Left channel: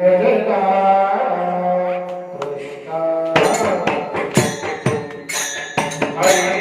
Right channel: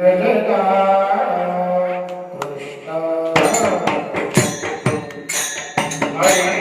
जय जय कृष्ण हरे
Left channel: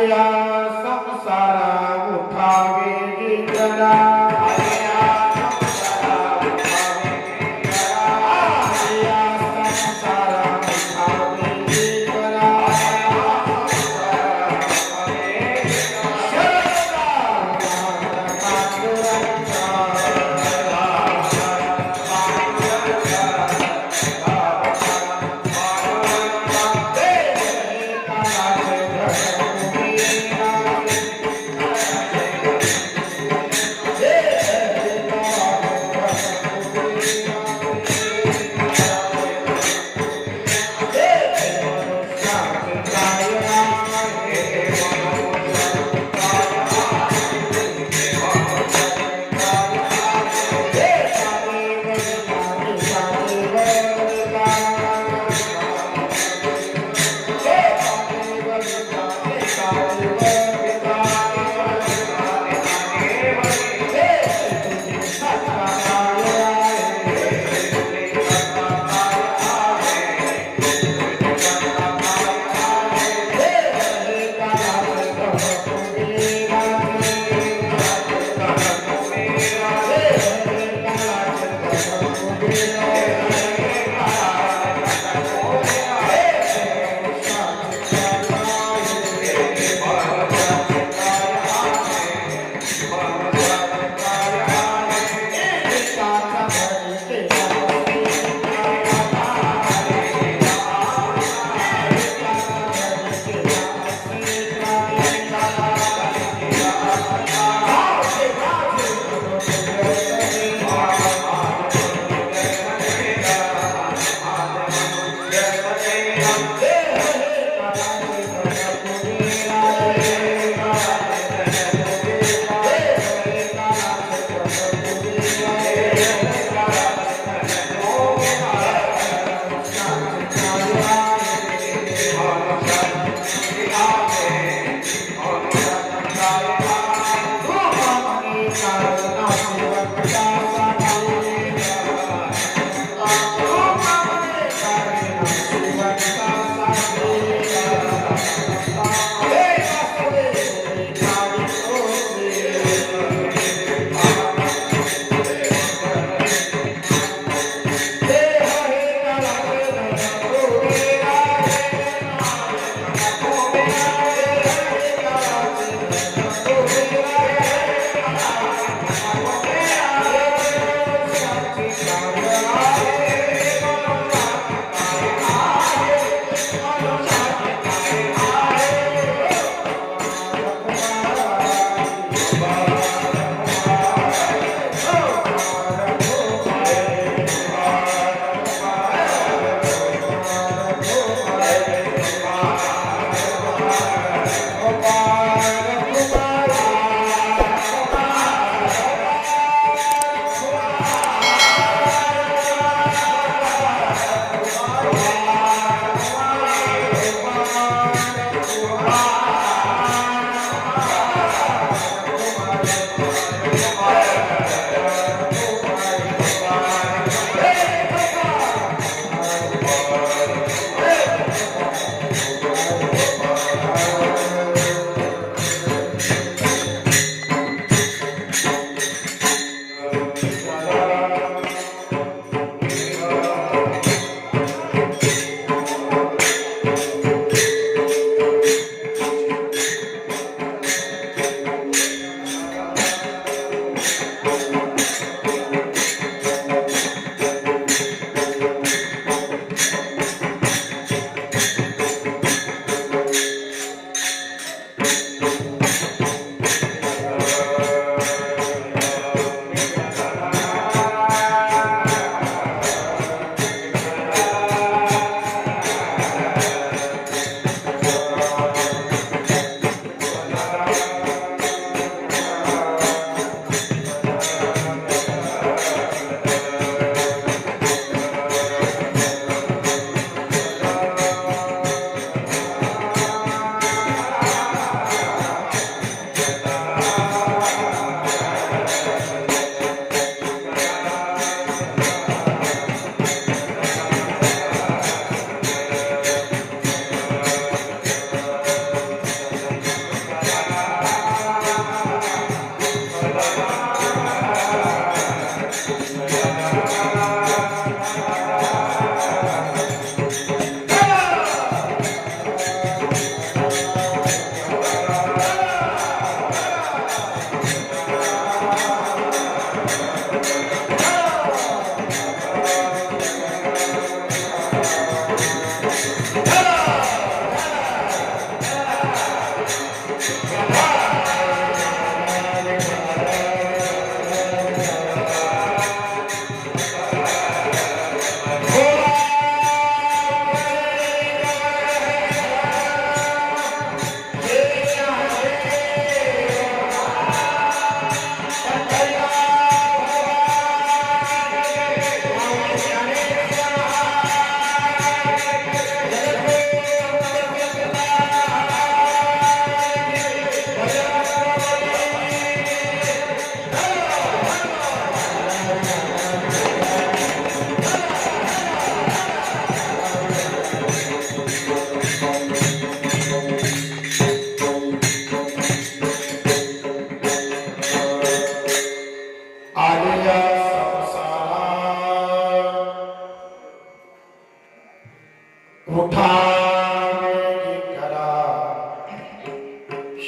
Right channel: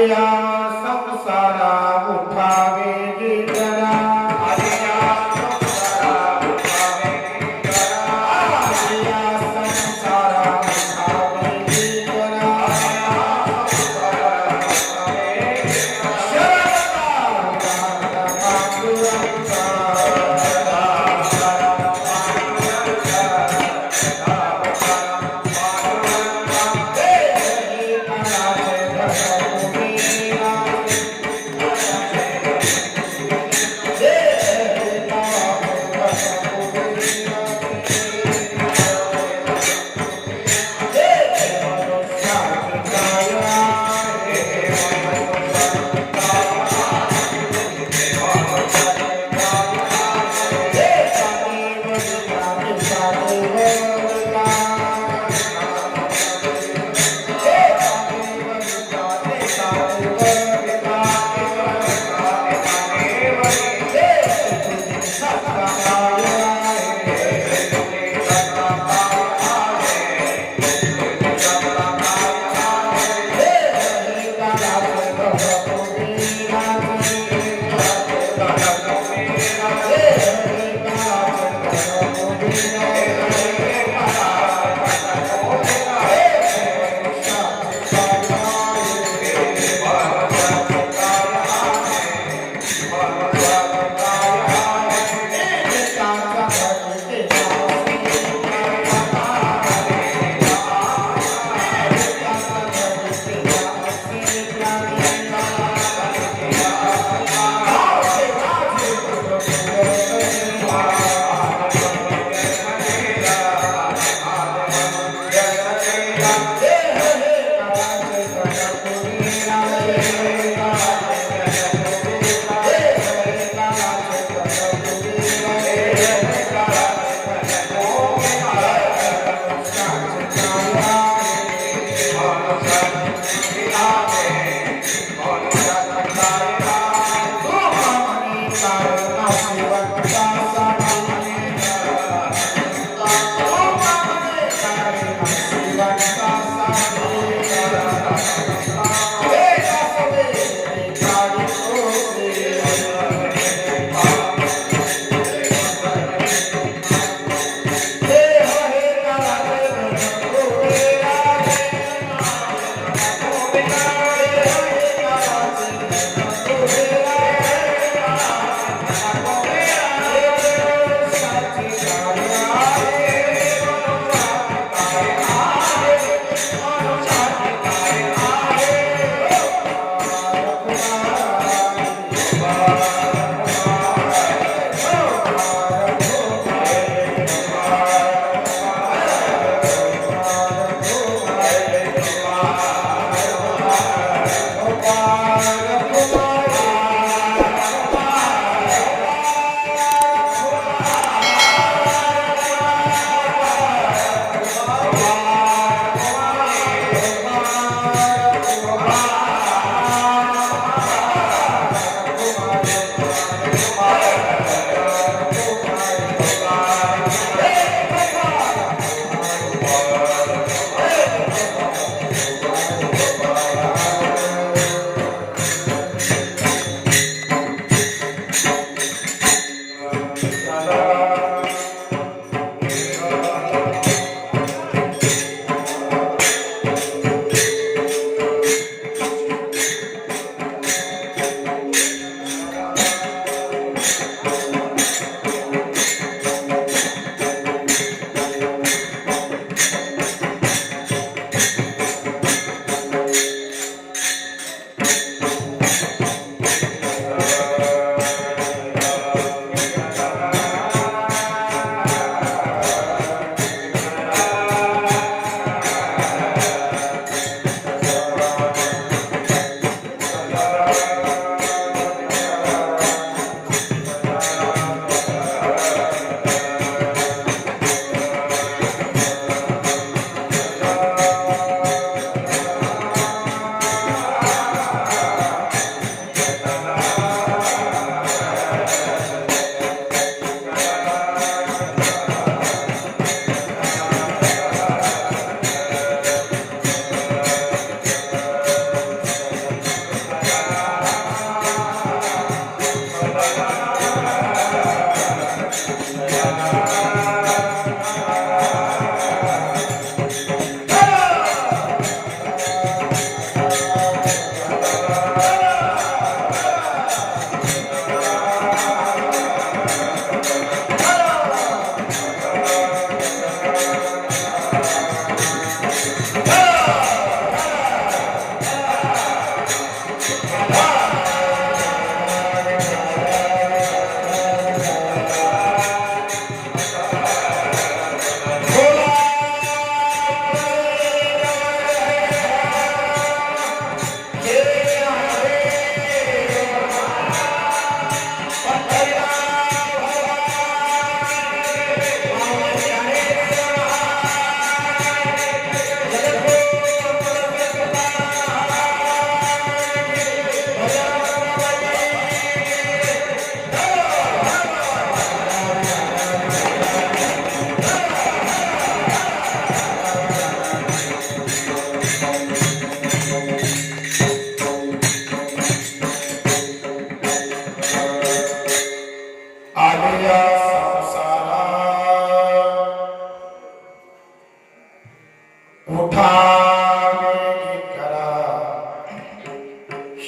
आलिया संसारा उठावे गिरना आलिया संसारा उठावे गिरना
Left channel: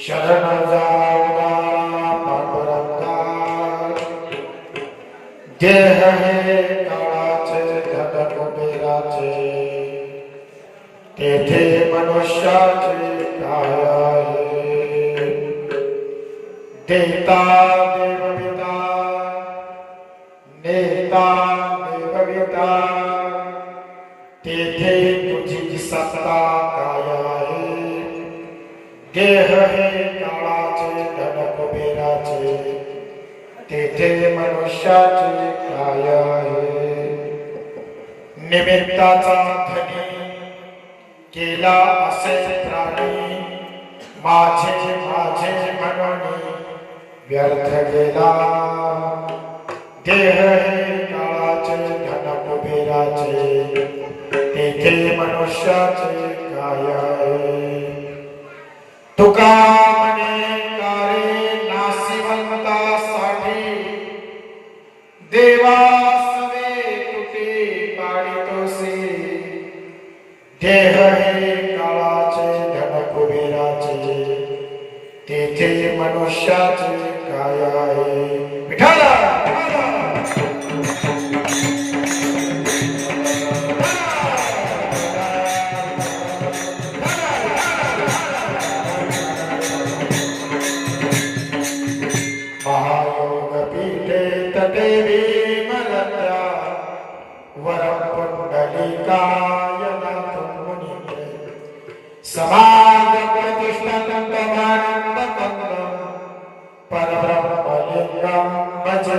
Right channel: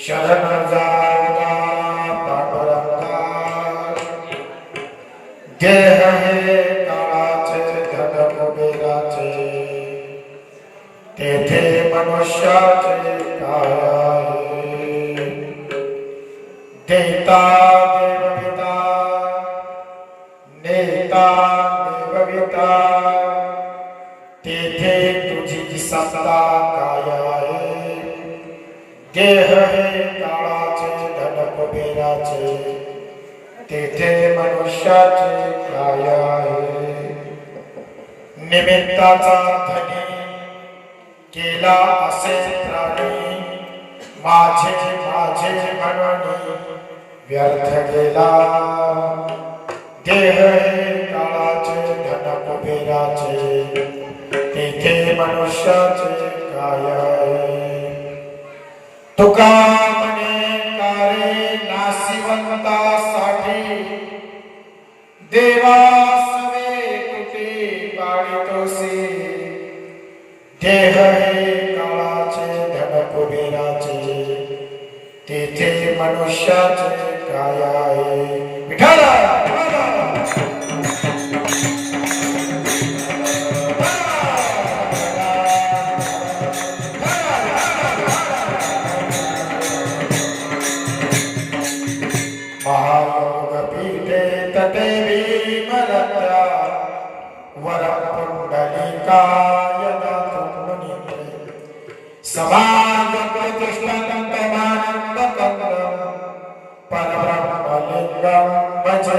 शरण जाऊला पांडुरंगा देह हे काळाचे धन कुबेराचे तेथे मनुष्याचे काय आहे देता देवविता नेता देवविता तेथे तुझी सत्ता काय आहे देह हे काळाचे धन कुबेराचे तेथे मनुष्याचे काय आहे निमित्ताचा धनी केला असे प्राणी माझे माझे म्हणून व्यर्थ गेला देह हे काळाचे धन कुबेराचे तेथे मनुष्याचे काय आहे तुका म्हणे कारे नाशिवंतासाठी देवा सवे कुठे पाडितोसे देह हे काळाचे धन कुबेराचे तेथे मनुष्याचे काय आहे विठ्ठल महायोग पीठे तटे भीमरत्या वरपुंडलिकाय नाथमुनि समाज प्रतिष्ठानंदमानंदकंदं परब्रह्मलिंगं भजे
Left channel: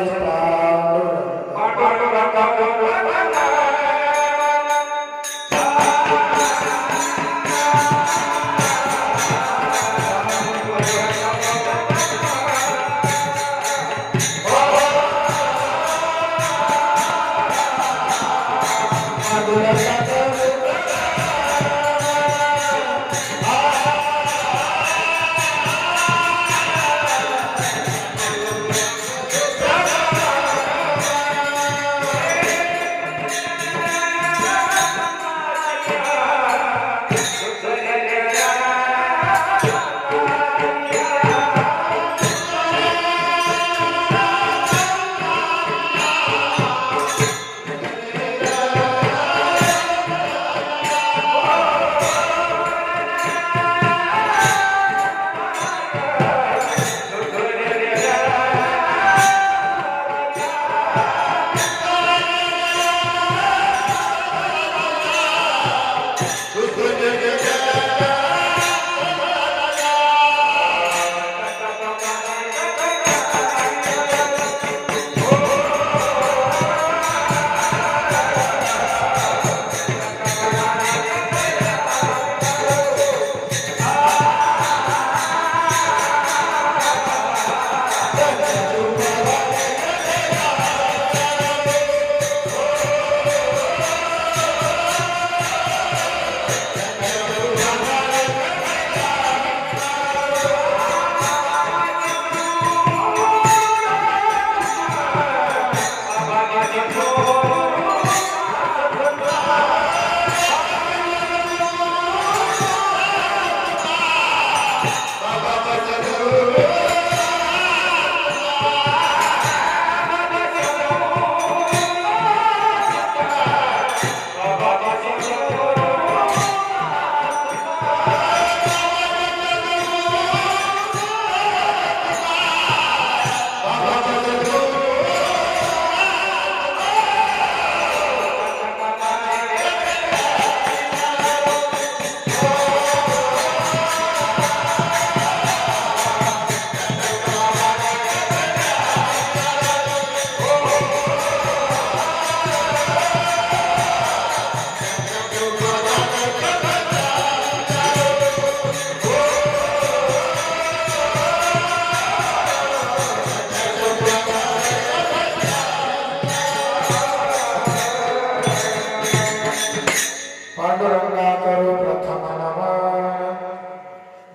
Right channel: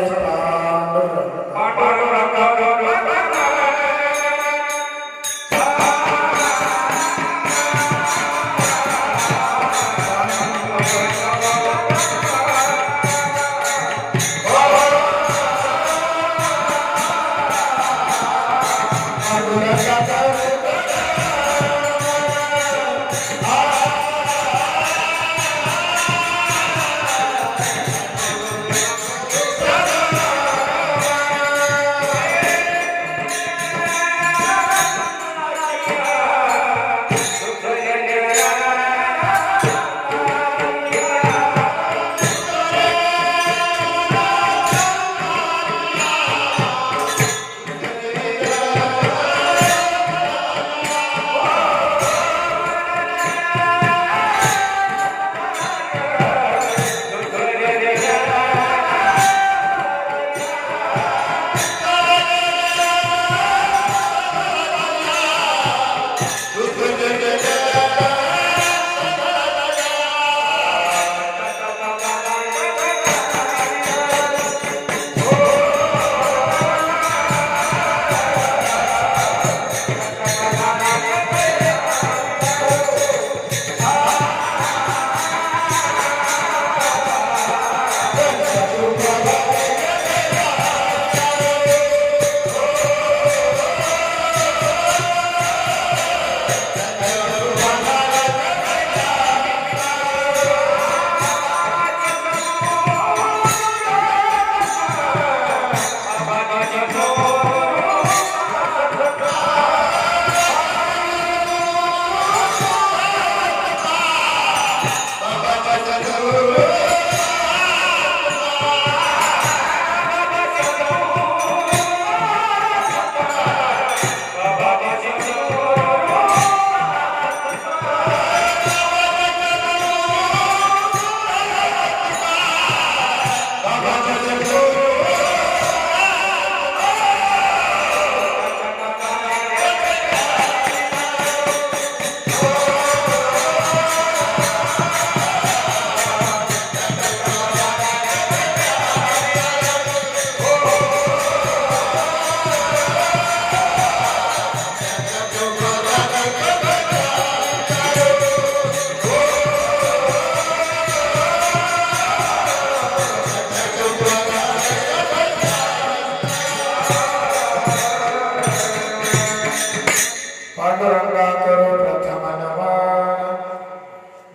पांडुरंगा करो प्रथम नमन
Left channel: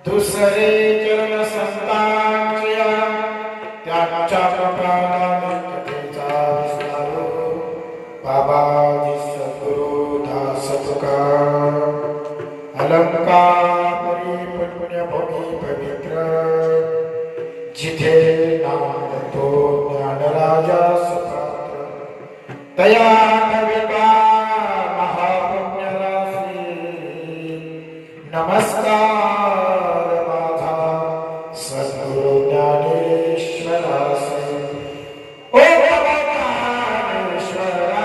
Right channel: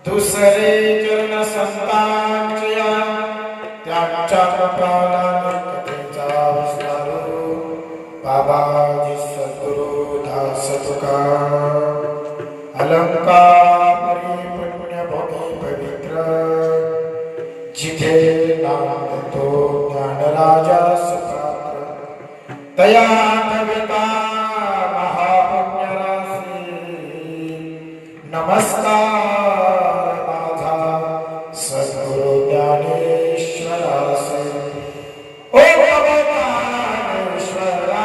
दुसरे चरण संतांच्या त्यांच्या कृपाने कथेचा विस्तारो बाबाजी सद्गुरु दास तुका अलंकार पुण्यभूमी पवित्र जिथे नांदतो ज्ञानराजा सुपात्र तया नविता महापुण्यरासी नमस्कार माझा सद्गुरु ज्ञानेश्वरास ओ ज्ञानेश्वरा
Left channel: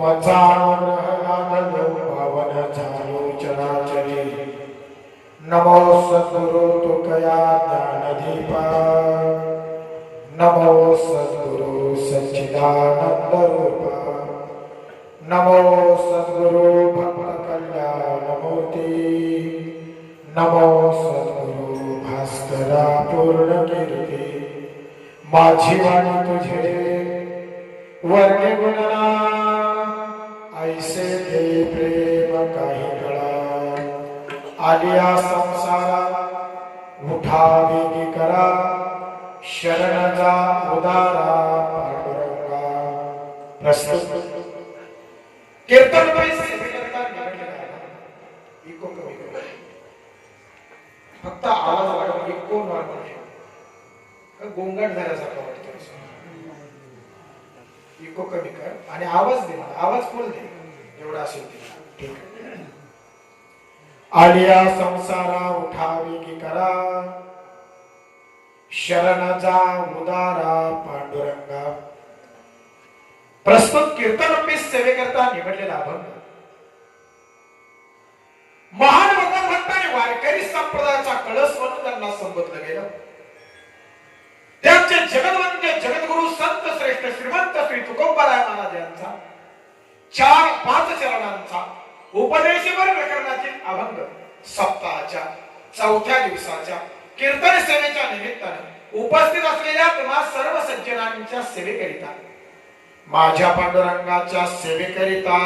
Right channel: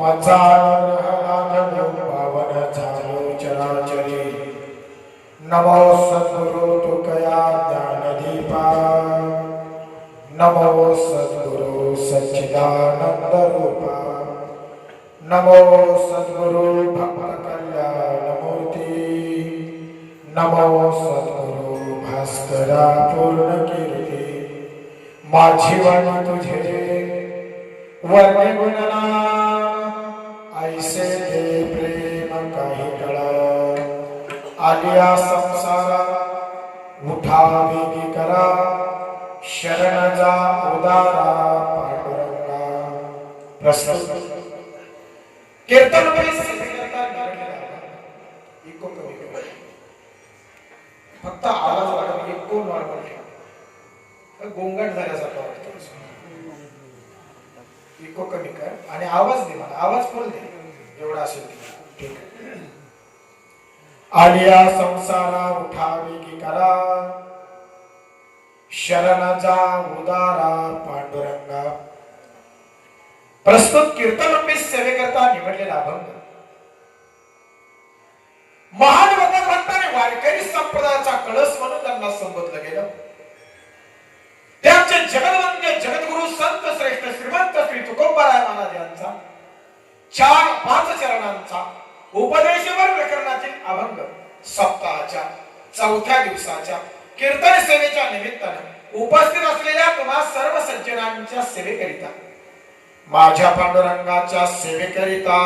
माझा अनुग्रह लादलो पावन झालो चराचरी नमो सद्गुरु तुकया ज्ञानदीपा नमो सद्गुरु सच्चिदानंद रूपा नमो सद्गुरु भक्त कल्याण मूर्ती नमो सद्गुरु भास्करा पूर्ण कीर्ती माझी वाणी तुझे वर्णे गुणना ऐसे दे प्रेम काही कळा आलिया संसारा उठा वेगी करा शरण जा उदारा पांडुरंगा प्रस्तुत कीर्तन फक्त आवाज वाढव इको नॉर्मल गोंगाट झाल्यासारखं वाटतं इको कमी कर आणि आवाज दे मला आवाज फुल दे एवढा असेल ठीक आलिया संसारा उठावी की करा शरण जा उदारा पांडुरंगा प्रस्तुत कीर्तन रूपी सेवेकरता निवडलेला अभंग महान भगवंताने वारकरी संप्रदायाचा कळस म्हणून त्यांना संबोधलं गेलं त्यांचे जगदवंद्य जगद्गुरु संत श्रेष्ठ श्रीमंत श्री तुकोबाराय महाराज यांचा 4-5 चरणांचा उपदेशवर प्रकरणातील अभंग सप्ताहाच्या 4थ्या दिवसाच्या कीर्तन सेवेच्या निमित्तानं उपस्थित असलेल्या तुम्हा सर्व सज्जनांच्या सेवेकरिता माझ्या पांडुरंगाच्या सेवेकरिता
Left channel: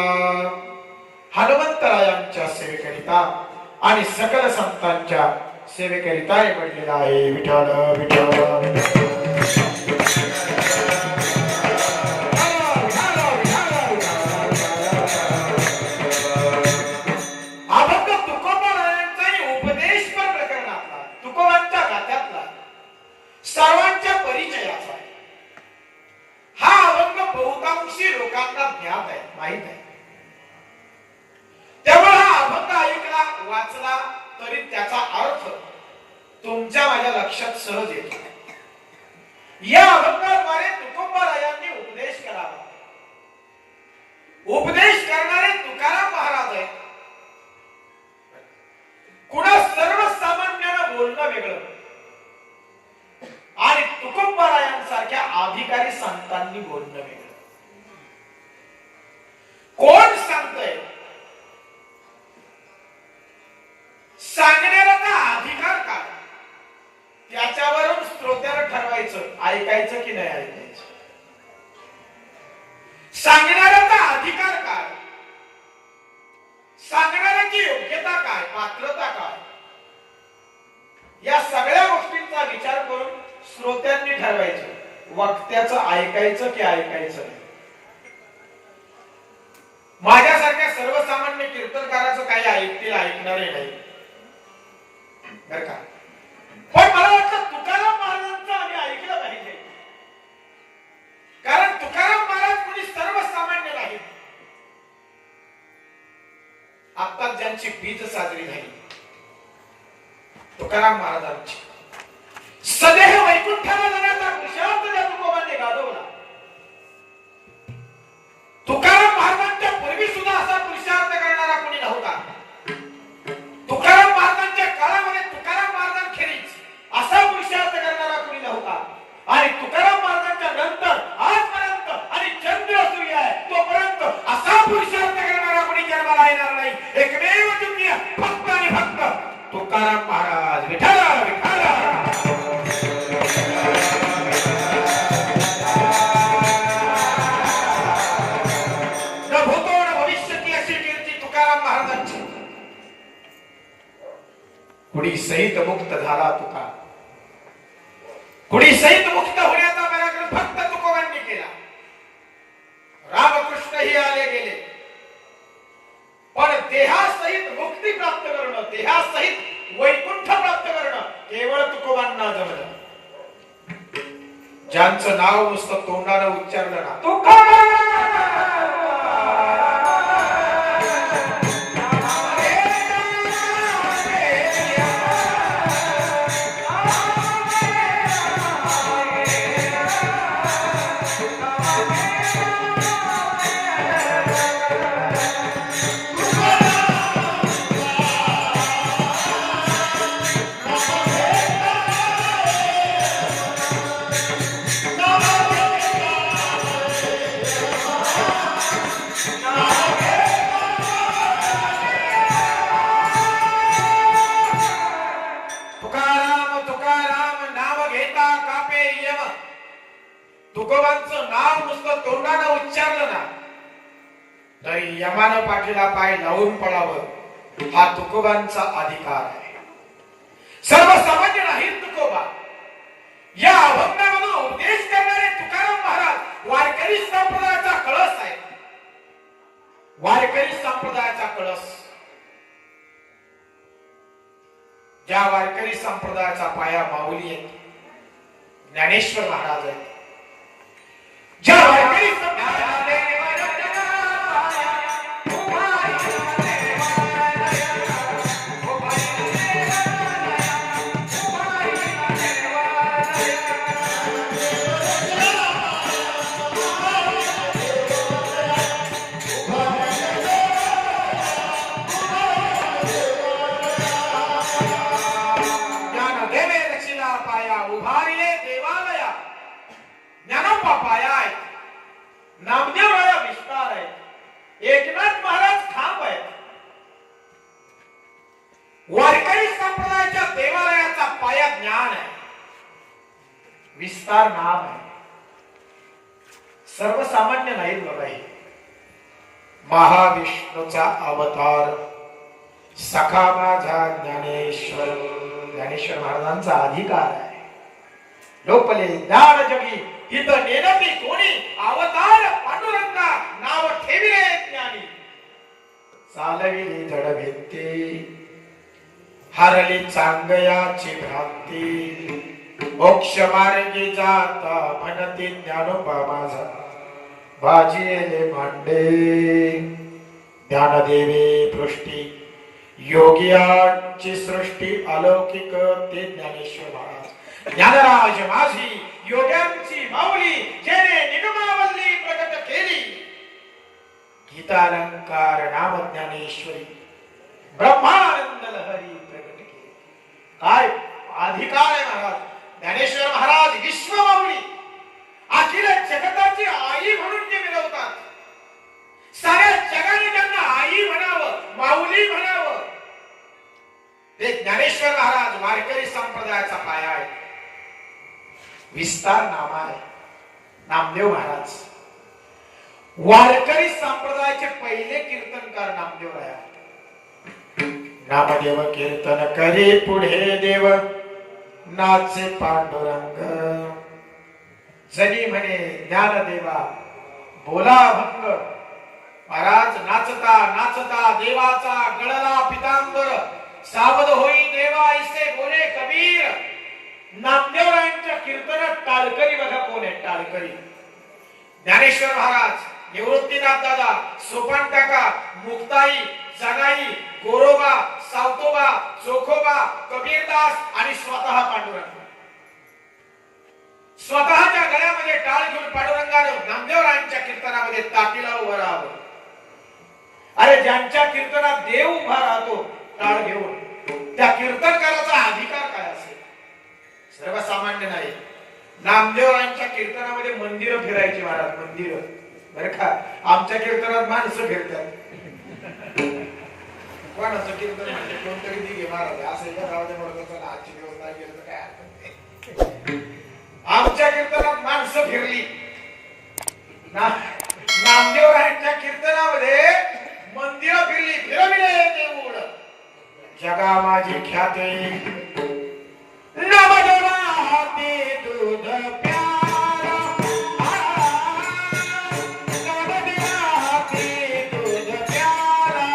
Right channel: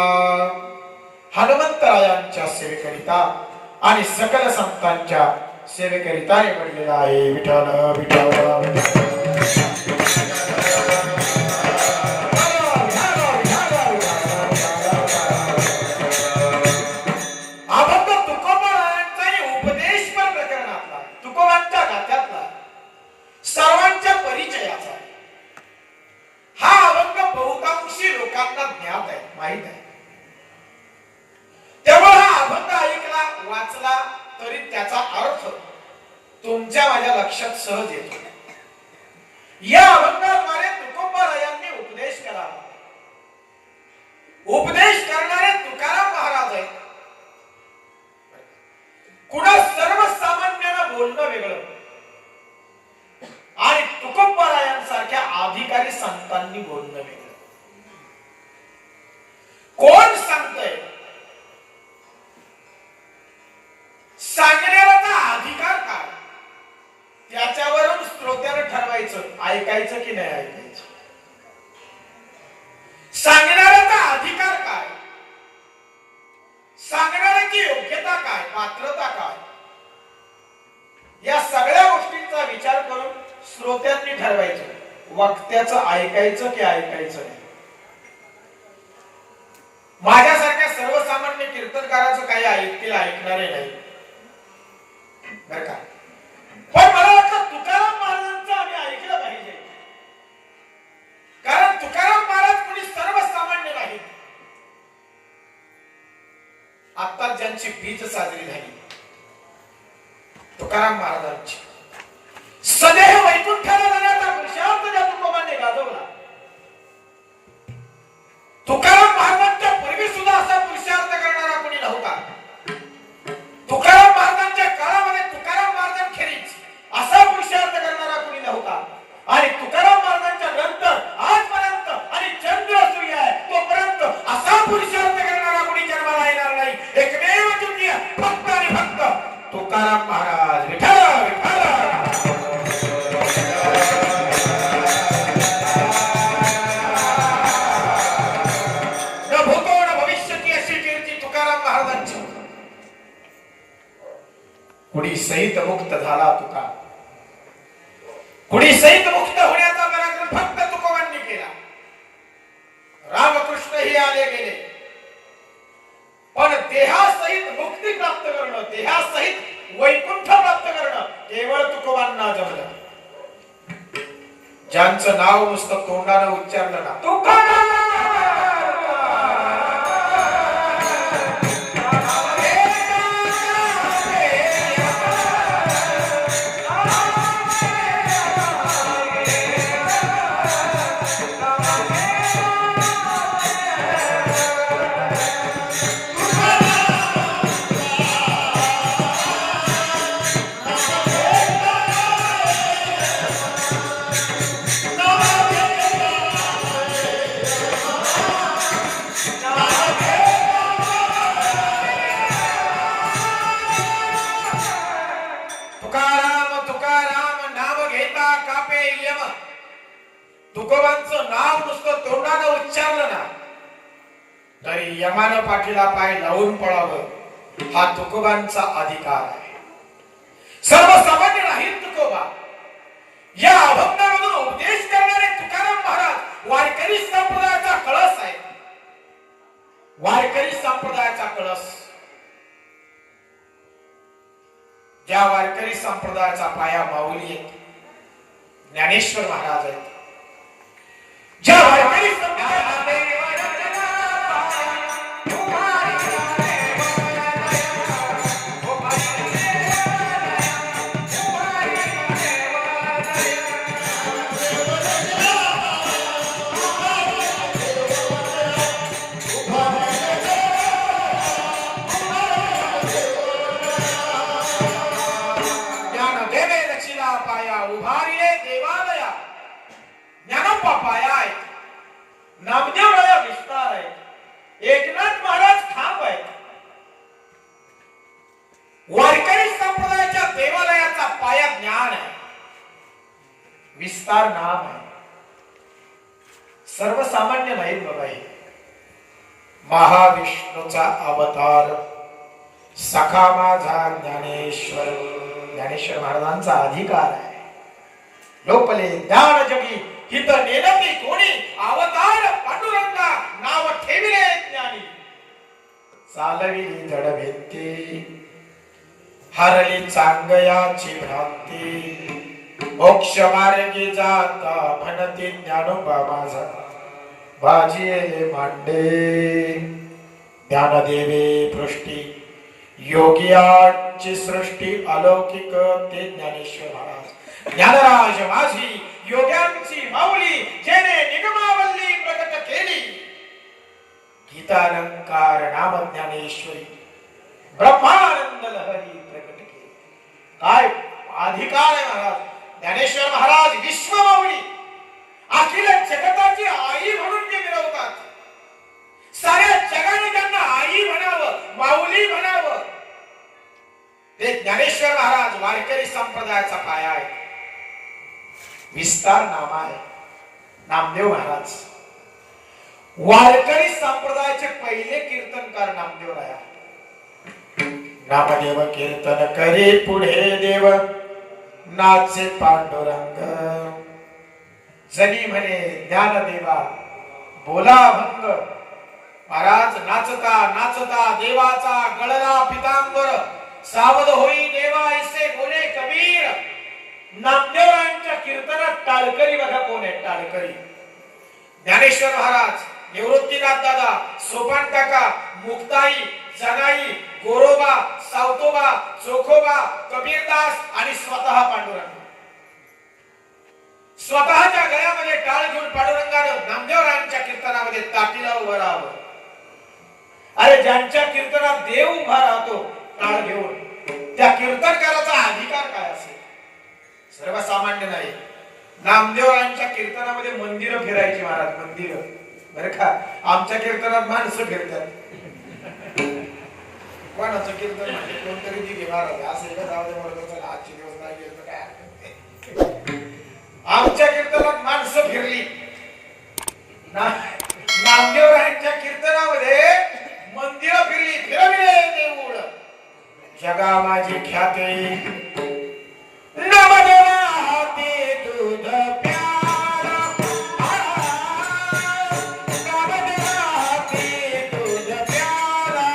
हनुमंतरायांच्या सेवेकरिता आणि सकल संतांच्या सेवेकरिता निवडलेला आहे विठ्ठल विठ्ठल अभंग तुकोबारायांचा उपदेशपर प्रकरणातला तुकोबांच्या गाथ्यातला सर्वांच्या परिचयाचा हा अभंग बहुतांशी लोकांना ज्ञात आहे माहित आहे त्यामुळे हा अभंग ऐकला वाचला तरी त्याचा अर्थ तुमच्या माझ्या लक्षात सहज येतो. या अभंगाद्वारे तुकोबारायांनी उपदेश करावा. उपदेश करणारे तुकाराम महाराज आहेत. कुणा सर्वसामान्यानं बोलणं वेगळं आणि तुकोबारायांसारख्या अधिकारी संतांनी बोलणं वेगळं. कोण सांगतंय? सांगण्याचा अधिकार काय? त्याच्यावरून श्रोत्यानं ठरवायचं ऐकायचं की नाही ऐकायचं. सांगण्याचा अधिकार काय? सांगण्याची योग्यता काय? पात्रता काय? या सगळ्या गोष्टींचा विचार करून श्रोत्यांनी ठरवायचं वक्त्याचं ऐकायचं की ऐकायचं नाही. माझ्यासारख्या सर्वसामान्य कीर्तनकाराचं काही ऐकतील ऐकणारे नाही बर का. पण मला वाटतं तुकाराम महाराजांचं आम्ही ऐकलं पाहिजे. कारण तुकाराम महाराज कोणी सर्वसामान्य नाही. आता ज्यांची बीज साजरी झाली तुकाराम महाराजांची सदेह वैकुंठाला जाण्याचा पुरुषार्थ ज्या तुकोबांनी गाजवला. तुकाराम महाराजांच्या पूर्वी सुद्धा असा पुरुषार्थ करणारा कोणी नव्हता. तुकाराम महाराजांच्या काळामध्ये तुकाराम महाराजांखेरीज असा पुरुषार्थ करणारा कोणी नव्हता. आणि तुकाराम महाराजांच्या नंतर आजपर्यंत आणि चंद्र सूर्य आहे तोपर्यंत असा पुरुषार्थ करणारा कोणी जन्माला येणार नाही. एकमेव दुनिया फक्त आणि फक्त तुकाराम महाराज. विठ्ठल विठ्ठल. न भूतो न भविष्यती अशी कीर्ती तुकाराम महाराजांची. कुणी सहित मुक्त झाला तुका. कुणी सहित मुक्त होण्याचा पराक्रम फक्त तुकोबांनी केला. रामकृष्णही आले गेले पण देहासहित मुक्ती प्राप्त करणं देहासहित वैकुंठ प्राप्त करणं केवळ तुकोबांना जमलं. ज्यांचं नाव नुसतं तोंडानं उच्चारलं ना तुकोबा तुकोबांचं नाव नुसतं तोंडानं उच्चारलं ना तरी यमानं पाठीला पाय लावून पळावं हा तुकोबांचा अधिकार आहे. सर्वसामान्य नाही तुकोबा. या अभंगामधून उपदेश करणारे तुकाराम महाराज वारकरी संप्रदायाचा कळस आहे. वारकरी संप्रदायाचा कळस. ज्या वारकरी संप्रदायाचा पाया माऊली आहे ज्ञानेश्वर महाराज आहेत. ज्या वारकरी नामदेवळा विस्तार आहे. एकनाथ महाराज खांब आहेत. वारकरी संप्रदायाच्या देवालयाचा पाया ज्ञान आहे. विस्तार नाम आहे. सर्वसामान्य नाही बाबा. महाविष्णूचा अवतार सखा माझा ज्ञानेश्वर. ज्ञानेश्वर महाराजांचा अधिकार आहे. लोपले ज्ञान जगी हित नेनती कोणी अवतार पांडुरंगा नाव ठेविले ज्ञानी. चालविली जड भेटते हरली चांगयाची भ्रांती. मोक्ष मार्गी जाता म्हणते ज्ञानोबा माझा भाजीले मांडे. ज्ञानदेवे पृष्टी योगियांची सृष्टी अलौकिक ते ज्ञानेश्वर महाराज. ज्ञानराज माझी योग्यांची माऊली, जेने निगमावल्ली प्रकट केली. गीतालंकार नाम ज्ञानेश्वरी, ब्रह्मानंद लहरी प्रकट केली. काय अधिकार आहे महाराज. ज्ञानेश्वर महाराज विश्वमाऊली, अखिल जगताची आई म्हणून जे मिरवतात. साऱ्या जगाने त्यांना आई म्हणावं, माऊली म्हणावं. ते ज्ञानेश्वर महाराज वारकरी संप्रदायाचा पाया आहे. विस्तार नाम आहे नामदेव महाराज. वारकरी संप्रदायाचे पहिले कीर्तनकार नामदेव आहे. नामदेव कीर्तन करी पुढे देव, नाचे पांडुरंग. जनी म्हणे ज्ञानदेवा बोला भंग. महाराज नाचता नाचता देवाचा गळला पितांबर, सावध होई देवा ऐसे बोले कबीर. नामदेवरायांच्या कीर्तनात टाळकरी बघा कोण आहे. टाळकरी ज्ञानेश्वर महाराज, निवृत्तीनाथ दादा, सोपान काका, मुक्ताई, जनाई, गोरोबा, सावतोबा, चोखोबा, कबीरदास आणि स्वतः पांडुरंग. स्वतःच्या गळ्यामध्ये टाळ घेऊन पांडुरंगानं नामदेवरायांच्या कीर्तनामध्ये ताटीला उभं राहावं. अरे ज्यांच्या कीर्तनात देव उभा राहतो टाळ घेऊन, त्या कीर्तनकाराचा अधिकार काय असेल. सर्वसामान्य नाही. नामदेवरायांच्या कीर्तनामध्ये मंदिरं फिरायची महाराज. मंदिरं बरं का. आमच्या कीर्तनात माणसं फिरतात. कोणाचं कीर्तन म्हणजे कोणतरी ती घेणार असं एका गावात म्हणत आजची दिवस नाही गेलं काय. आमच्या कीर्तनात माणसं फिरली. नामदेवरायांच्या कीर्तनामध्ये मंदिरं फिरली. फिरविले देऊळ जगा माझी ख्याते. नामदेवा हाती दूध प्याला, नामदेवा हाती दूध प्याला.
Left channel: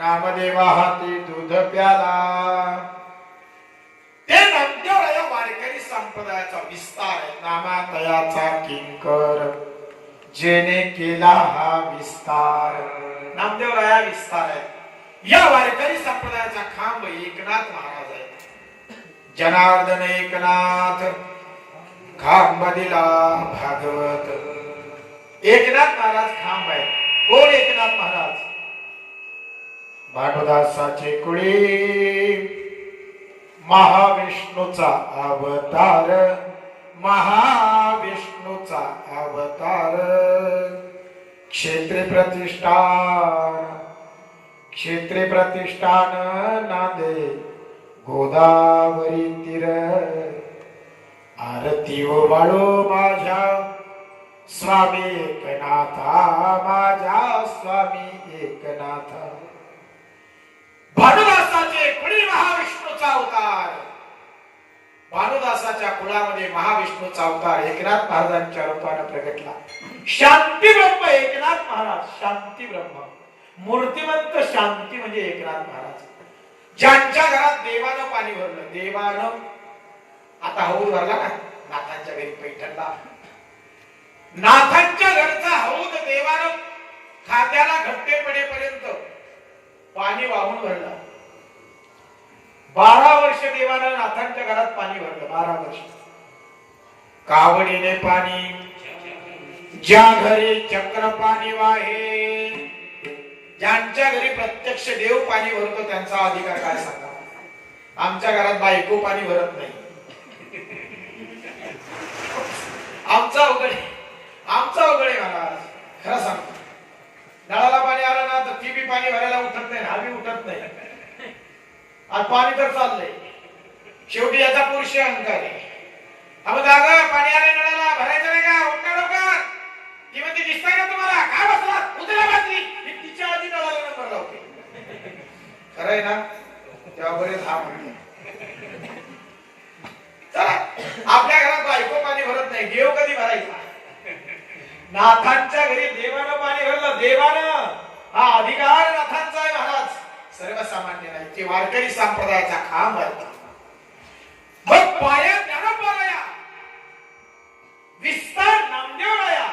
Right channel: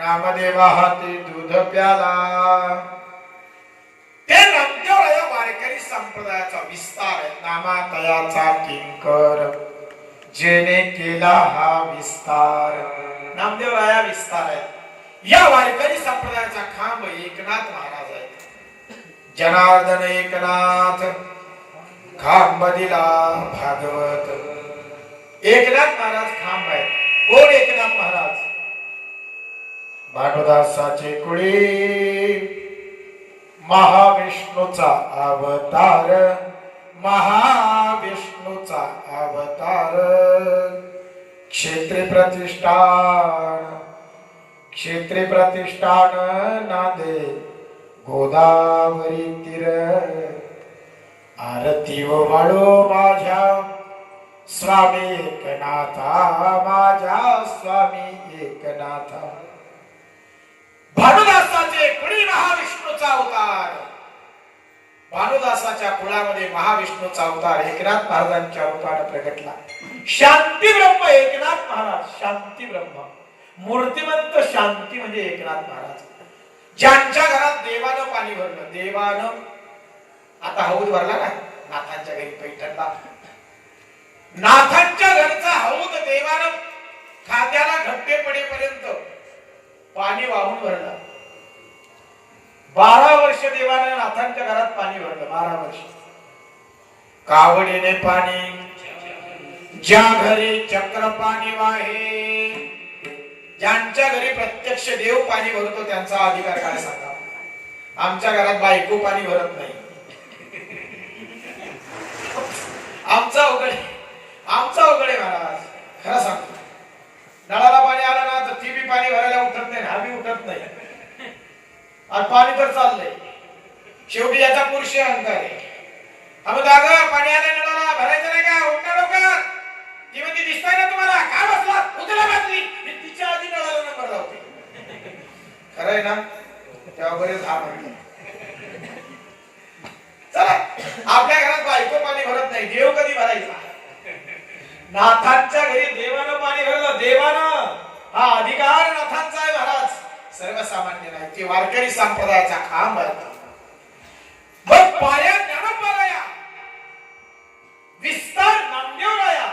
नामदेवा हाती दूध प्याला. ते नामदेव वारकरी संप्रदायाचा विस्तार. नामातयाचा किंकर, जेने केला हा विस्तार. नामदेवराया विस्तार आहे. या वारकरी संप्रदायाचा खांब एकनाथ महाराज आहेत. जनार्दन एकनाथ खांब दिला भागवत. एकनाथ महाराज खांब आहे. कोण एकनाथ महाराज. भानुदासाचे कुळी, महाविष्णूचा अवतार. महाविष्णूचा अवतार. क्षेत्री प्रतिष्ठान, क्षेत्री प्रतिष्ठान नांदे गोदावरी तीर. आरती व वाळो माझ्या स्वामी एकनाथा, माझ्या स्वामी एकनाथा. भानुदासाचे कुळी महाविष्णूचा अवतार. भानुदासाच्या कुळामध्ये महाविष्णूचा अवतार एकनाथ महाराजांच्या रूपाने प्रगटला. शांती ब्रह्म एकनाथ महाराज. शांती ब्रह्म, मूर्तिमंत शांती म्हणजे एकनाथ महाराज. ज्यांच्या घरात देवानं पाणी भरलं. देवानं आता हौद भरला नाही. नाथांच्या घरी पैठणला नाथांच्या घरचा हौद देवानं खांद्याला घट्टे पडेपर्यंत पाणी वाहून भरलं. 12 वर्ष देवानं नाथांच्या घरात पाणी भरलं. 12 वर्ष. कावडीने पाणी, ज्या घरी चक्र पाणी वाहे. ज्यांच्या घरी प्रत्यक्ष देव पाणी भरतो त्यांचा अधिकार काय सांगा. आमच्या घरात बायको पाणी भरत नाही. पाणी तर चाललंय, शेवटी याचा पुरुष अहंकार आहे. अगं दादा पाणी आलं नळाला, भरायचं नाही का? उठा डोक्यात. ती म्हणते दिसतंय ना तुम्हाला, काय बसला उचला बाटली. मी तिच्या आधी नळाला नंबर लावते. खरंय ना? तेव्हा बरेच हा म्हणते. चला, आपल्या घरात बायको पाणी भरत नाही, देव कधी भरायचा? नाथांच्या घरी देवानं पाणी भरलं. देवानं हा अधिकार नाथांचा आहे महाराज, सर्वसामान्य नाही. ते वारकरी संप्रदायाचा खांब आहे. मग पाया ज्ञानोबाराया, विस्तार नामदेवराया,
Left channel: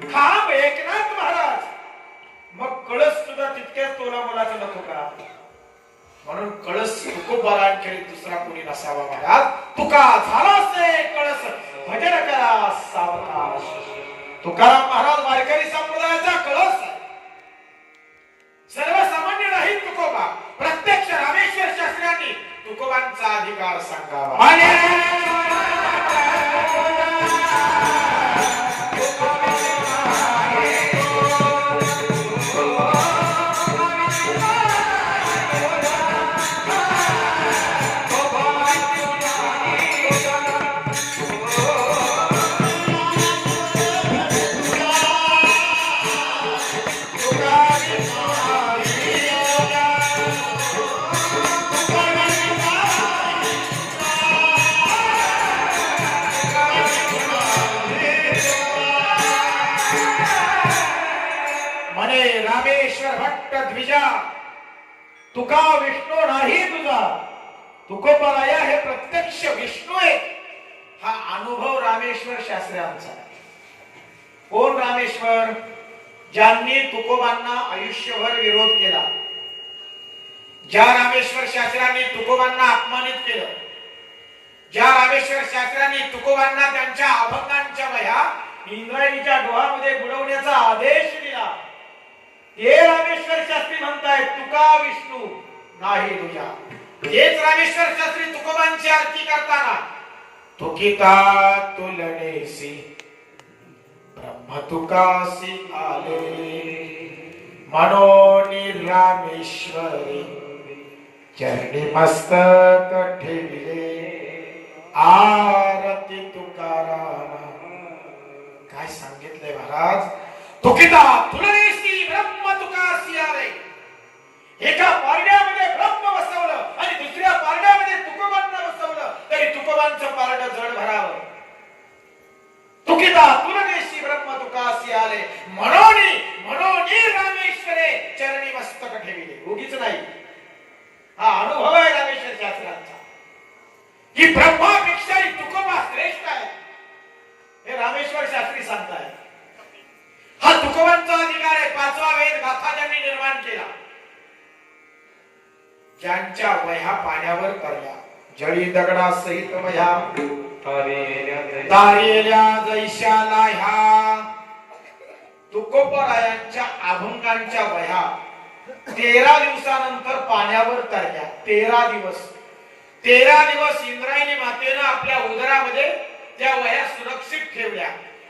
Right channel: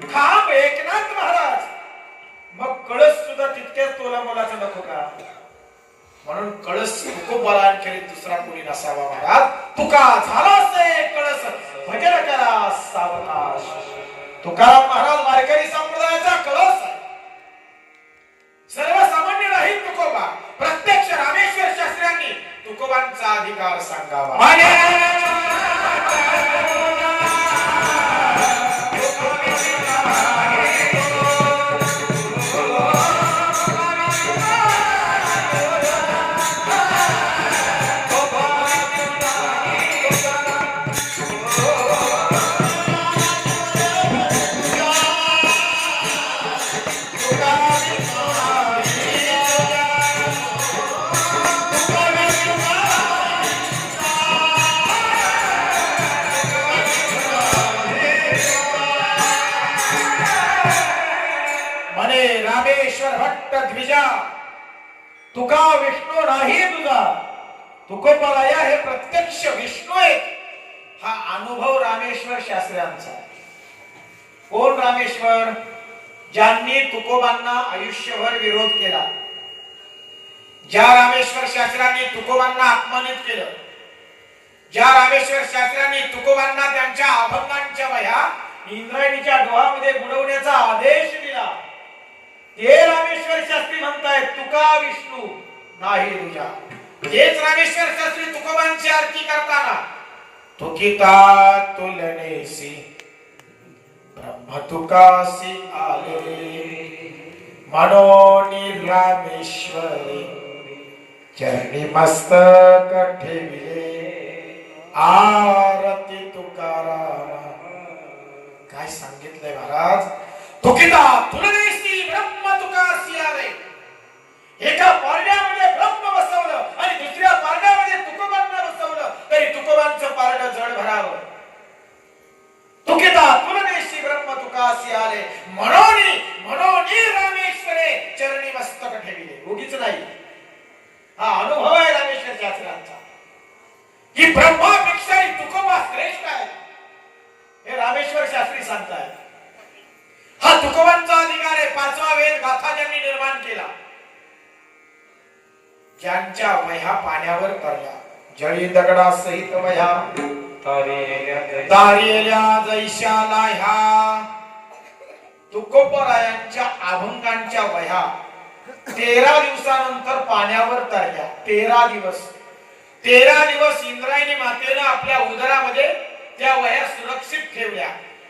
खांब एकनाथ महाराज, मग कळस सुद्धा तितक्याच तोला मोलाचा नको का? म्हणून कळस तुकोबारांखेरीज दुसरा कोणी नसावा महाराज. तुका झाला से कळस, भजन करा सावकाश. तुकाराम महाराज वारकरी संप्रदायाचा कळस आहे. सर्वसामान्य नाही तुकोबा. प्रत्यक्ष रामेश्वर शास्त्र्यांनी तुकोबांचा अधिकार सांगावा. रामेश्वर भट्ट द्विजा, तुका विष्णू नाही तुझा. तुकोबाराया हे प्रत्यक्ष विष्णू आहे. हा अनुभव रामेश्वर शास्त्र्यांचा. कोण रामेश्वर? ज्यांनी तुकोबांना आयुष्यभर विरोध केला. ज्या रामेश्वर शास्त्र्यांनी तुकोबांना अपमानित केलं, ज्या रामेश्वर शास्त्र्यांनी तुकोबांना त्यांच्या अभंगांच्या वह्या इंद्रायणीच्या डोहामध्ये बुडवण्याचा आदेश दिला, ते रामेश्वर शास्त्री म्हणतायत तुका विष्णू नाही तुझ्या. हेच रामेश्वर शास्त्री तुकोबांची आरती करताना तुकिता तुलनेसी ब्रह्म तुकासी आले, म्हणून रामेश्वरी चरणी मस्तक ठेविले, आरती तुकाराम. काय सांगितलंय महाराज? तुकिता तुलनेसी ब्रह्म तुकासी आले. एका पारड्यामध्ये ब्रह्म बसवलं आणि दुसऱ्या पारड्यामध्ये तुकोबांना बसवलं तरी तुकोबांचं पारड जड भरावं. तुकिता तुलनेसी ब्रह्म तुकासी आले, म्हणून रामेश्वरे चरणी मस्तक ठेविले. उगीच नाही, हा अनुभव आहे रामेश्वर शास्त्रांचा की ब्रह्मापेक्षा तुकोबा श्रेष्ठ आहे. हे रामेश्वर शास्त्री सांगताय. हा तुकोबांचा अधिकार आहे. पाचवा वेद गाथा ज्यांनी निर्माण केला, ज्यांच्या वह्या पाण्यावर तरल्या, जळी दगडा सहित वह्या तारेल्या जैशाला, ह्या तुकोबरायांच्या अभंगांच्या वह्या 13 दिवसानंतर पाण्यावर तरल्या. 13 दिवस इंद्रायणी मातेनं आपल्या उदरामध्ये त्या वह्या सुरक्षित ठेवल्या.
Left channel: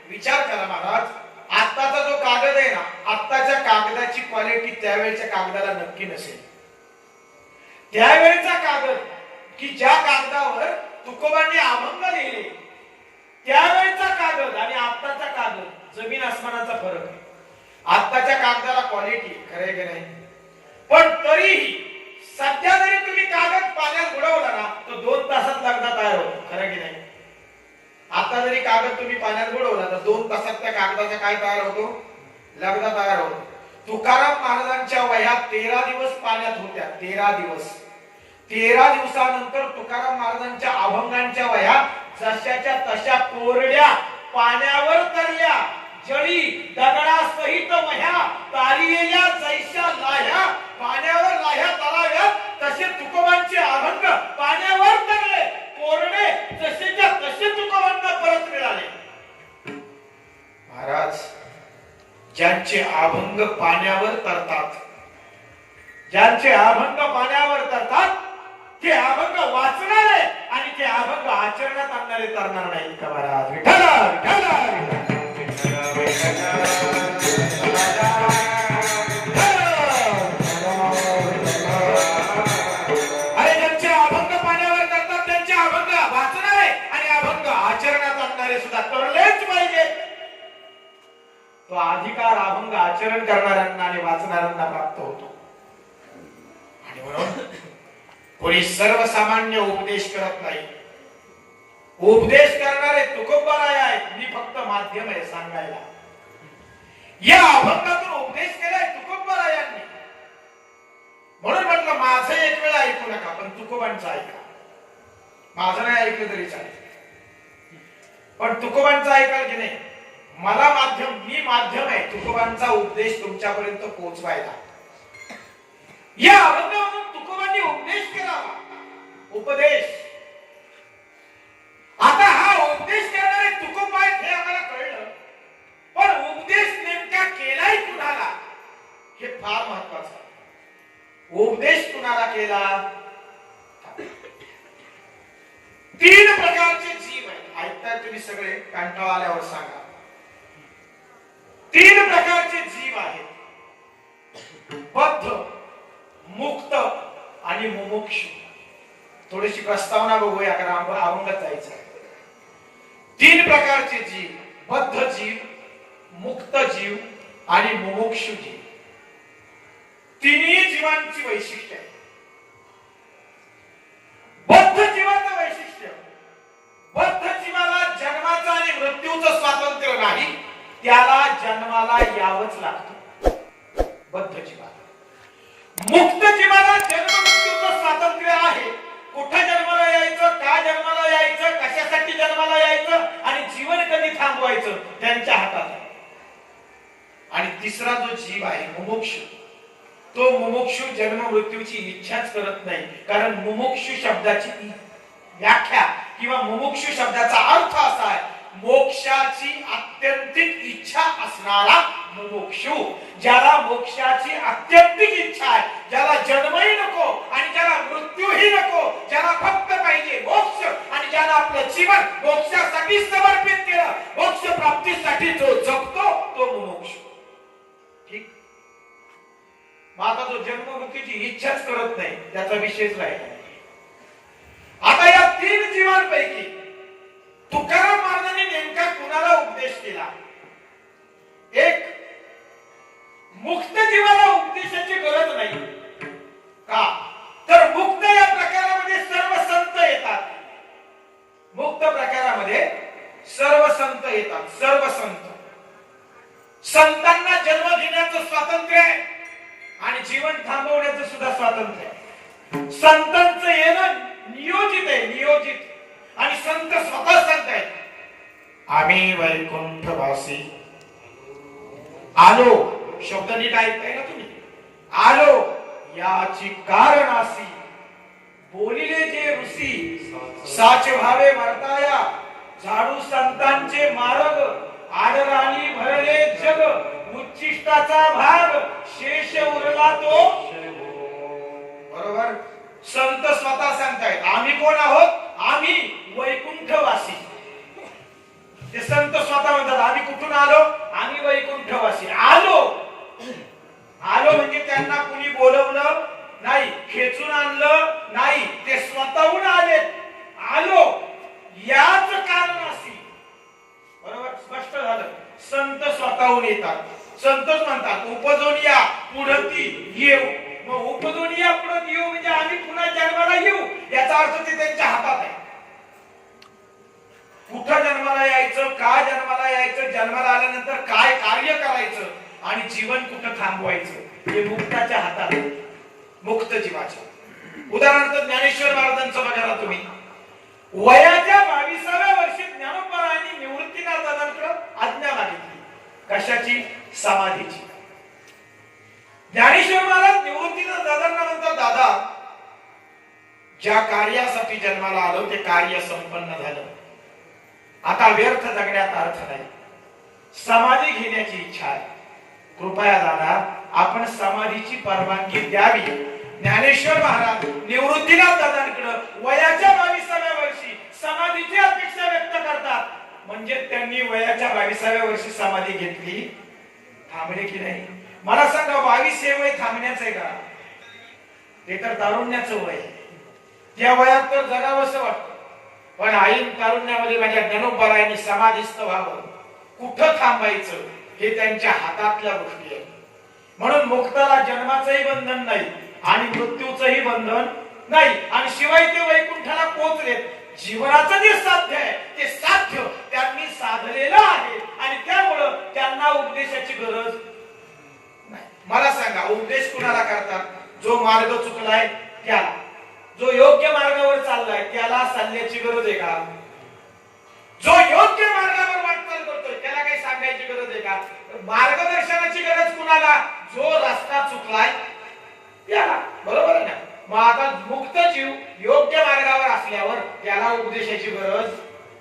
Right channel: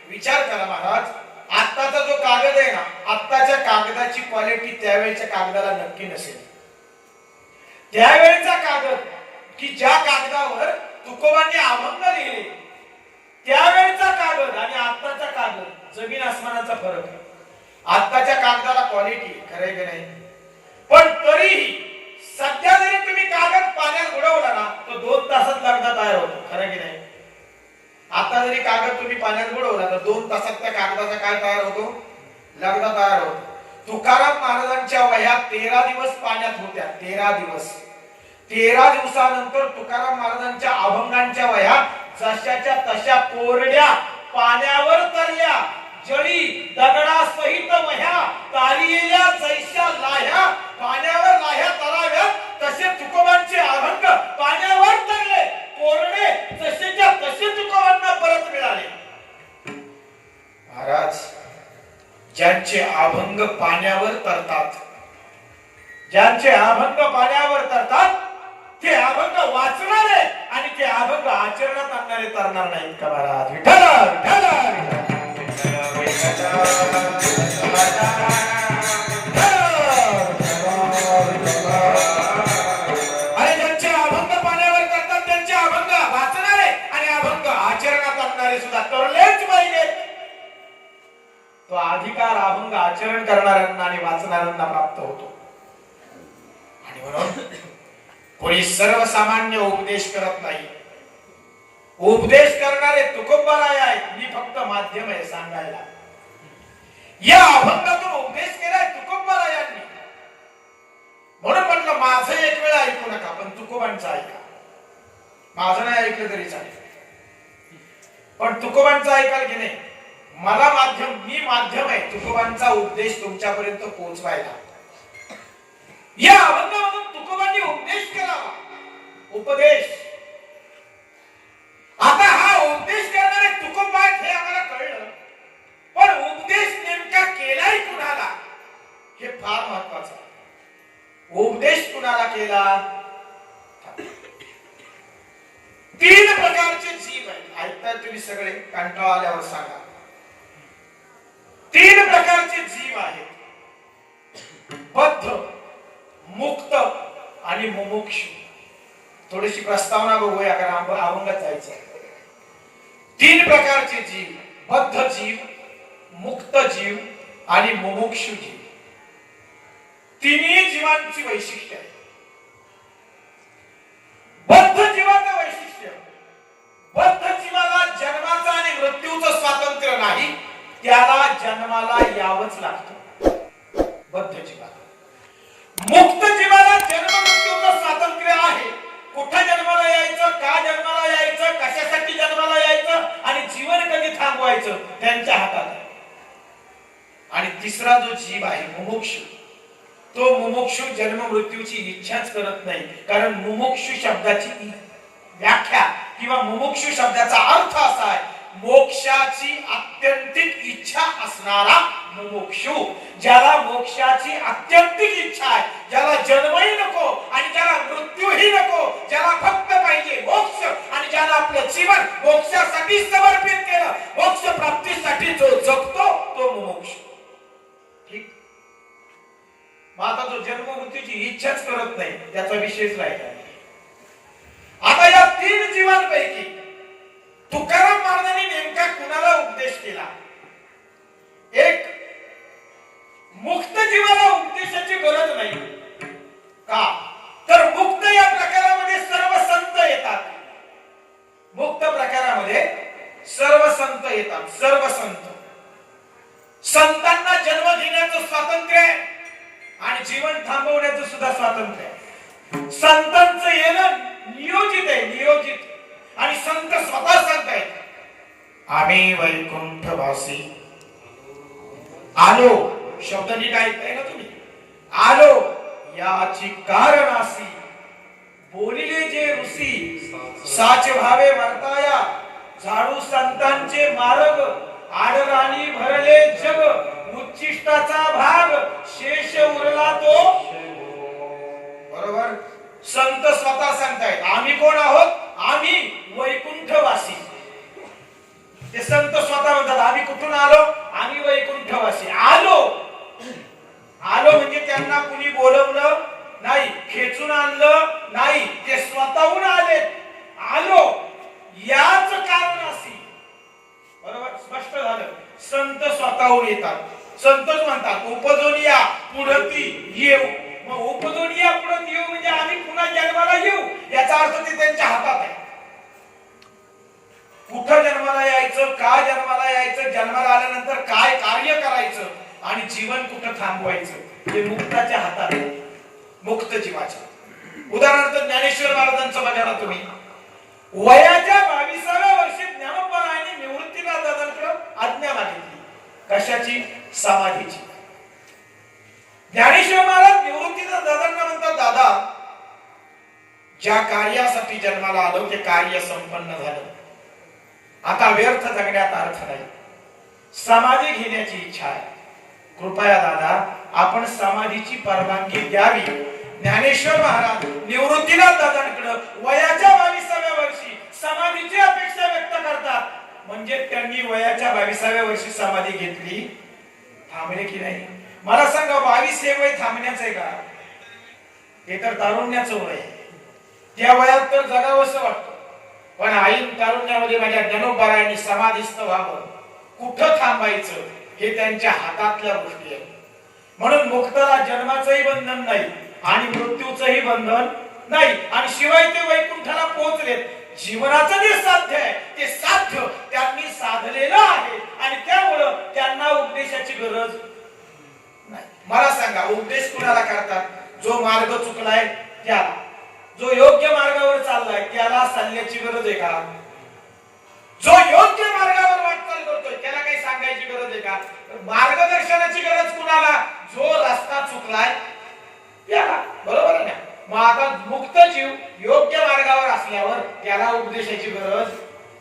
विचार करा महाराज, आत्ताचा जो कागद आहे ना, आत्ताच्या कागदाची क्वालिटी त्यावेळेच्या कागदाला नक्की नसेल. त्यावेळेचा कागद की ज्या कागदावर तुकोबांनी अभंग लिहिले, त्यावेळेचा कागद आणि आत्ताचा कागद जमीन आसमानाचा फरक आहे. आत्ताच्या कागदाला क्वालिटी खरं की नाही, पण तरीही सध्या जरी तुम्ही कागद पाण्यात बुडवला ना तर 2 तासात लगदा तयार होतो. खरं की नाही? आता जरी कागद तुम्ही पाण्यात बुडवला तर 2 तासात त्या कागदाचा काय तयार होतो? लगदा तयार होतो. तुकाराम महाराजांच्या वह्या 13 दिवस पाण्यात होत्या. 13 दिवस. 13 दिवसानंतर तुकाराम महाराजांच्या अभंगांच्या वह्या जशाच्या तशा कोरड्या पाण्यावर तरल्या. जळी दगडासहित वह्या तारिलेल्या जैशा लाह्या पाण्यावर लाह्या तराव्या, तसे तुकोबांचे अभंग पाण्यावर तरले, कोरडे जसेच्या तसे तुकोबांना परत मिळाले. महाराज, ज्यांचे अभंग पाण्यावर तरतात, ज्यांचे अभंग पाण्यावर तरतात, ते अभंग वाचणारे आणि ते अभंग आचरणात आणणारे तरणार नाहीत का महाराज? विठ्ठल तो अधिकार अभंग आचरण करणाऱ्यांना आणि वाचणाऱ्यांना प्राप्त होतो. आणि म्हणून कोणी सर्वसामान्य उपदेश करत नाही. उपदेश करणारे तुकोबाराय आहेत. मी फक्त माध्यम आहे सांगायला. या अभंगातून उपदेश केलाय तुकोबारायांनी. म्हणून म्हटलं माझं एक वेळा ऐकू नका, पण तुकोबांचं ऐका. माझं नाही ऐकलं तरी चालेल, पण तुकोबांचं ऐकाल की नाही. मला माध्यम, मी माध्यम आहे तुकोबांचा उपदेश तुमच्यापर्यंत पोहोचवायला. या अभंगामधून तुकोबांनी उपदेश केला. उपदेश. आता हा उपदेश करणारे तुकोबा आहेत हे आम्हाला कळलं, पण उपदेश नेमका केलाय कुणाला हे फार महत्वाचं आहे. उपदेश कुणाला केला? 3 प्रकारचे जीव आहेत. ऐकताय तुम्ही सगळे? कंटाळा आल्यावर सांगा. 3 प्रकारचे जीव आहेत. बद्ध, मुक्त आणि मुमुक्षु. थोडीशी प्रस्तावना बघूया, कारण अभंगात जायचं आहे. 3 प्रकारचे जीव. बद्ध जीव, मुक्त जीव आणि मुमुक्षु जीव. तिन्ही जीवांची वैशिष्ट्य आहे. बद्ध जीवाचं वैशिष्ट्य, बद्ध जीवाला जन्माचं आणि मृत्यूचं स्वातंत्र्य नाही, त्याला जन्माला यावंच लागतं. बद्ध जीवाला. मुक्त जीवाला जन्म मृत्यूचं स्वातंत्र्य आहे. कुठं जन्माला यायचं, का जन्माला यायचं, कशासाठी जन्माला यायचं आणि जीवन कधी थांबवायचं त्यांच्या हातात आहे. आणि तिसरा जो जीव आहे मुमुक्षु, तो मुमुक्षु जन्म मृत्यूची इच्छाच करत नाही. कारण मुमुक्षु शब्दाची व्याख्या किंवा मुमुक्षु शब्दाचा अर्थ असा आहे, मोक्षाची आत्यंतिक इच्छा असणारा मुमुक्षु. ज्याला मोक्षाची आत्यंतिक इच्छा आहे, ज्याला जन्मही नको आणि ज्याला मृत्यूही नको, ज्याला फक्त पाहिजे मोक्ष आणि ज्याला आपलं जीवन मोक्षासाठी समर्पित केलं, मोक्ष प्राप्तीसाठी जो जगतो तो मुमुक्षु. ठीक. मग आता जो जन्म मृत्यूची इच्छाच करत नाही त्याचा विषयच राहिला. आता या 3 जीवांपैकी तुकाराम महाराजांनी नेमका कुणाला उपदेश केला? एक, मुक्त जीवाला उपदेशाची गरज नाही. का? तर मुक्त या प्रकारामध्ये सर्व संत येतात. मुक्त प्रकारामध्ये सर्व संत येतात. सर्व संत. संतांना जन्म घेण्याचं स्वातंत्र्य आहे आणि जीवन थांबवण्याचं सुद्धा स्वातंत्र्य आहे. संतांचं येणं नियोजित आहे, नियोजित. आणि संत स्वतः सांगतायत, आम्ही वैकुंठवासी आलो. शब्द नीट ऐकताय ना तुम्ही? आलो याची कारणासी बोलिले जे ऋषी साच भावे वर्ताया, झाडू संतांचे मार्ग आडराणी भरले जग, उच्चिष्टाचा भाग शेष उरला तो. बरोबर. संत स्वतः सांगतायत आम्ही कोण आहोत? आम्ही वैकुंठवासी. ते संत स्वतः म्हणतात आम्ही कुठून आलो? आम्ही वैकुंठवासी. आलो. आलो म्हणजे त्यांना कुणी बोलवलं नाही, खेचून आणलं नाही, ते स्वतःहून आले. आलो याच कारणासी. बरोबर. स्पष्ट झालं. संत स्वतःहून येतात. संतच म्हणतात उपजून या पुढती येऊ. मग उपजून या पुढत येऊ म्हणजे आम्ही पुन्हा जन्माला येऊ, याचा अर्थ ते त्यांच्या हातात आहे. कुठं जन्माला यायचं, का जन्माला यायचं, जन्माला आल्यानंतर काय कार्य करायचं आणि जीवन कुठं थांबवायचं हे मुक्ताच्या हातात आहे. मुक्त जीवाच्या. उदाहरणार्थ ज्ञानेश्वर महाराजांचं बघा ना तुम्ही. वयाच्या 22व्या वर्षी ज्ञानोबरायांनी निवृत्तीनाथ दादांकडे आज्ञा मागितली. कशाची? समाधीची. ज्ञानेश्वर महाराज निवृत्तीनाथ दादांना म्हणतात, दादा ज्या कार्यासाठी जन्माला आलो ते कार्य संपन्न झालं. आता व्यर्थ जगण्यात अर्थ नाही. समाधी घेण्याची इच्छा आहे. कृपया दादा आपण समाधीची परवानगी द्यावी. ज्ञानेश्वर महाराज निवृत्तीनाथ दादांकडे वयाच्या 22व्या वर्षी समाधीची अपेक्षा व्यक्त करतात. म्हणजे त्यांनी वयाच्या 22व्या वर्षी समाधी घेतली. थांबले की नाही? मला सांगा 22 हे वय थांबण्याचं आहे का? हे तर तारुण्याचं वय आहे. त्या वयात तर जगावंसं वाटतं. पण आई तारुण्यामध्ये माझ्या ज्ञानोबरायांनी समाधीस्थ व्हावं. कुठं थांबायचं हे त्यांच्या हातातल्या गोष्टी आहेत. म्हणून मुक्ताला जन्माचंही बंधन नाही आणि मृत्यूचंही बंधन नाही, आणि शिवाय ते वैकुंठाला पोहोचलेत. जीवनाचं जे साध्य आहे ते साध्य त्यांनी साधलेलं आहे आणि त्यामुळं त्यांना उपदेशाची गरज नाही. मला सांगा, उपदेश कुणाला करतात? जो मार्ग चुकलाय त्याला, जो योग्य मार्गावर चाललाय त्याला सांगण्याची गरज आहे का? जो योग्य मार्गावर वाटचाल करतोय त्याला काही सांगायची गरज आहे का? मार्गदर्शनाची गरज कुणाला? जो रस्ता चुकलाय त्याला, बरोबर आहे ना? मग आता मुक्त जीव योग्य मार्गावर असल्यावर त्याला उपदेशाची गरज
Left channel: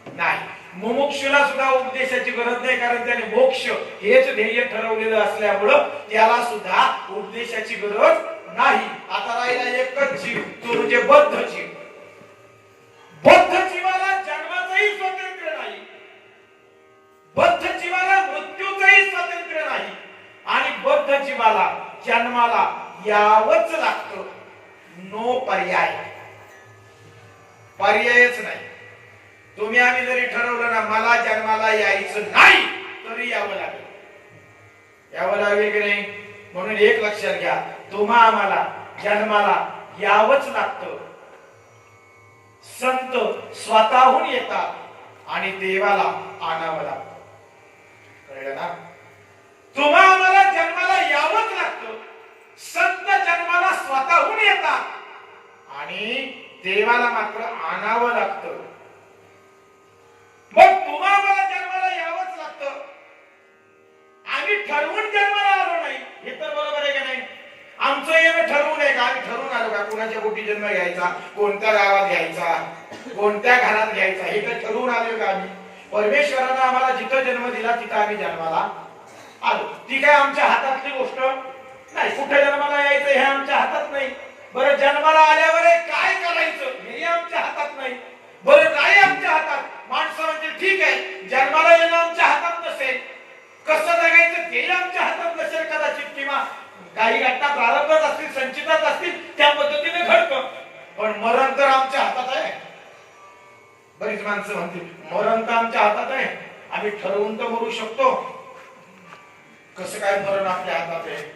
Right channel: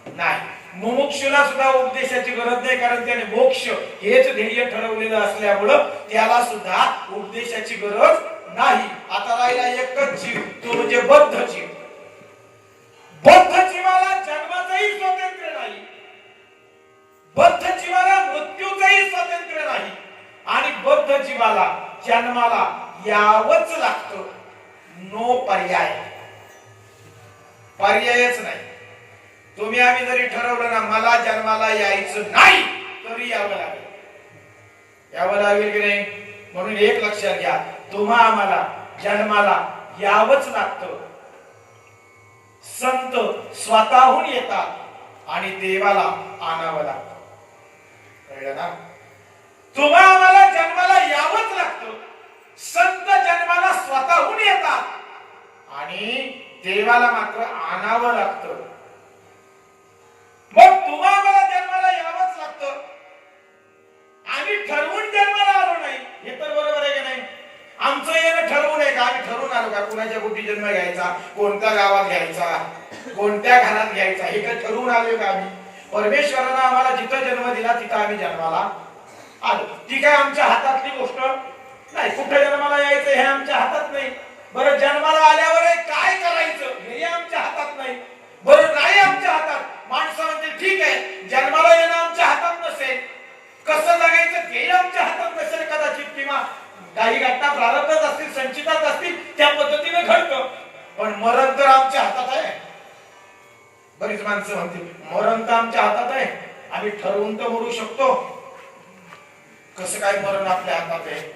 नाही. मुमुक्षुला सुद्धा उपदेशाची गरज नाही, कारण त्याने मोक्ष हेच ध्येय ठरवलेलं असल्यामुळं त्याला सुद्धा उपदेशाची गरज नाही. आता राहिला एकच जीव, तो म्हणजे बद्ध जीव. बद्ध जीवाला जन्माचंही स्वातंत्र्य नाही, बद्ध जीवाला मृत्यूचंही स्वातंत्र्य नाही, आणि बद्ध जीवाला जन्माला यावंच लागतं. नो पर्याय, पर्यायच नाही. तुम्ही आम्ही जरी ठरवलं ना मला जन्माला यायचं नाही, तरी यावं लागेल. यावं लागेल की नाही? म्हणून एक लक्षात घ्या, तुम्हा आम्हाला जन्माला यावंच लागतं. संत स्वतःहून येतात आणि देवाला आणावं लागतं. कळलं ना? तुम्हा आम्हाला जन्माला यावंच लागतं. संत जन्माला स्वतःहून येतात आणि देवाला मात्र आणावं लागतं. मग तुम्हा आम्हाला जन्माला यावंच लागतं. आम्ही ठरवून जन्माला आलो नाही, हे तर बरोबर आहे की नाही? आमचं येणं ठरवून आहे का? आम्ही ठरवून आलो का कुणाच्या पोटी जन्म घ्यायचा, कोणत्या गावात घ्यायचा, कोणत्या घरात घ्यायचा, हे तर ठरवून आलो का आम्ही? परमेश्वरानं आम्हाला जिथं जन्म दिला तिथं आम्ही जन्माला आलो. ती काय आमच्या हातातली गोष्ट नाही. कुठे जन्माला यायचं हे आमच्या हातात नाही. बरं, जन्माला आल्यावर काय करायचं हे आमच्या हातात नाही. बरं, नाही आमच्या हातात. माणसं म्हणजे ठीक आहे, जन्माला येणं आमच्या हातात नसेल, कसं जगायचं ते आमच्या हातात नसेल कदाचित, किंवा काही घटना प्रारंभात असतील, संचितात असतील, त्या पद्धतीने घडतं. पण मरण तर आमच्या हातात आहे. बरीच माणसं म्हणतील मरण तर आमच्या हातात आहे, आम्ही ठरवून तर मरू शकतो. कसं काय मरण आपल्या हातात आहे?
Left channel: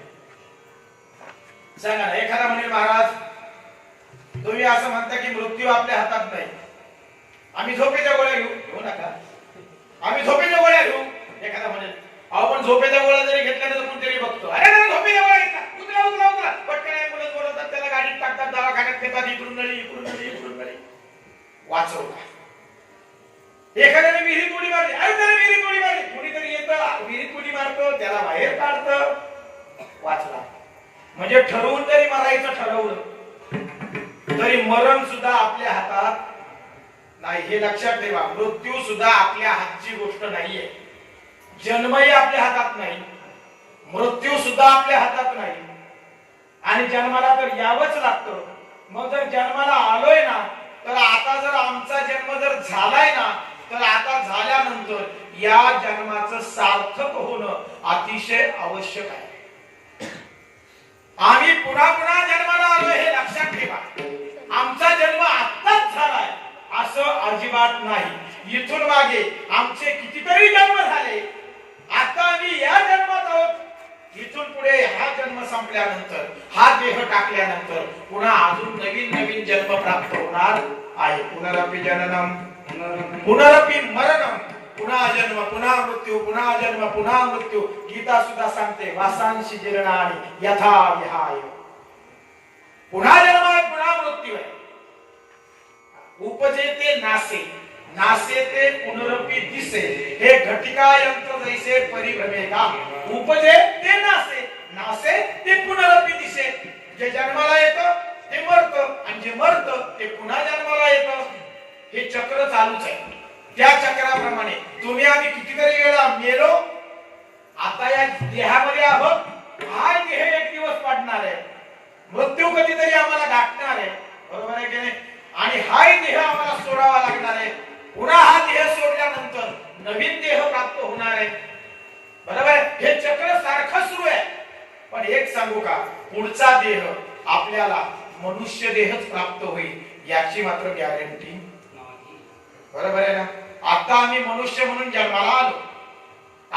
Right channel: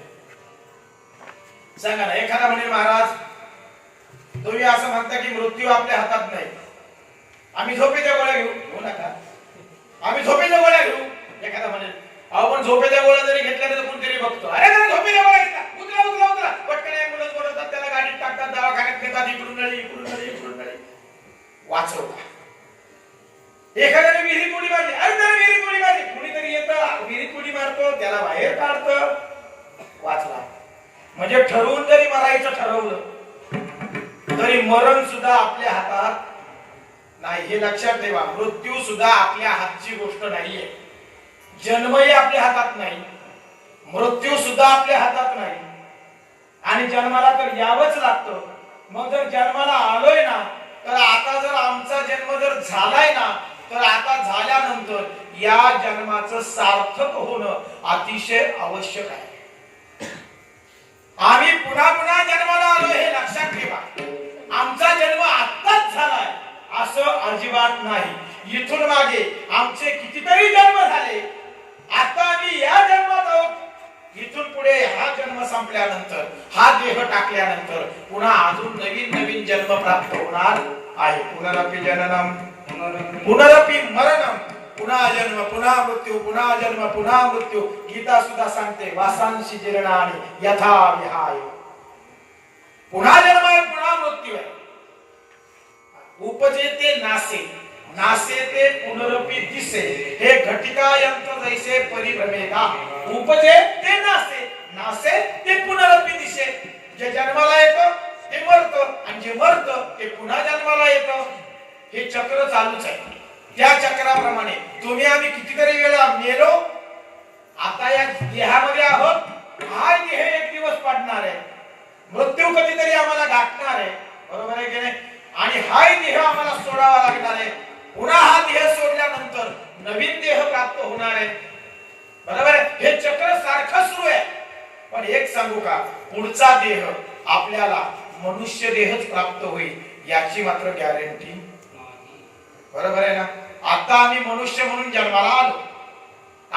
सांगा ना. एखादा म्हणे महाराज तुम्ही असं म्हणता की मृत्यू आपल्या हातात नाही, आम्ही झोपेच्या गोळ्या घेऊ नका, आम्ही झोपेच्या गोळ्या घेऊ. एखादा म्हणे अहो पण झोपेच्या गोळ्या जरी घेतल्या तर कोणतरी बघतो, अरे नाही झोपेच्या गोळ्या घेतला, उतरा उतरा उतरा, पटकन ॲम्ब्युलन्स बोलवतात, त्याला गाडीत टाकतात, दवाखान्यात नेतात, इकडून नळी इकडून नळी इकडून नळी, वाचवला. एखाद्याने विहिरीत उडी मारली, अरे त्याने विहिरीत उडी मारली, कुणीतरी येतं विहिरीत उडी मारतो, त्याला बाहेर काढतं, वाचला. म्हणजे ठरवून जरी मरायचं ठरवलं तरी मरण सुद्धा आपल्या हातात नाही, हे लक्षात ठेवा. मृत्यू सुद्धा आपल्या हातची गोष्ट नाहीये. जन्मही आपल्या हातात नाही, मृत्यू सुद्धा आपल्या हातात नाही, आणि जन्माला तर यावंच लागतं. मग जर जन्माला आलोय ना, तर आता जर आमचा जन्म जर झालाय ना, तर आता झाल्यानंतर या जन्माचं सार्थक होणं अतिशय आवश्यक आहे. आम्ही पुन्हा पुन्हा जन्माला आलो हे लक्षात ठेवा. आमचा जन्म आत्ताच झालाय असं अजिबात नाही. इथून मागे आमचे कितीतरी जन्म झाले, आता आम्ही या जन्मात आहोत. इथून पुढे हा जन्म संपल्यानंतर, हा देह टाकल्यानंतर पुन्हा अजून नवीन नवीन जन्म प्राप्त होणार आहे. पुनरपि जननम पुनरपि मरणम, पुन्हा जन्म पुन्हा मृत्यू, पुन्हा जन्म पुन्हा मृत्यू. गीता सुद्धा सांगते वासांशी जीर्णानि यथा विहाय. पुन्हा जन्म आहे, पुन्हा मृत्यू आहे. उपजे ते नासे, नासे ते पुनरपि दिसे, हे घटिका यंत्र जैसे परिभ्रमेता. उपजे ते नासे, नासे ते पुनरपि दिसे. जे जन्माला येतं ते मरतं, आणि जे मरतं ते पुन्हा जन्माला येतं. हे चक्र चालूच आहे. त्या चक्राप्रमाणे तुम्ही आम्ही कितीतरी वेळा मेलो, आता या देहामध्ये आहोत. हा देह एक दिवस पडणार आहे, मृत्यू कधीतरी आम्हाला गाठणार आहे, बरोबर आहे की नाही? आणि हा देह आम्हाला सोडावा लागणार आहे. पुन्हा हा देह सोडल्यानंतर नवीन देह प्राप्त होणार आहे, बरोबर आहे? हे चक्र सारखं सुरू आहे. पण एक सांगू का, पुढचा देह आपल्याला मनुष्य देहच प्राप्त होईल याची मात्र गॅरंटी नाही, बरोबर आहे ना? आता आम्ही मनुष्य म्हणून जन्माला आलो,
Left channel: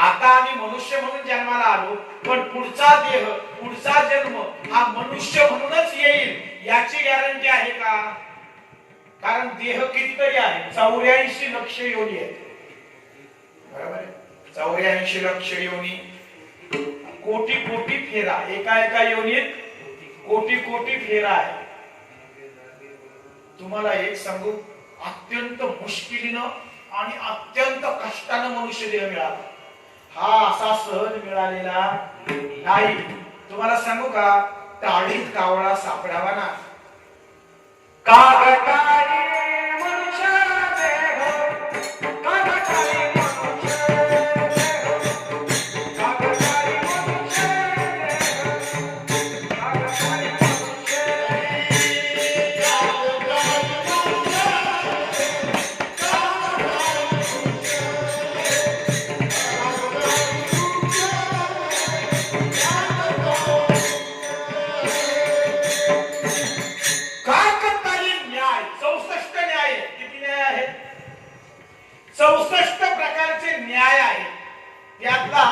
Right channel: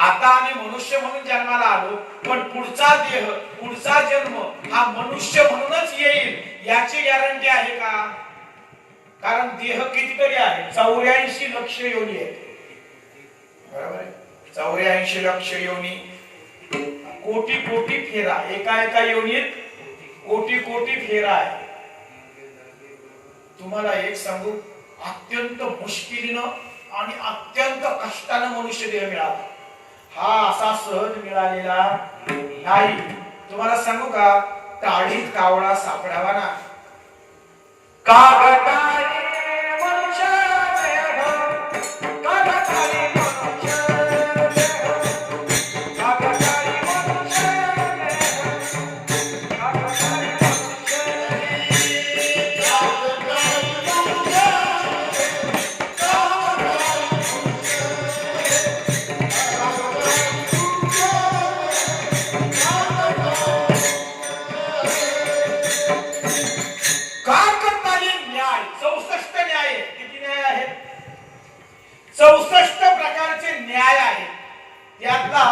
आता आम्ही मनुष्य म्हणून जन्माला आलो, पण पुढचा देह, पुढचा जन्म हा मनुष्य म्हणूनच येईल याची गॅरंटी आहे का? कारण देह कितीतरी आहे, 84 लक्ष योनी आहे. बरोबर आहे, 84 लक्ष योनी, कोटी कोटी फेरा, एका एका योनीत कोटी कोटी फेरा आहे. तुम्हाला एक सांगू, अत्यंत मुश्किलीनं आणि अत्यंत कष्टानं मनुष्य देह मिळाला. हा असा सहज मिळालेला नाही. तुम्हाला सांगू का, टाळीत कावळा सापडावा ना. यातला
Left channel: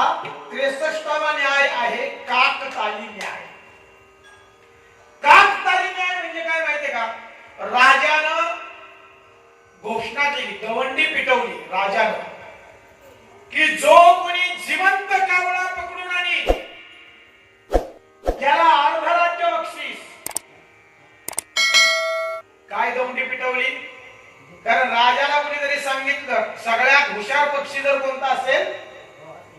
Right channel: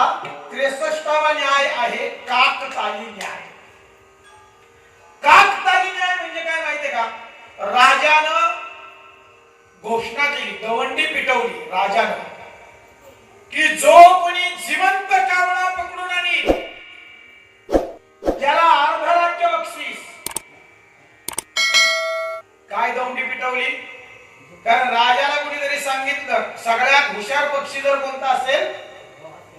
63वा न्याय आहे काकताली न्याय. काकताली न्याय म्हणजे काय माहितीये का? राजानं घोषणा केली, दवंडी पिटवली राजानं, की जो कोणी जिवंत कावळा पकडून आणील त्याला अर्ध राज्य बक्षीस. काय दवंडी पिटवली? कारण राजाला कोणीतरी सांगितलं सगळ्यात हुशार पक्षी जर कोणता असेल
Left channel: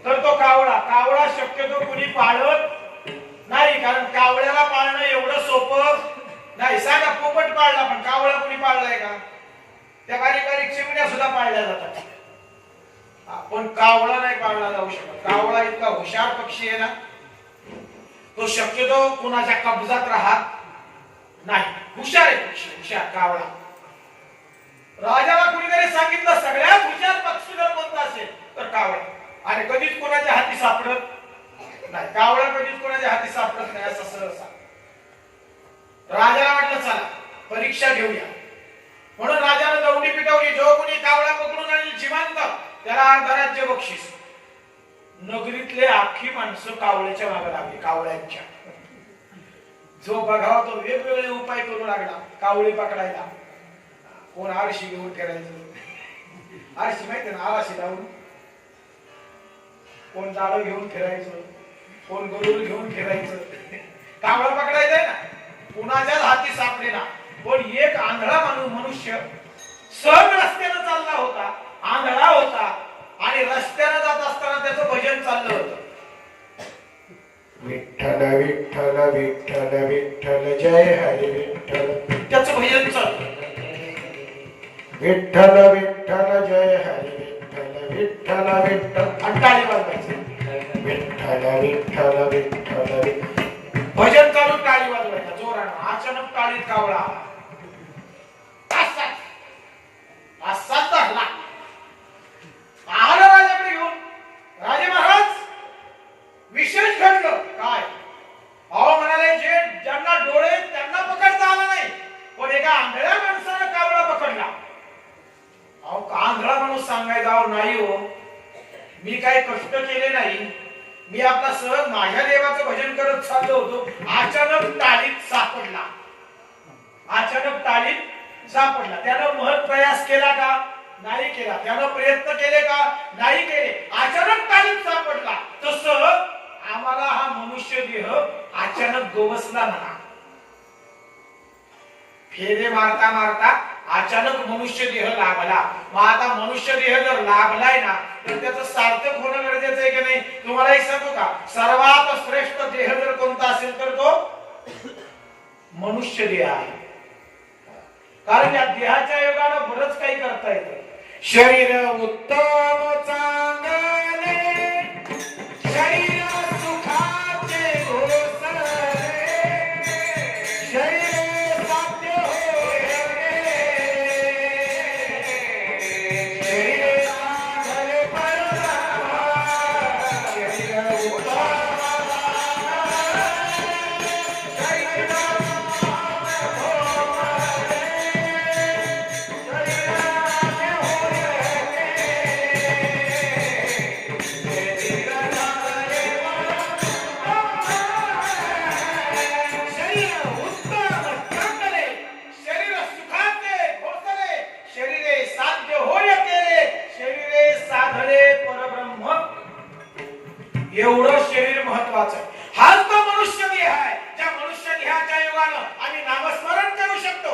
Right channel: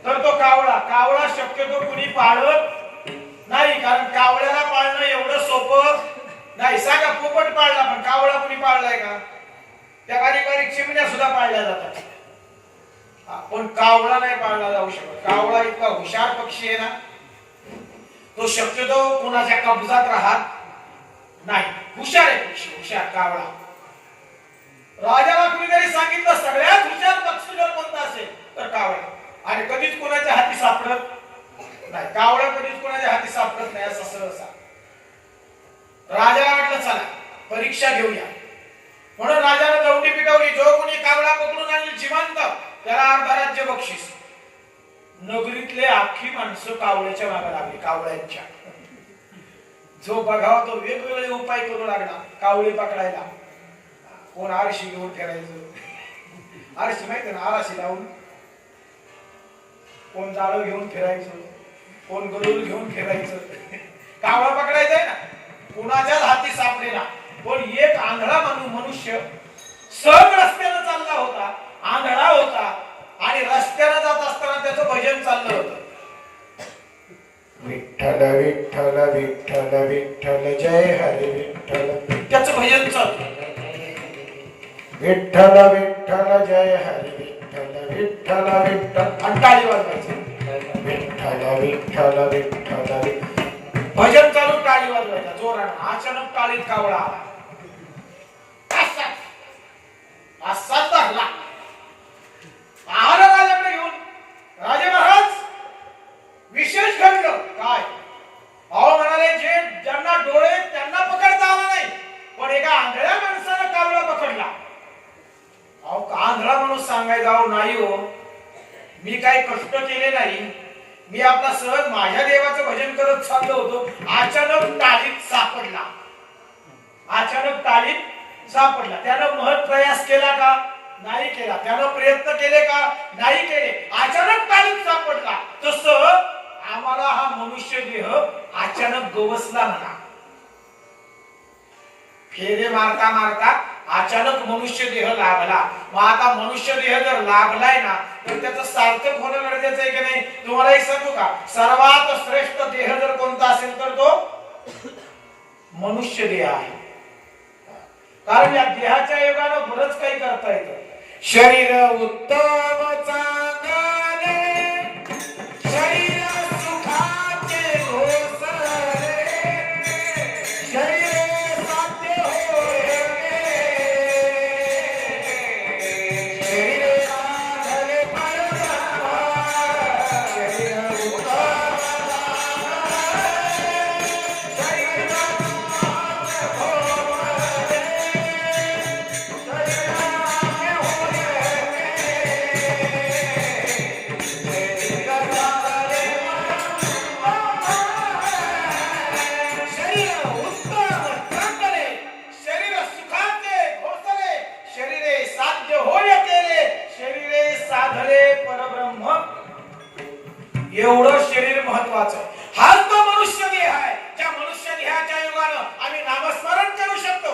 तर तो कावळा. कावळा शक्यतो कुणी पाळत नाही, कारण कावळ्याला पाळणं एवढं सोपं नाही. सांगा, पोपट पाळला पण कावळा कुणी पाळलाय का? त्या बारीक बारीक चिमण्या सुद्धा पाळल्या जातात, पण कावळा नाही पाळला जाऊ शकत. कावळा इतका हुशार पक्षी आहे ना, तो शक्यतो कुणाच्या कब्जात राहत नाही. हुशार आहे पक्षी, हुशार कावळा. राजाला कुणीतरी सांगितलं सगळ्यात हुशार पक्षी जर कोणता असेल तर कावळा, आणि कधीच कोणाच्या हाती सापडत नाही. कावळा कधीच कोणाच्या हाती सापडत नाही असं सहसा. राजाला वाटलं चला परीक्षा घेऊया, म्हणून राजाने दवंडी पिटवली. जो कोणी कावळा पकडून आणील जिवंत त्याला अर्ध राज्य बक्षीस. नगरीतले आखी माणसं कावळ्याच्या मागे लागली, कावळ्यांच्या. जो बघावा तो वेगवेगळे उपाय करू लागला कावळे पकडायला. कोण आरशी घेऊन फिरायचं, आरशी माहिती ना, आरशी लावून. कोण जाळं घेऊन फिरायचं, कोण गरुड घेऊन फिरायचं. कावळा पकडायचंय ना, कुणाच्याच हाती सापडेना. पण एक आंधळा मनुष्य सहज रस्त्याने चालला होता, आंधळा होता, आणि रस्त्याने जात असताना त्याचं भजन चाललं होतं. विठ्ठल विठ्ठल विठ्ठल विठ्ठल जय हरी विठ्ठल. त्याचं भजन चाललं, विठ्ठल विठ्ठल जय हरी विठ्ठल विठ्ठल विठ्ठल. आणि टाळी वाजवायची, विठ्ठल विठ्ठल विठ्ठल. भजन चालू, टाळी वाजवायचा जोरानं. अचानक टाळीत कावळा असाच धरला. आला राजाकडे घेऊन. राजे महाराज, विशेष घडलं काय? अहो म्हणाले, जे ज्यांना डोळे त्यांना पकडता आला नाही, पण एका आंधळ्या माणसानं कावळा पकडला. अहो आंधळा माणूस सांगायचा, अहो नाही हो, मी काही कष्ट केले नाही, मी आपला सहज माझ्या देवाचं भजन करत चाललो होतो, अचानक टाळीत सापडला. अचानक टाळीत सापडला. त्यानं महत् प्रयास केला का? नाही केला. त्यानं प्रयत्न केले का? नाही केले. अचानक टाळीत सापडला. तसं आम्हाला हा मनुष्य देह अचानक गवसला म्हणा. फेरे मारता मारता अचानक मनुष्य देह लाभला. मग आता मनुष्य देह जर लाभलाय ना, तर त्याचं सार्थक होणं गरजेचं आहे की नाही? तुम्हाला एक सांगू का, सर्वात श्रेष्ठ देह जर कोणता असेल तर तो मनुष्य देह आहे. कारण या देहाच्या योगानं बरंच काही करता येतं. शरीर उत्तम चांगले, शरीर सुखाचे घोसरे, शरीर साध्य होय, शरीर साधले परमात्मा, शरीर उत्तम एवढं शरीर महत्वाचं आहे. हाच तो मनुष्य देह आहे ज्या मनुष्य देहाच्या योगानं आम्ही नामस्मरण करू शकतो.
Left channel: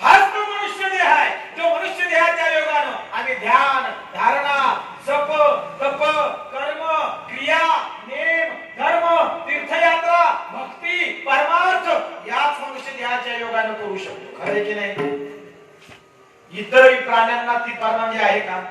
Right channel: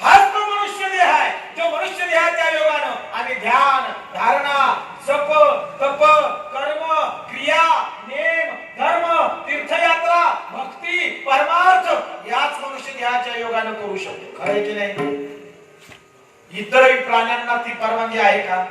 हाच तो मनुष्य देह आहे जो मनुष्य देहाच्या योगानं आम्ही ध्यान धारणा जप तप कर्म क्रिया नेम धर्म तीर्थयात्रा भक्ती परमार्थ याच मनुष्य देहाच्या योगानं करू शकतो. खरं आहे की नाही? इतरही प्राण्यांना ती परवानगी आहे का?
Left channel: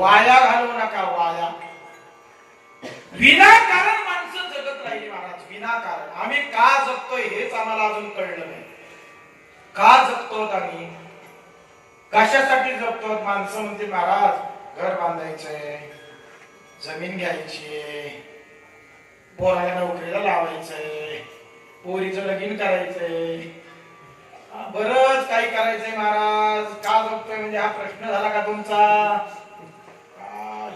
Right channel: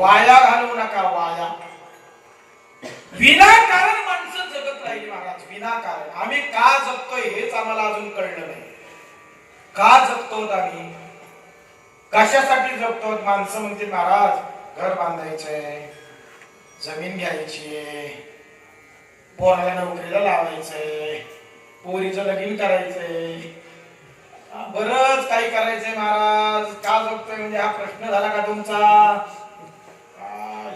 वाया घालवू नका. वाया विनाकारण माणसं जगत राहिली महाराज. विनाकारण आम्ही का जगतोय हेच आम्हाला अजून कळलं नाही. का जगतो आम्ही? कशासाठी जगतो? माणसं म्हणते महाराज घर बांधायचंय, जमीन घ्यायची, पोराला नोकरीला लावायचंय, पोरीचं लगीन करायचंय, बरंच काही करायचंय महाराज. का जगतोय म्हणजे हा प्रश्न झाला का तुमचा?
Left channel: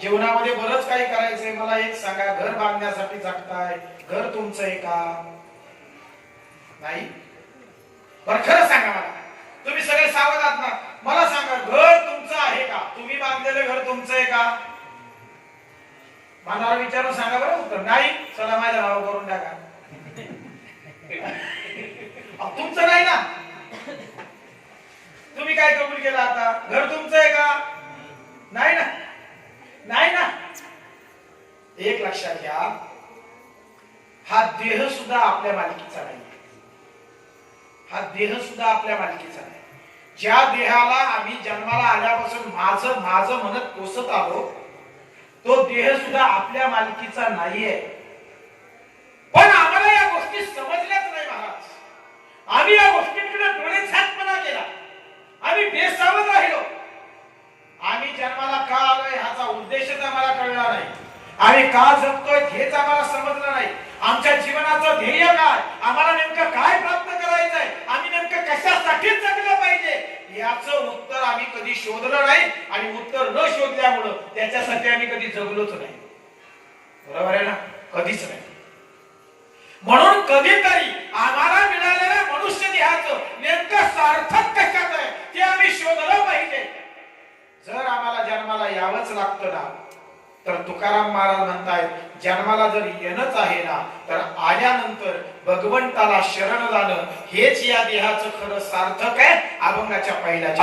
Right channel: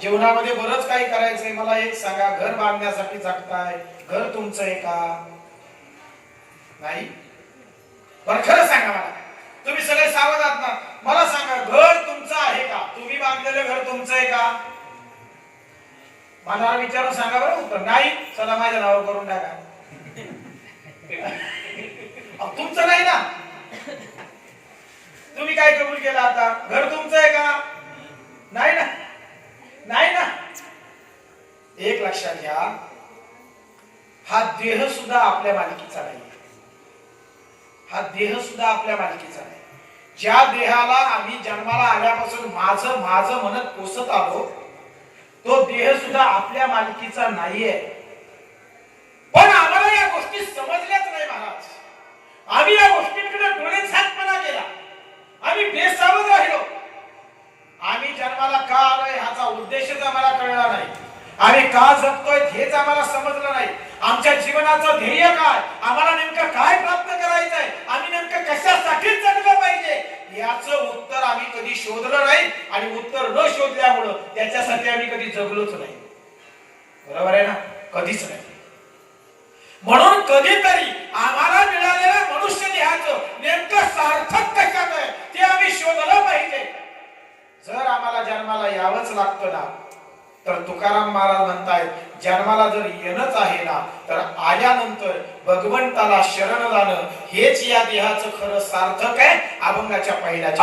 जीवनामध्ये बरंच काही करायचंय. मला एक सांगा, घर बांधण्यासाठी जगताय, घर तुमचं आहे का? नाही. बरं खरं सांगा मला, तुम्ही सगळे सावध आहात ना? मला सांगा, घर तुमचं आहे का? तुम्ही बांधलेलं घर तुमचं आहे का? मला विचारून सांगा बरं उत्तर. नाही, चला माझ्या नावावर करून टाका. तुमचं नाही ना? तुम्ही काय कबूल केलं आता? घर तुमचं आहे का? नाही ना? नाही ना? एक लक्षात घ्या, हा देह सुद्धा आपल्या मालकीचा नाही. हा देह सुद्धा आपल्या मालकीचा नाही. ज्या देहाला आम्ही जन्माला आल्यापासून माझं माझं म्हणत पोसत आलो, तो देह सुद्धा आपल्या मालकीचा नाहीये. पण आम्हाला या गोष्टी समजल्याच नाही महाराज. आम्ही या गोष्टींकडे डोळे झाकपणा केला. आम्ही बेसावध राहिलो. आम्ही जन्माला का आलोय ह्याचा उद्देशच आम्हाला कळला नाही. आम्ही का जगतोय हेच आम्हाला समजलं नाही. आमच्या जीवनाचं ध्येय काय, आम्हाला नेमकं काय प्राप्त करायचंय, आम्ही नेमकं कशासाठी जगलं पाहिजे याचं उत्तर आम्ही कधी शोधलं नाही. आणि उत्तर न शोधल्यामुळं त्याच्यासाठी आम्ही कधी जगलोच नाही. बरोबर आहे ना? कधीच नाही. म्हणून कधीतरी आम्हाला मिळालेल्या मनुष्य देहाचं नेमकं सार्थक कशात आहे ते आम्ही शोधलं पाहिजे. जर आम्हाला जन्माला यावंच लागतं ना, तर तुकाराम महाराज म्हणतायत, जन्माला जर येणंच आहे ना, तर आल्यानंतर भगवंताला शरण जाणं हेच या देहाचं खरं सार्थक आहे. अभंगाच्या पहिल्या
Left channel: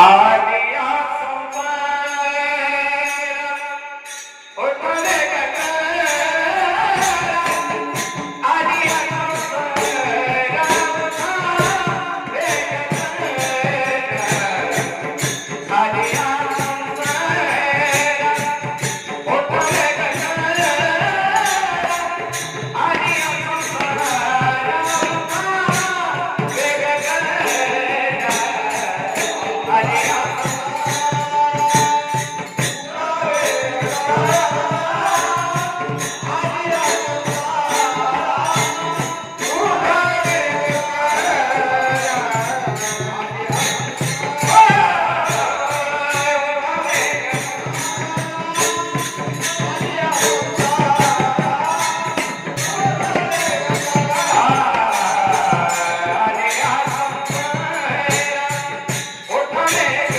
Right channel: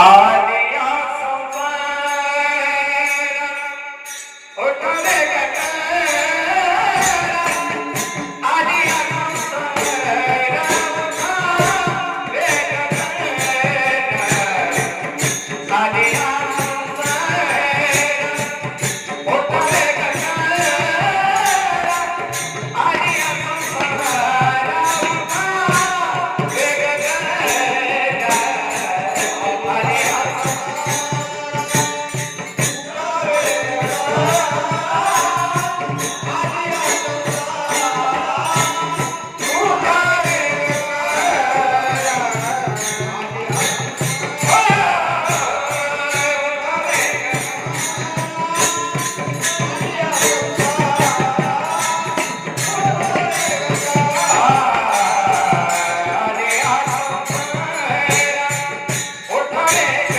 Hey!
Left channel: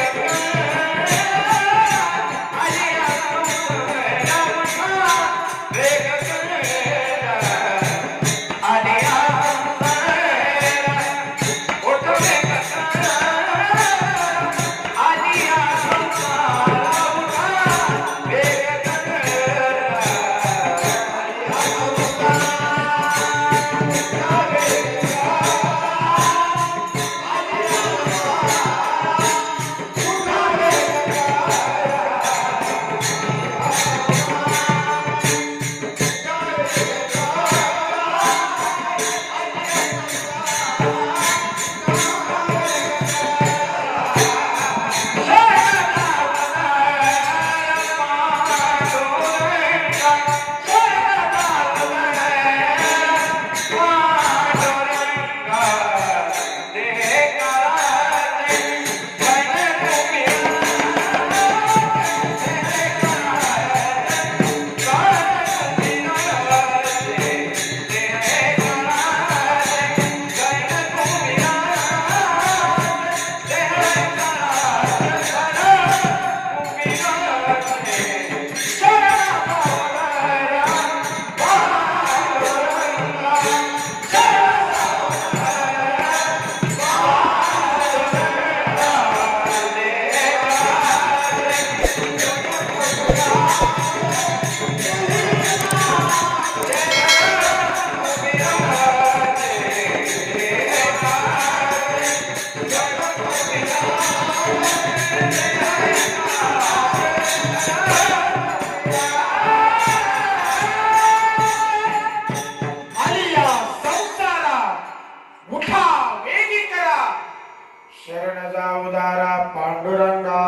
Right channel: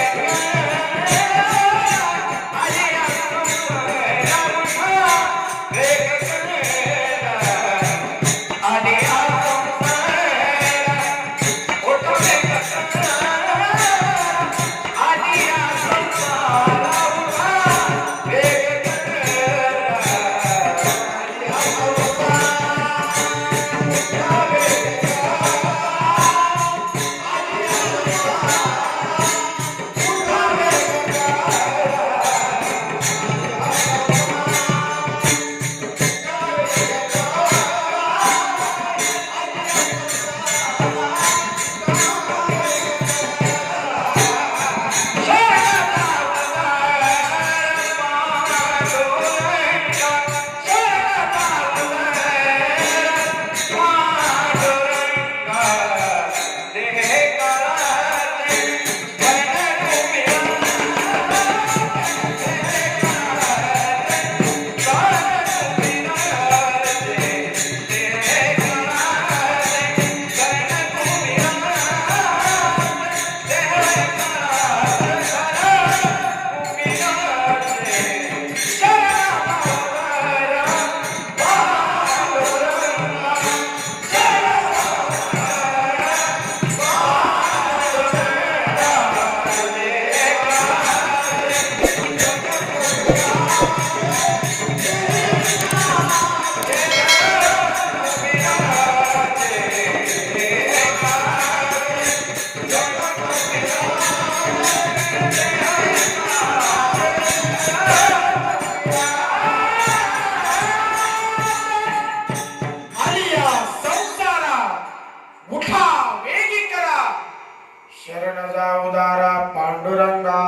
उदारा पांडुरंगा.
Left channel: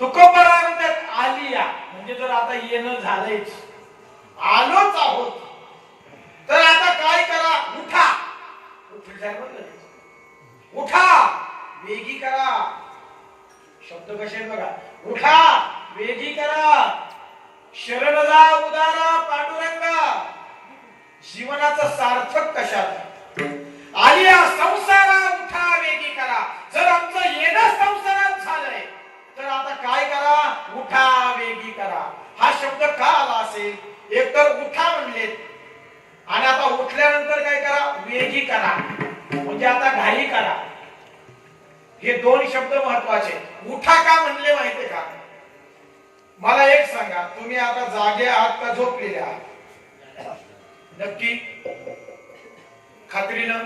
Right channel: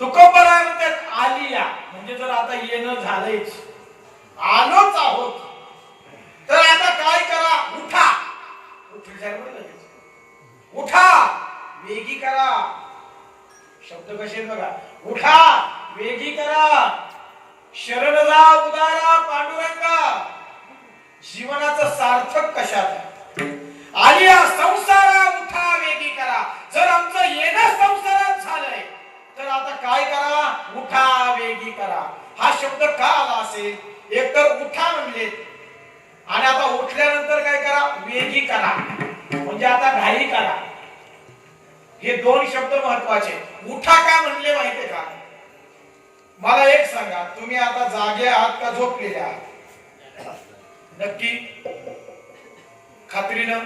तुकोबराय म्हणतात आलिया, म्हणजे जर आता येणं झालंच, आलोच आहोत, तर आता काय करा, उठा. उठा, वेगी करा. शब्द कसे बघा, उठा, वेगी करा, शरण जा उदारा पांडुरंगा. जीवनाचं सार्थक कशात? आलिया संसारा उठा वेगी करा. जर आमचं येणं संसारात झालंय, तर आता काय करा, उठा वेगी करा. हा शब्द का आला असेल? एकतर उठा म्हणले, आणि आता उठल्यानंतर काय करा, वेगी करा, म्हणजे आता घाई करा. हे दोन शब्द महत्वाचे. उठा का म्हणले माहितीये का? मला एक सांगा, तुम्ही आता जागे आहात का झोपलेले आहात? नक्की खात्रीनं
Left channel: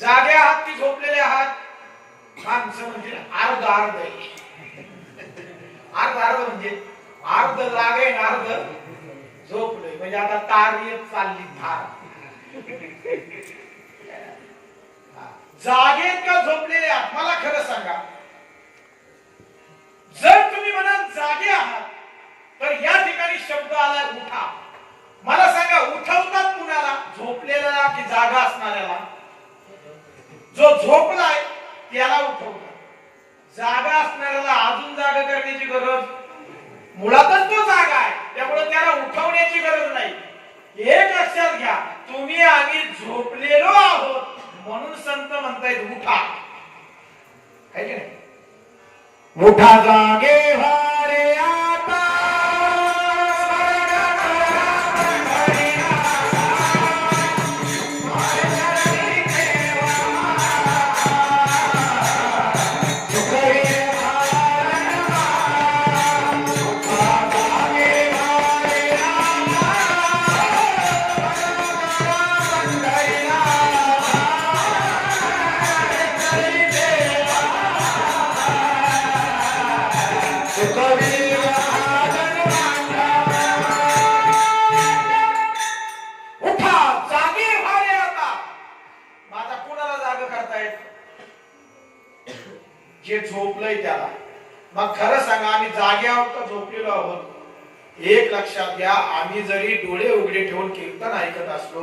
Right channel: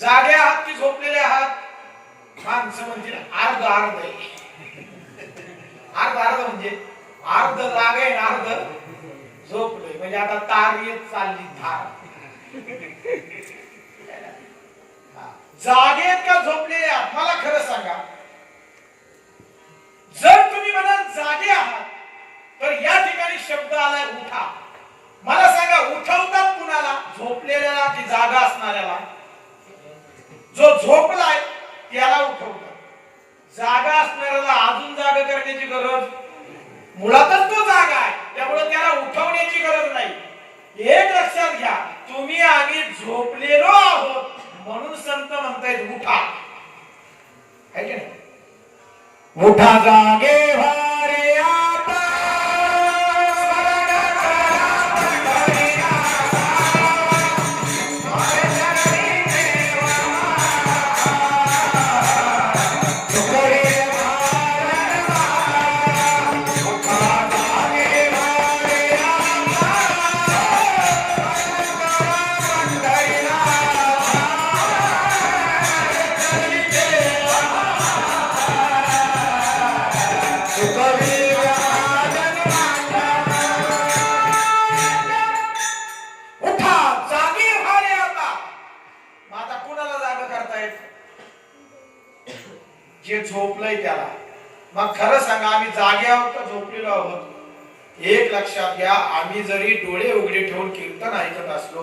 जागे आहात की झोपलेले आहात? माणसं म्हणजे अर्ध अर्ध अर्ध अर्ध, म्हणजे अर्ध जागे अर्ध झोपले, म्हणजे आता तार येत चालली धार. जागे का झोपलेले आहात? मला खरं सांगा, जर तुम्ही म्हणाल जागे आहात, तर या ठिकाणी शब्द आलाय उठा. मला सांगा, उठवतात कुणाला? झोपलेल्याला की जागा असणाऱ्याला? जो झोपलाय त्याला उठवतात. जागा असणाऱ्याला अजून जागा करण्याची गरज, मुळातच तो जागा आहे, त्यामुळे त्याला उठवण्याची गरज नाही. एक लक्षात घ्या, तुम्ही आम्ही झोपलेलो आहोत म्हणून संत म्हणतायत उठा. आहे की नाही? उठा जागे व्हा रे आता, जे झोपलंय त्याला. मग खरं सांगा, आम्ही जागे आहोत का झोपलेलो आहोत? एक लक्षात घ्या, आम्ही जरी डोळे उघडे ठेवून कीर्तन ऐकत असलो,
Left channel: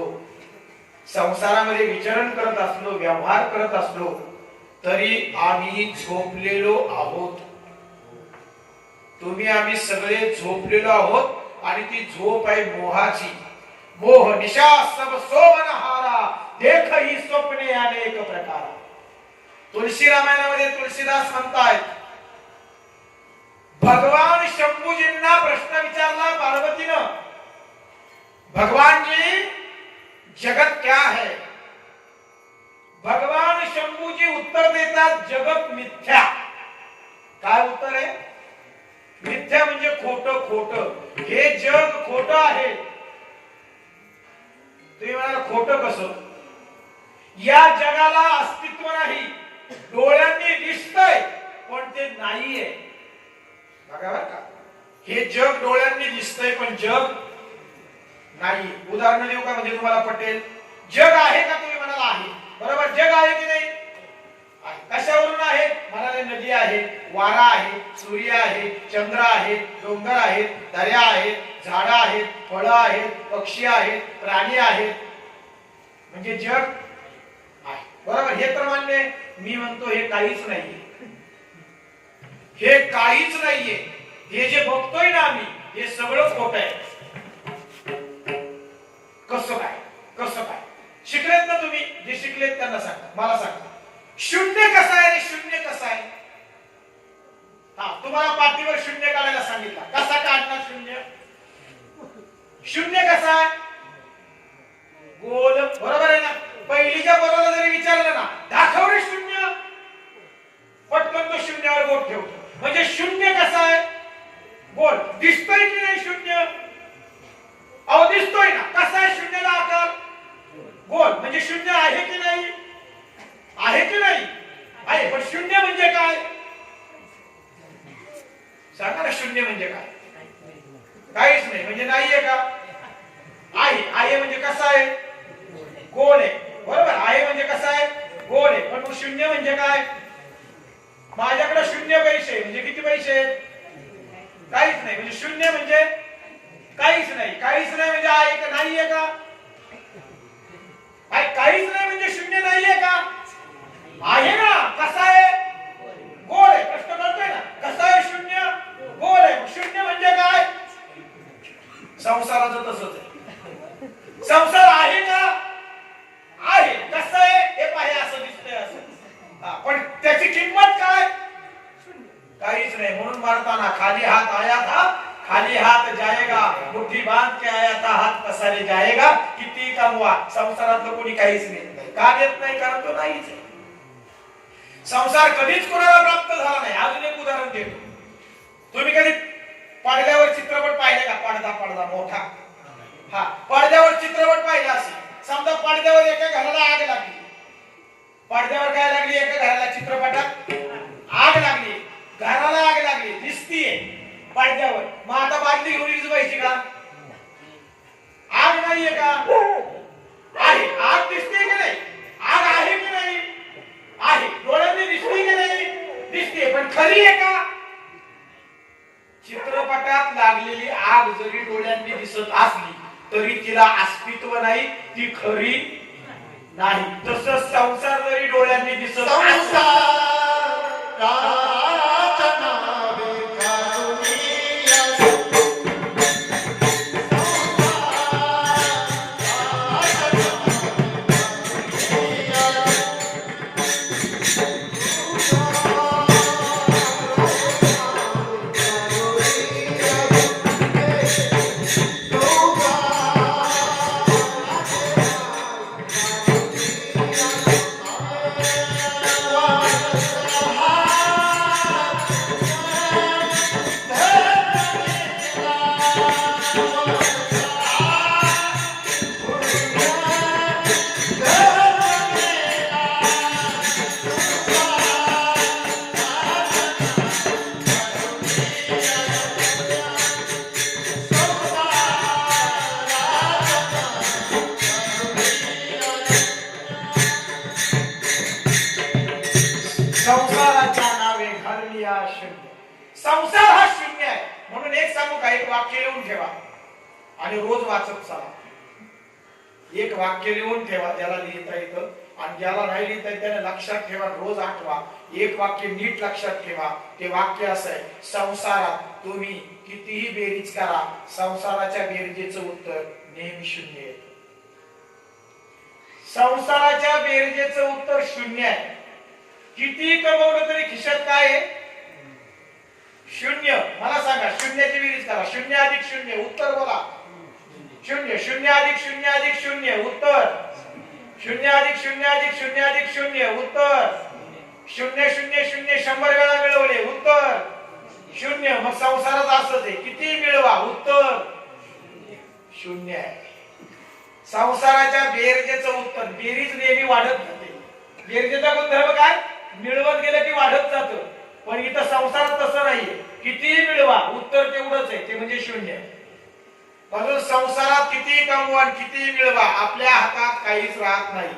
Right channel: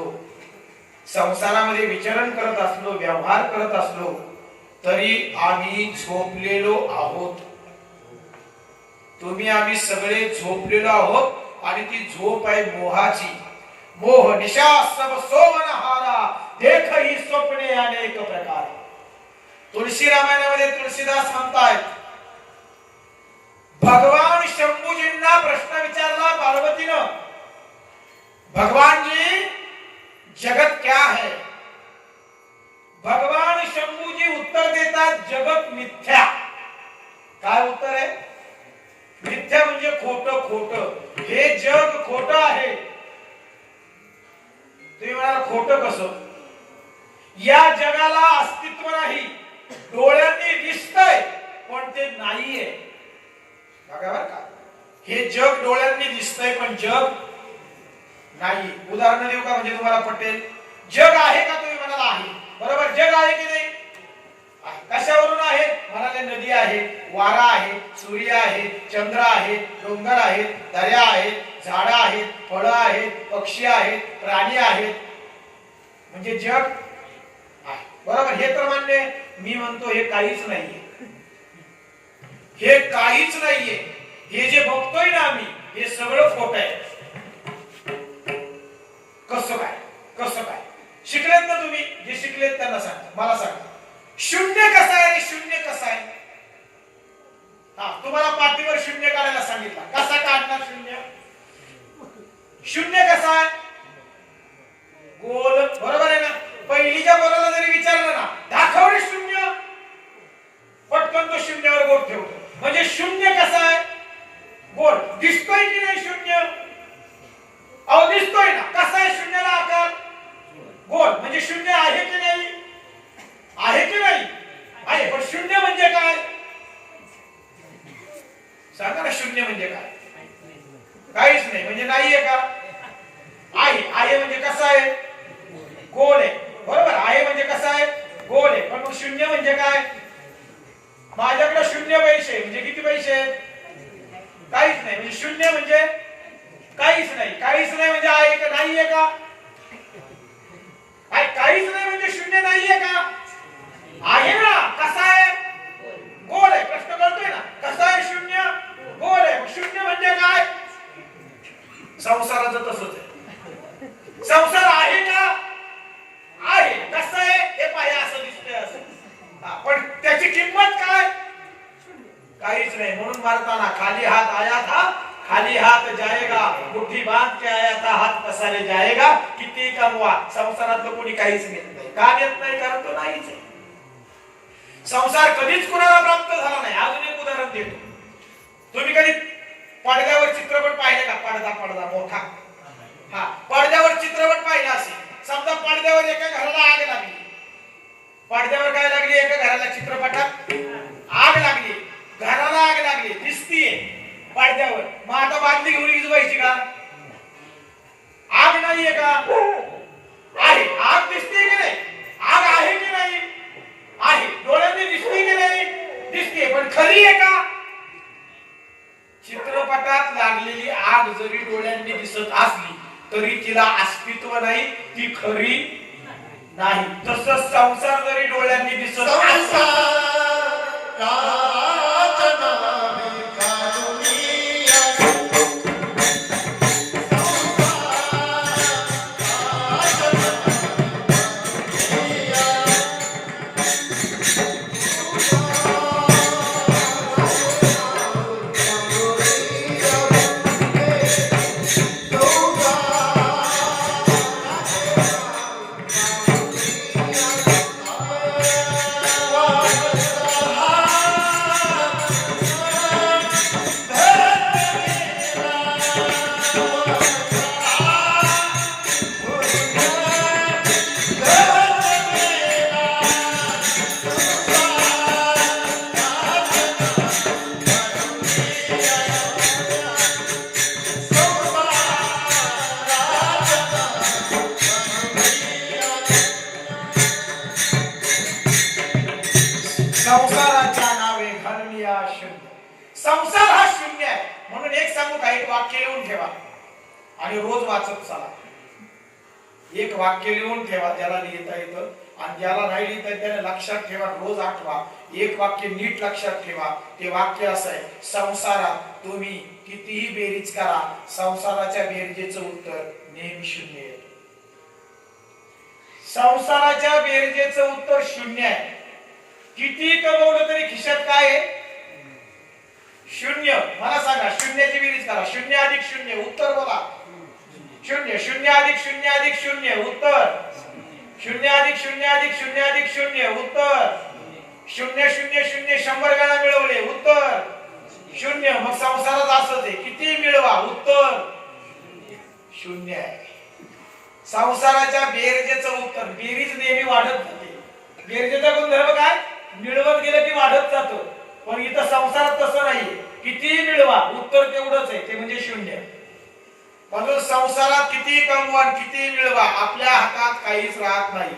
संसारामध्ये विचरण करत असलो, व्यवहार करत असलो, तरी आम्ही झोपलेलो आहोत. तुम्ही आम्ही सगळे झोपलेलो आहोत, आणि ती झोप आहे मोहाची. मोह निशा सब सोमनहारा, देख ही स्वप्ने अनेक प्रकार. तुलसी रामायणामध्ये तुलसीदास म्हणतायत, भगवान शंभूजींना प्रश्न विचारला पार्वतीनं, भगवान जी जगत क्या है? भगवान शंभूजी उत्तर देतात, जगत मिथ्या. काय उत्तर आहे? मिथ्या म्हणजे खोटं. खोटं, हे जग खोटं आहे. तुम्ही म्हणाला खोटं कसं? या जगाला अस्तित्व नाही, डोळ्यांनी दिसतंय पण ते नाहीये. बघा बरं का, हे जग डोळ्यांनी दिसतंय पण जग नाही. उदाहरण देऊ का, म्हणजे तुम्हाला पटेल? जग आहे का? तुम्ही म्हणाला आहे, बरोबर. जग आहे की नाही? कशावरून आहे? म्हणाले नदी आहे, वारा आहे, सूर्य आहे, चंद्र आहे, डोंगर आहेत, दर्या आहेत, झाडं आहेत, फळं आहेत, पक्षी आहेत, प्राणी आहेत, म्हणजे जग आहे, बरोबर. हे तर मान्य. मी म्हणतो हे काहीच नाहीये, हे काहीच नाहीये. हे जे बघतोय ना आम्ही, हे सगळं खोटं आहे. कसं काय? कसं काय? शिकलेत ना तुम्ही? जे शिकलेत त्यांना सांगा, मला सांगा, शून्य कसं आहे? शून्य कसं आहे? हा, तुम्हाला पाठीवर शून्य काढायला सांगितलं, कसा काढणार शून्य? शून्य कसा आहे? गोल, बरोबर आहे ना? पहिलीच्या पोराला जरी विचारलं ना, दाखव रे शून्य, पटकन तो शून्यावर बोट ठेवतो. म्हणजे शून्य कसा आहे? गोल. दिसतोय की नाही शून्य? अहो दिसतोय ना. कसा आहे शून्याला आकार? गोल. म्हणजे शून्य आहे की नाही? आहे की नाही? आहे. पण शून्य म्हणजे काय? सांगा ना, शून्य म्हणजे काय? काहीच नाही म्हणजे नाहीये का? आहे. आहे म्हणजे कसा आहे? गोल आहे, बरोबर. आहे म्हणजे कसा आहे? गोल आहे. पण शून्य म्हणजे काय? शून्य पैसे म्हणजे किती पैसे? काहीच नाही. म्हणजे शून्य म्हणजे काहीच नाही. काहीच नाही म्हणजे आहे का नाहीये का? काहीच नाही म्हणजे शून्य नाहीये का? आहे ना. कसा आहे? गोल आहे. प्रश्न कळतोय ना? कसा आहे शून्य? गोल आहे. शून्य म्हणजे काय? संसाराचं तसंच आहे. संसार आहे का? आहे. कसं आहे? हे पाहिजे असं दिसतंय असं. पण त्याची किंमत काय? काहीच नाही. म्हणून मारताना खाली हात आया था खाली हात जाएगा, मुट्ठी बांध के आया था हात पसारे जाएगा. किती कमवा संसारातलं कोणी काहीच नाही. का देत नाही? कारण तो नाहीच आहे. संसार कधीच कोणाला प्राप्त झाला नाही. अजून एक उदाहरण देतो. तुम्ही कधी पडद्यावर चित्रपट पाहिले का? पडदा मोठा. हा, पडद्यावर चित्रपट पाहिला असेल. समजा पडद्यावर एका घराला आग लागली. पडद्यावर काय लागली? एका घराला चित्रपटात आग लागली. घराला आग लागली दिसतीये पडद्यावर. मग आता बादली घेऊन विझवायची का? आग नाहीये का? आहे. आग दिसते की नाही? आग आहे की नाही? आहे. डोळ्यांनी दिसते की नाही? दिसते. पण खरी आहे का? चित्रपटात लागलेली आग जरी डोळ्यांनी दिसत असली तरी तिला अस्तित्व नाही. ती खरी नाही. तसंच संसार जरी डोळ्यांनी दिसत संसाराच्या नावे घालविया शून्य. संसार हा शून्य आहे. म्हणून एक सांगू का? एक वाक्य लिहून ठेवा आणि रोज वाचत चला. एक वाक्य लिहून ठेवा ज्याला लिहिता येतं, आणि ज्याला नाही लिहिता येत त्याने लक्षात ठेवा. रोज आठवा. एक वाक्य नीट लक्षात ठेवा. ते वाक्य असं आहे: संसारात तुम्ही कितीही बेरीज करा, संसाराच्या बेरजेचं उत्तर नेहमी शून्य आहे. संसाराच्या बेरजेचं उत्तर शून्य आहे. किती कमवलं तरी खिशात काय आहे? शून्य. मला सांगा, शून्याची बेरीज करा. शून्य अधिक शून्य उत्तर बोला. शून्य. शून्य अधिक शून्य अधिक शून्य उत्तर. शून्य अधिक शून्य अधिक शून्य अधिक शून्य उत्तर. शून्य शून्य शून्य 100 वेळा मिळवले उत्तर शून्य. मग संसारात असंच आहे. किती मिळवा उत्तर शून्य आहे. संसाराच्या बेरजेचं उत्तर. बेरीज नेहमी वाढत जाते. बेरजेचा गुणधर्म काय? मिळवत गेलं की वाढत जातो. पण इथं संसारात तसं नाहीये. किती मिळवा उत्तर तेवढंच आहे, ते म्हणजे शून्य. म्हणून संसारात किती कमवा किती मिळवा आपल्या हातात काहीच राहत नाही.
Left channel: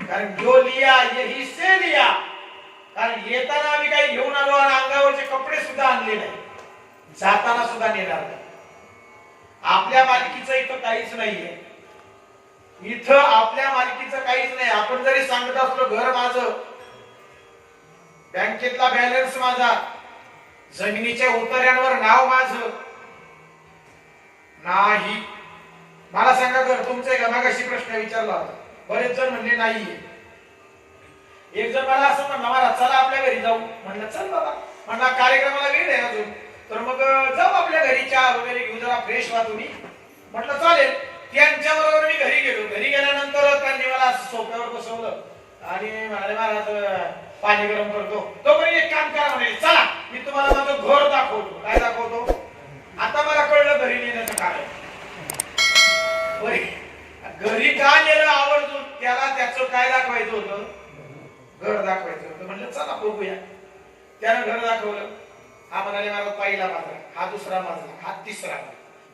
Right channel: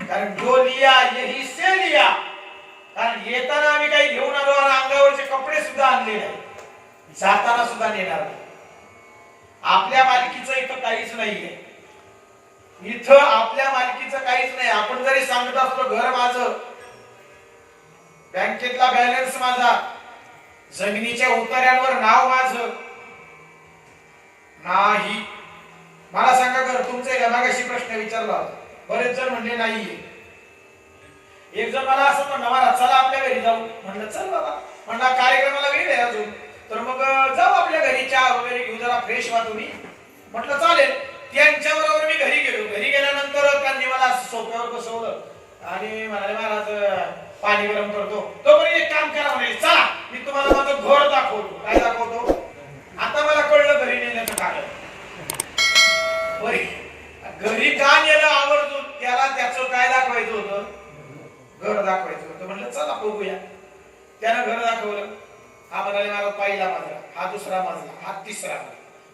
कारण जो लिया यही से लिया. कारण येताना आम्ही काही घेऊन आलो आणि अंगावरचे कपडे सुद्धा आणले नाही, जाताना सुद्धा नेणार नाही. आपल्या मालकीचं इथं काहीच नाहीये. इथं आपल्या मालकीचं काहीच नाही. आपण जरी सांगत असलो घर माझं, बँकेतला बॅलन्स माझा, जमिनीच्या उतार्यांवर नाव माझं, नाही. मला सांगा घर तुमचे का? मागाशी प्रश्न विचारला, बरेच जण म्हणले नाहीये. एक जण मला असं म्हणला, मला चला आपल्या घरी जाऊ. म्हणलं चल बाबा. म्हणला कार्यक्रमाला वेळ आहे अजून, तर मग जाऊ आपल्या घरी, चहा वगैरे घेऊ, जरा फ्रेश व्हा तुम्ही. म्हटलं चालेल. त्यांच्या बरोबर मी घरी गेलो. घरी गेल्यानंतर त्यांनी मला सोफ्यावर बसवलं आणि म्हणाले, महाराज पाणी गरम करतो. तोपर्यंत एक काम करा म्हणे, चला मी तुम्हाला माझं घर दाखवतो. काय दाखवतो? आता मला कळलं घरी नेण्याचं कारण. घरी का नेलं आवर्जून? त्याला त्याचं काय दाखवायचं होतं? घर दाखवायचं होतं. म्हणलं चला बघूया. त्यानं घर दाखवलं. हा म्हणाले, महाराज पहिला मजला, हा दुसरा मजला, हा तिसरा.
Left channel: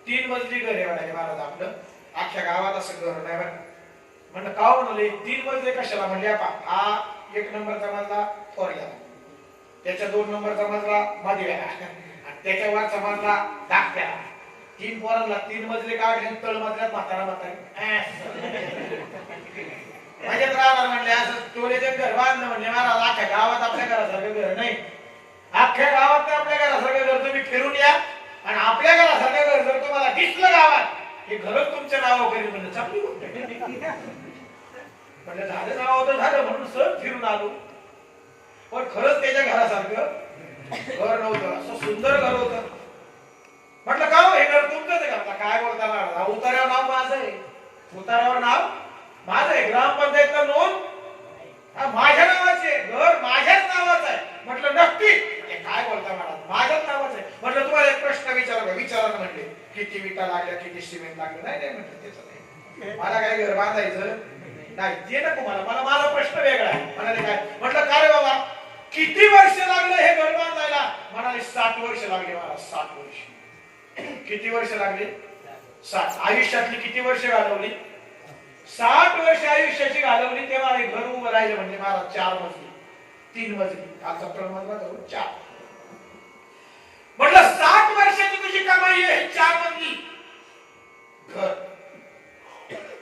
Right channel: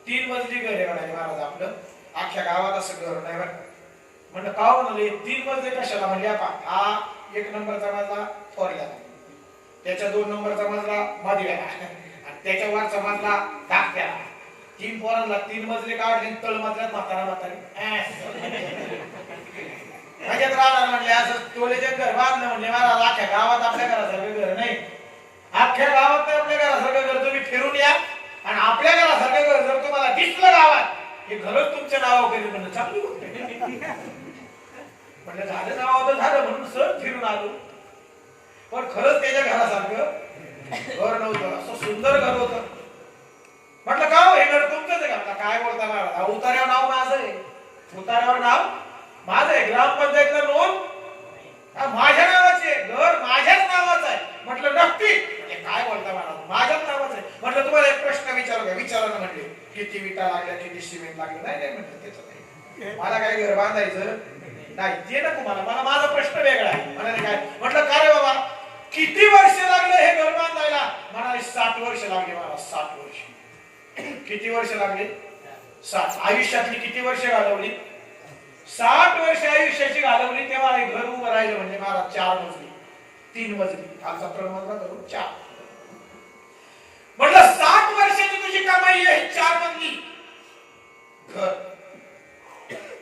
3 मजली घर आहे म्हणाले महाराज आपलं. अख्ख्या गावात असं घर नाही. म्हणलं का म्हणाले 3 मजले कशाला? म्हणजे हा 1 नंबरचा मजला थोरला, त्याच्या 2 नंबरचा मजला मधव्याला आणि त्याच्या वरचा मजला धाकट्याला. 3 पोरांना 3 मजले काढले, तळ मजल्यात म्हातारा म्हातारी माझ्यात राहणार म्हणले. असं टोलेचे घर बांधलं म्हणजे महाराज अख्ख्या गावात आपल्या घरासारखं घर नाही. अख्ख्या गावात आपल्या घरासारखं घर तुम्ही फिरून या आणि आपल्या घरासारखं घर जर तुम्हाला दिसलं गावात, हे घरच तुमच्या नावावर कधी म्हणलं चांगली गोष्ट म्हणजे झालं नावावर झालं म्हणून सहज फिरून आलो. पण खरंच त्याच्या घरासारखं घर नव्हतं. असं सुंदर घर होतं. म्हटलं का हे घर तुमचंच आहे का? काय बोलता महाराज, उतार्यावर नाव माझं आहे. उतार्यावर नाव माझं आहे. ग्रामपंचायतला नोंद माझ्या नावाची आहे. घर माझ्याच नावाचं आहे. म्हटलं नक्की? काय बोलता महाराज, माझ्याच नावाचं आहे. म्हटलं तुम्हाला एक प्रश्न विचारू का? विचारा ना. म्हणले किती विटा लागल्या, किती सिमेंट लागलं? नाही नाही म्हटलं त्याचं नाही, मला काय घर बांधायचं नाही, ते नको मला. मला माझा प्रश्न वेगळा आहे. म्हणाले काय? म्हटलं काय बाबा किती वर्ष लागले हे घर बांधायला? म्हणाले 60 वर्ष लागले मला. 60 वर्ष. किती वर्ष लागले? 60. आयुष्यातली किती वर्ष घालवली? 60 वर्ष आयुष्याची घालवली. तेव्हा हे घर उभं राहिलं म्हणजे महाराज 4 मजली 3 मजली खालचा प्रमाण करून 4. म्हटलं 60 वर्षाची तुझी कमाई आहे 4 मजली घर.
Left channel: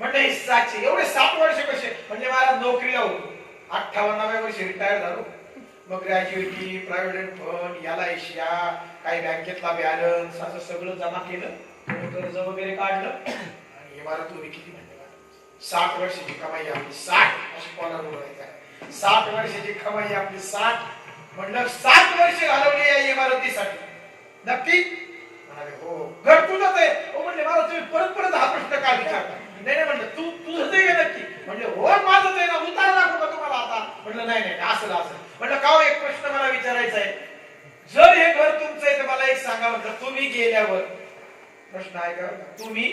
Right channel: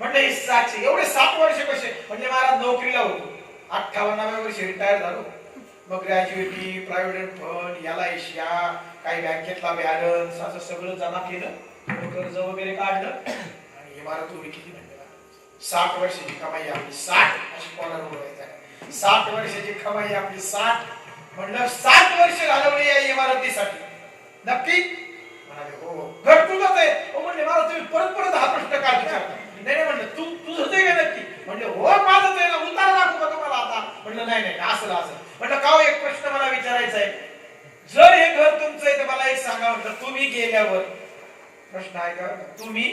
म्हटलं हे 700 एवढे 60 वर्ष कसे? म्हणजे महाराज नोकरीला होतो. 58व्या वर्षी रिटायर झालो. मग ग्रॅज्युएटी, प्रायव्हेट फंड, याला एशिया, काही बँकेतला बॅलन्स असं सगळं जमा केलं, कर्ज वगैरे काढलं आणि इमारत उभी केली. म्हणजे 60 वर्षाची कमाई आपली 60 अशी कोणाला बोलायचं? 60 वर्षाची कमाई आपली 60. म्हणलं 60 वर्ष घालवली या इमारतीसाठी. नक्की? म्हणाले हो. घर तुझंच आहे? हो म्हणले मला तुम्ही परत परत हा प्रश्न काय विचारता? नाही म्हणलं तुझं ते काय नक्की? म्हणले हो माझंच आहे ना. उतारा दाखवू का तुम्हाला आता? म्हणलं नाही नाही असं असं. म्हटलं का एक प्रश्न मला विचारायचा आहे. जर हे घर तुमचं आहे तर मला एक सांगा. म्हटलं तुम्ही गेल्यावर, प्रश्न आहे का? तुम्ही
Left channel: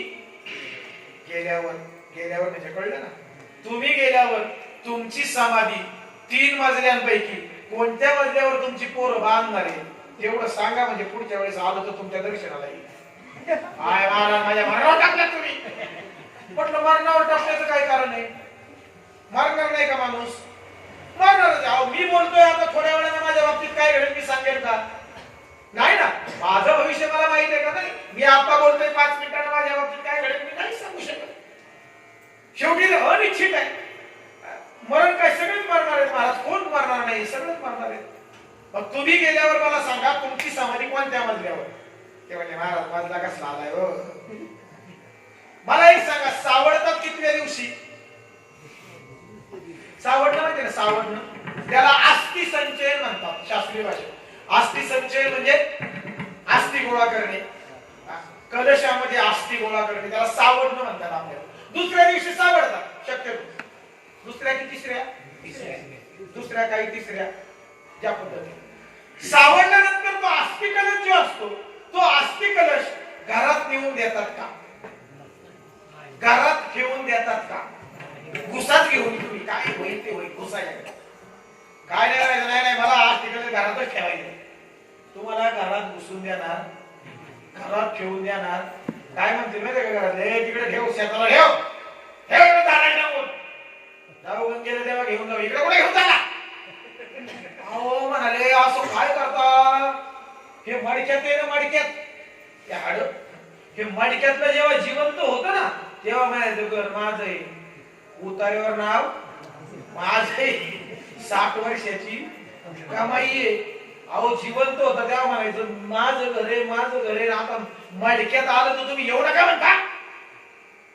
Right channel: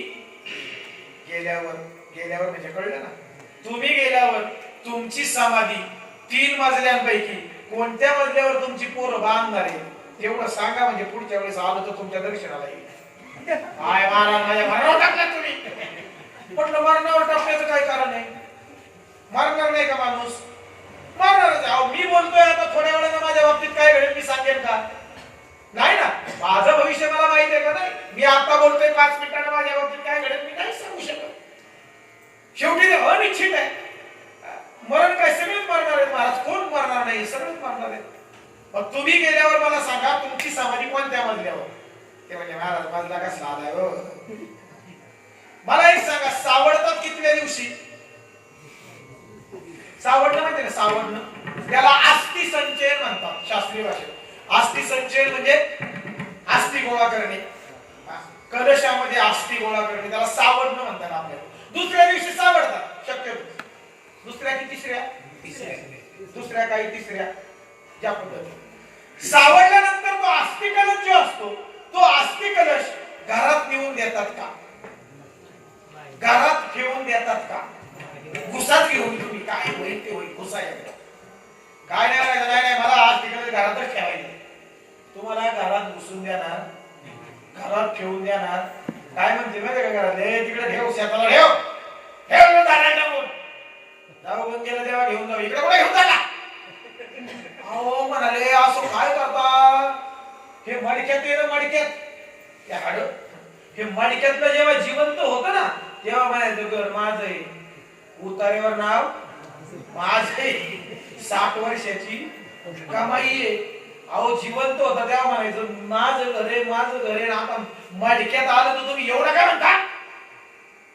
गेल्यावर म्हणजे कळलं ना? तुम्ही गेल्यावर तुमची समाधी 3 मजल्यांपैकी कोणत्या मजल्यावर तुमची पोरं बांधणार आहे तेवढं सांगा. म्हणजे पुढच्या वेळेस आलो तर तुमच्या दर्शनाला येईल. काय महाराज माझ्या मरणावर टाकलं तुम्ही? म्हटलं मरणावर टाकण्याचं काय कारण आहे? मरणार नाही का माणूस? मरणारच. अहो मी बोलतोय आता, थोड्या वेळानं माझ्या बाबतीत काय घडेल मी सांगेन का? नाही ना. माझं भविष्य मला माहित आहे का? नाही. मी आता बोलतोय 5 मिनिटांना माझ्या बाबतीत काय घडेल मी नाही सांगू शकत. शेवटी अनिश्चित आहे. मरण काय सगळेच मरणार आहेत महाराज. कोण मरणार नाही? सगळेच मरणार आहेत. मग तुम्ही गेल्यावर मला सांगा तुमची समाधी कोणत्या मजल्यावर? ते म्हणजे महाराज मजला कसला आलाय हो? मला एक सांगा, सावडतात कितव्या दिवशी? सावडणं माहिती ना? सावडणं त्याला अस्थि संचयन म्हणतात शास्त्रीय भाषेत. अस्थि संचयन म्हणजे अस्थि गोळा करणे, कलशामध्ये अस्थि गोळा करणे, त्याला सावडणं म्हणतात आपल्याला. दुसऱ्या दिवशी सावडतात शक्यतो. दुसऱ्या की तिसऱ्या? दुसऱ्या काही तिसऱ्या ज्या पद्धतीने सावडल्यानंतर तो अस्थि कलश जो असतो तो अस्थि कलश घरात नेऊन देतात का? घरात ठेवून देतात का? घुसात घेऊन तुम्ही काय होईल ते होईल. घुसा काय नाही मला अस्थि कलश घरातच ठेवायचं. तुम्हाला घरात घुसून देणार, घरात ठेवून देणार. काय म्हणते माहिती का घरात? तिकडे ठेव, शेताला ठेव, ठेव दारू बंद केलं तेव्हा घेऊन जाऊ. इकडे कुठे घेऊन जाणार? अहो म्हणाले असं काय करता? हे मडक्यात आहे ना, मडक्यात हाड हे मडक्यातलं जेव्हा जिवंत होतं ना तेव्हा म्हणायचं घर माझं आहे. उतारेवर नाव माझं आहे. 60 वर्षाची कमाई आहे. अहो जिवंत होता तेव्हा म्हणायचं माझं घर आहे, माझं घर आहे. आता मडक्यात आलं तर तुम्ही एवढं काय म्हणता?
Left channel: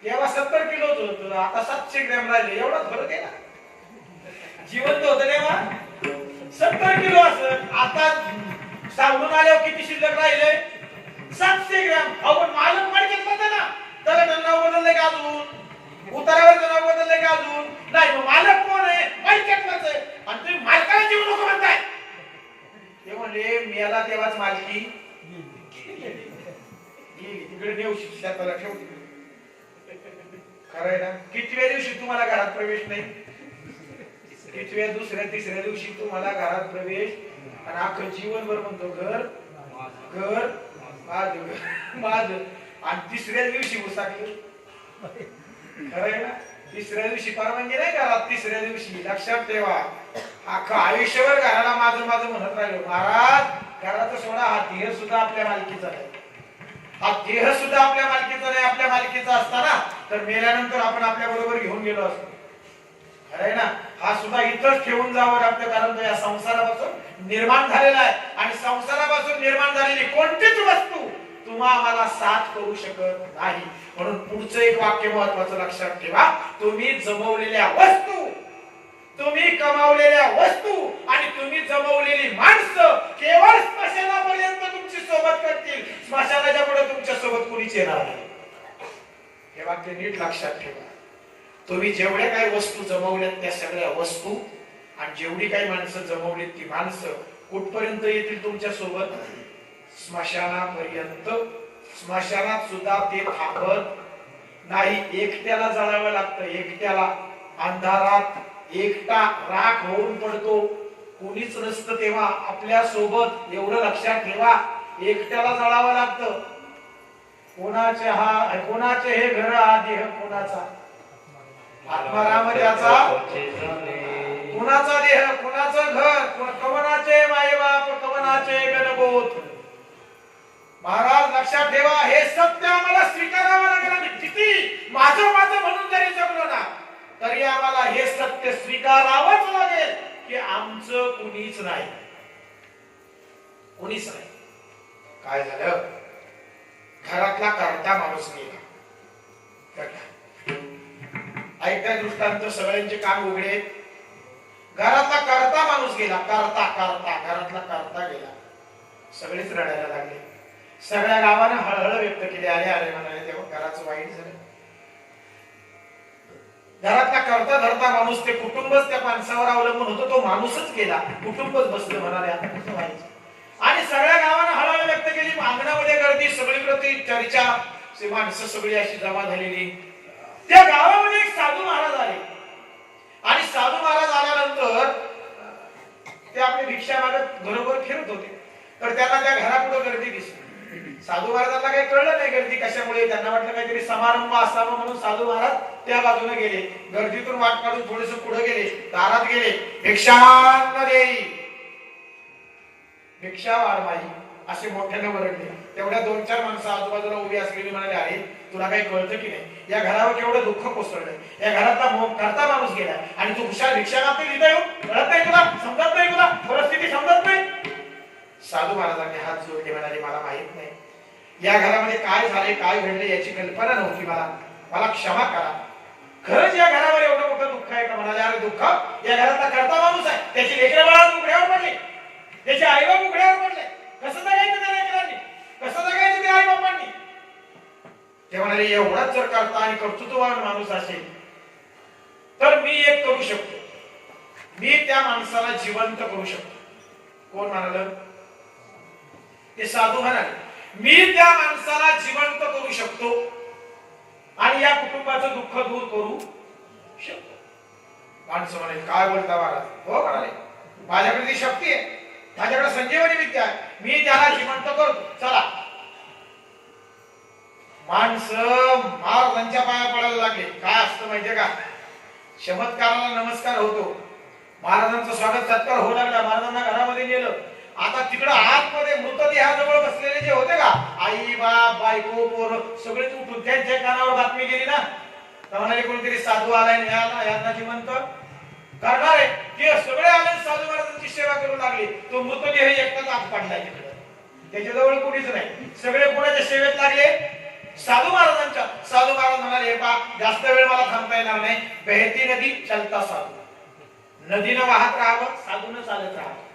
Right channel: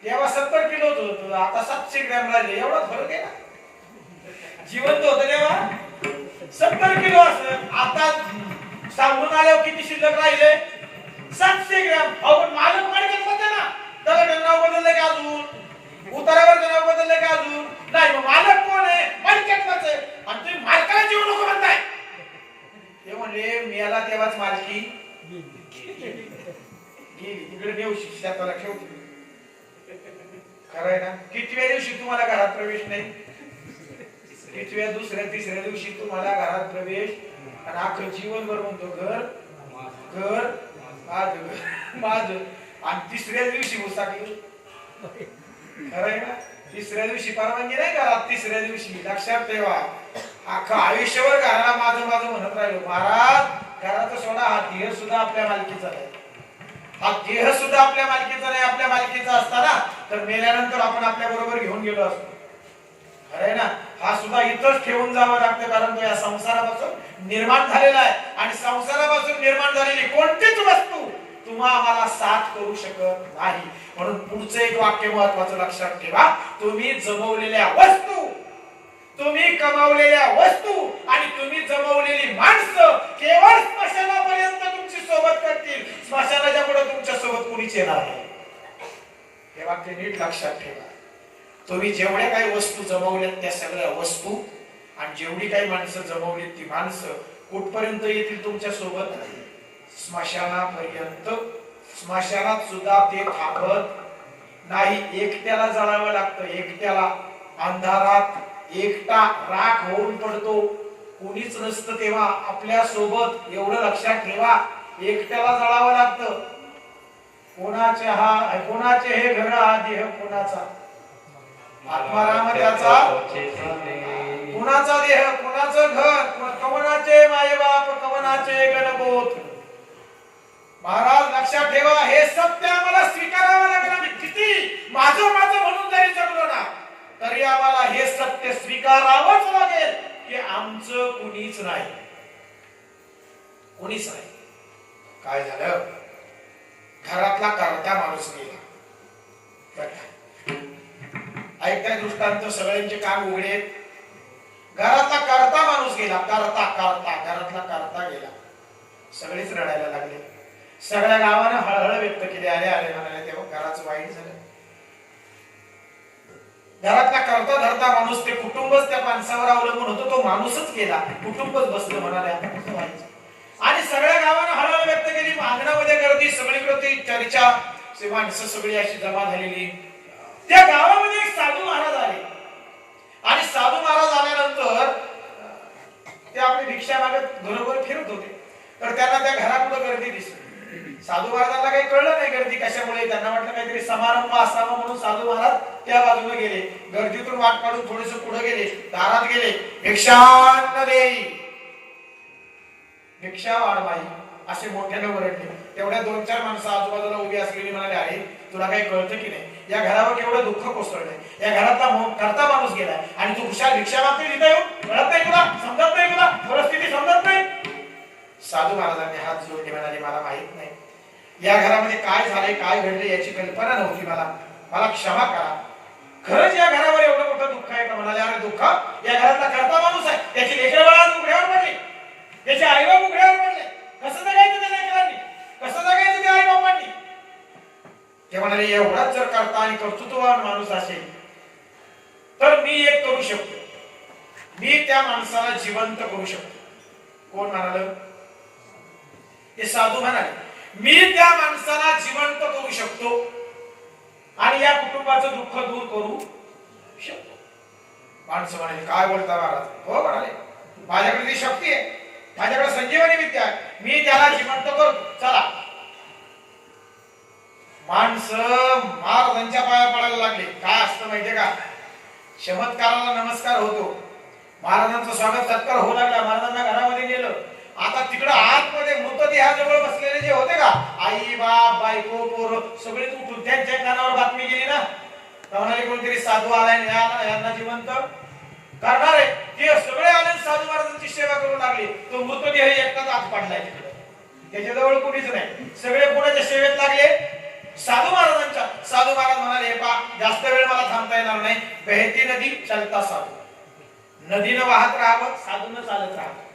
तेव्हा 70 किलोच होतं, आता 700 ग्रॅम राहिले. एवढाच फरक आहे ना. जिवंत होतं तेव्हा 70 किलो असं, आता सांगून आल्यावर किती शिल्लक राहिले? 700 ग्रॅम. अहो पण मालक मडक्यात होता ना, त्याला नाव बदललंय का अजून? उतारावरचं नाव बदललंय का अजून? नाही. मग मालक कोण आहे? मडक्यातलाच आहे. आणि तुम्ही मालकाला जीव नको म्हणताय. ते म्हणले मेला तेव्हाच मालकी गेली. तिकडे देऊ शेताला ठेव. खरंय ना? कितव्या दिवशी तुम्हाला घरात प्रवेश नाही? कितव्या दुसऱ्या तिसऱ्या दिवशी तुम्हाला घरात प्रवेश. आणि अख्खं जीवनभर म्हणतो घर घर माझं. आणि तिसऱ्या दिवशी उसाकली. खरंय ना? तिसऱ्या दिवशी परवानगी नाही घरात. तिसऱ्या दिवशी लक्षात ठेवा. अख्खं आयुष्यभर घराला माझं माझं म्हणत राहिलो. महाराज घराचा सोडा, हा देह सुद्धा आपल्या मालकीचा नाही. हा देह सुद्धा आपल्या मालकीचा नाही. आपल्या मालकीचा असताना तर मेल्यानंतर आपण आपल्या बरोबर घेऊन गेलो असतो. अरे ना, हा सुद्धा इथंच ठेवून जावं लागतं, कारण तो या संसारापासून निर्माण झालेला आहे. आणि संसारापासून निर्माण झालेली कोणतीच वस्तू तुम्हा आम्हाला साथ करू शकत नाही. म्हणून पुढचं एक वाक्य महत्वाचं लक्षात ठेवा. तुम्ही जमवलेल्या वस्तू, तुम्ही कमावलेल्या वस्तू आणि तुम्ही जमवलेली माणसं केवळ स्मशानापर्यंत तुमची सोबत करतील. स्मशानाच्या पुढे तुमच्या सोबत कोणीच येणार नाही. हे वाक्य नीट लक्षात ठेवा. तुम्ही जेवढ्या काही वस्तू जमवल्यात त्या सगळ्या वस्तू आणि जेवढी काही माणसं जमवलीत ती माणसं कुठपर्यंत येतील तुमच्या सोबत? स्मशानापर्यंत. स्मशानात सुद्धा ते थांबत नाही. एकट्याला जळावं लागतं. एकट्याला अंधारात एकटा राख होऊन पडतो. कोणीच नसतं तेव्हा आपल्या सोबत. एवढं लक्षात ठेवा. एकट्याला जळावं लागतं. कोणाचे हे घर, हा देह कोणाचा? आत्माराम त्याचा. कुणाचा देह, कुणाचं घर, कवनाचे मायबाप, कवनाचे गणगोत. महाराज लक्षात ठेवा. हे सत्य आम्हाला स्वीकारावं लागलं. आणि किती माझं माझं म्हणून जरी जगलो ना तरी आम्हाला हे सत्य स्वीकारावंच लागेल की आमचं कुणीच नाही. कुणीच नाही. काय झालं? घरातला करता माणूस गेला. ऐकताय दृष्टांत? सगळ्यांचे कान उघडे आहेत. घरातला करता माणूस गेला. करता करता घरातला करता गेला. सगळेच रडायला लागले. सगळ्या गावाने हळहळ व्यक्त केली. अरे अरे म्हणाले, तेव्हा घराचं वाईट झालं. घरातला करता धरता माणूस, ते कुटुंबच त्या माणसावर अवलंबून होतं. तो माणूसच गेला. कुटुंबच बसलं. म्हणाले आता कसं व्हायचं? आणि सगळ्या गावाने हळहळ व्यक्त केली. अंगणामध्ये गर्दी, सगळीकडे ती चर्चा, माणसं सगळी अशी जमा झालेली. त्या गावामध्ये एक साधू महाराज आले. आणि साधू महाराज आल्यानंतर ते आपली भिक्षा मागत घरोघर फिरत होते. तर त्यांना त्या घरापुढे गर्दी दिसली. साधू महाराजांना काही कळलं नाही गर्दी कशामुळे. त्यांना वाटलं काहीतरी समारंभ असावा म्हणून साधू महाराज त्या बाजूने गेले. गर्दीतून वाट काढून थोडेसे पुढे गेले. दारात गेले. भिक्षान्न देई, भिक्षा वाढ बाई, असे मोठ्याने ओरडले. तेवढ्या 2-4 माणसं आजूबाजूला उभी असलेली म्हणाले, अरे तुला काही कळतं की नाही? या घरावर केवढं दुःख कोसळलंय. या घरातला करता माणूस गेलाय आणि तू खुशाल भिक्षा मागते तिथे येऊन. कळत नाही तुला? समजत नाही तुला? परिस्थिती समजत नाही? साधू महाराजांनी हात जोडले. म्हणाले, मला माहित नाही. या घरामध्ये काय झाले, काय घडले याची कल्पना नव्हती मला. मला क्षमा करा. खरंच या घरावर एवढं मोठं दुःख आहे का? म्हणाले, अरे दुःख? या घरातला करता माणूस आहे. त्याची लेकरं बाळा उघड्यावर पडली. त्याचे आईबाप उघड्यावर पडले. कसं जगायचं त्या लेकरांनी? कसं जगायचं त्या आईबापांनी? ते म्हणाले, एवढाच जर करता आणि कर्तृत्ववान माणूस असेल तर मी एक करू शकतो. मी त्या माणसाला जिवंत करू शकतो. कोण म्हणाल? हे साधू म्हणाले, मी त्या माणसाला जिवंत करू शकतो आणि या कुटुंबाचं दुःख दूर करू शकतो. माणसं म्हणाले, काय बोलता महाराज? हो म्हणाले, माझ्याकडे ती शक्ती आहे. माझ्याकडे संजीवनी विद्या आहे. मी त्याला जिवंत करतो. चला. माणसं महाराजांच्या पाया पडायला लागले. काय असतं माहितीये का? चमत्काराला नमस्कार होतो. महाराजांचं स्वागत सत्कार होऊ लागला. महाराजांना घरामध्ये गेलं. आता तिकडे आतमध्ये मृतदेहाजवळ बसलेले जे होते का, आई बाप बायको पोरं सगळेच उठून त्यांच्या कानावर बातमी गेली ना. तर म्हणाले, कोणतरी साधू आलाय, यांना जिवंत करणार आहे. ते सगळे आले साधू महाराजांची सेवा करू लागले. तो मृतदेह एकटाच आत पडलाय तिकडे. त्याच्याजवळ कोणीच नाही. सगळे कोणाच्या सेवेत लागले? साधू महाराजांच्या. साधू महाराज म्हणाले, हे पा, जास्त वेळ मला थांबता येणार नाही. बहती नदी चलता साधू. नदीनं वाहत राहावं, साधूनं चालत राहावं.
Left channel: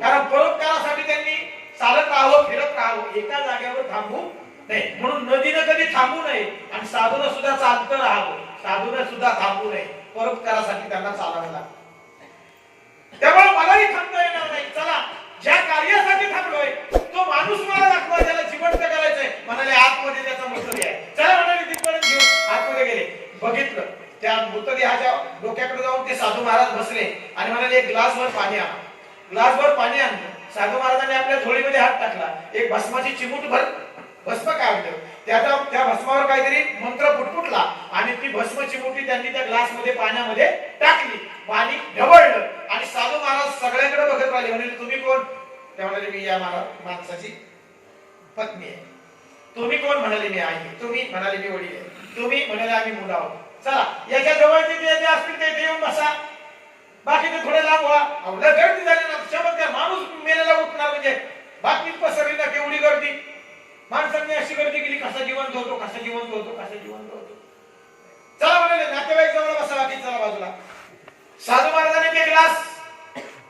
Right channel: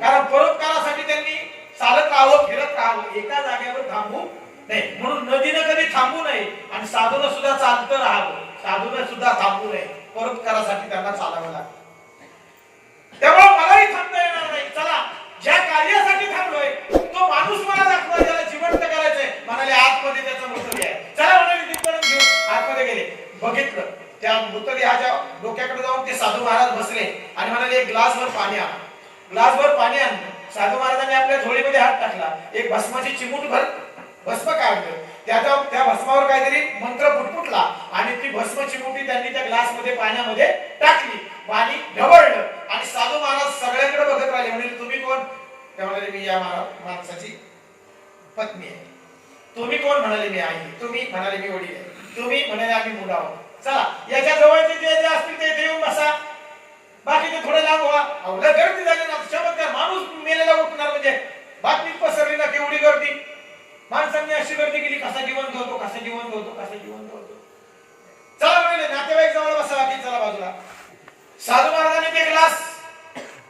कारण परोपकारासाठी त्यांनी चालत राहावं, फिरत राहावं, एका जागेवर थांबू नाही. म्हणून नदीनं कधी थांबू नये आणि साधूनं सुद्धा चालत राहावं. साधूनं सुद्धा थांबू नये. परोपकारासाठी त्यांना चालावं लागतं. त्यामुळे मलाही थांबता येणार नाही. चला, ज्या कार्यासाठी थांबलोय तो माणूस मला दाखवा, त्याला जिवंत करायचंय. म्हणाले, आतमध्ये त्याचा मृतदेह आहे. चला म्हणाले, तिथपर्यंत घेऊन आतमध्ये गेले. बघितलं, त्या मृतदेहाच्या डोक्याकडे जाऊन ते साधू महाराज बसले आणि म्हणाले, एक ग्लासभर पाणी आण. ग्लासभर पाणी आणलं. साधू महाराजांनी आपल्या झोळीमध्ये हात टाकला. एक भस्माची चिमूटभर भस्म काढलं. त्या भस्मावर काहीतरी मंत्र फुटफुटला आणि ती भस्म चिमुटी त्यांनी त्या ग्लासमध्ये पाण्यामध्ये टाकली. पाणी ढवळलं आणि साधू महाराज सगळ्यांकडे बघत राहिले. म्हणजे तुम्ही कोण? ते म्हणाले मी या माणसाची पत्नी आहे. तुम्ही कोण? म्हणाले मी आई. तुम्ही? म्हणाले मी वडील आहे. तुम्ही? म्हणाले आम्ही मुलं आहोत. चला याच्या जवळचे जे असतील ते येऊन बसा, बाकी ते थोडे लांब व्हा. अवघड गर्दी झाली ना, चमत्कार माणूस मेलेला उठणार म्हणजे बातमीत पसरली ना केवढी गर्दी. माणसांनी अशी गर्दी केली, कसा जिवंत होतो, कसा जिवंत होतो, कसा जिवंत होतो. चला म्हणाले नातेवाईक जवळ बसा, बाकी चला बाजूला. साधू महाराजांनी ते ग्लास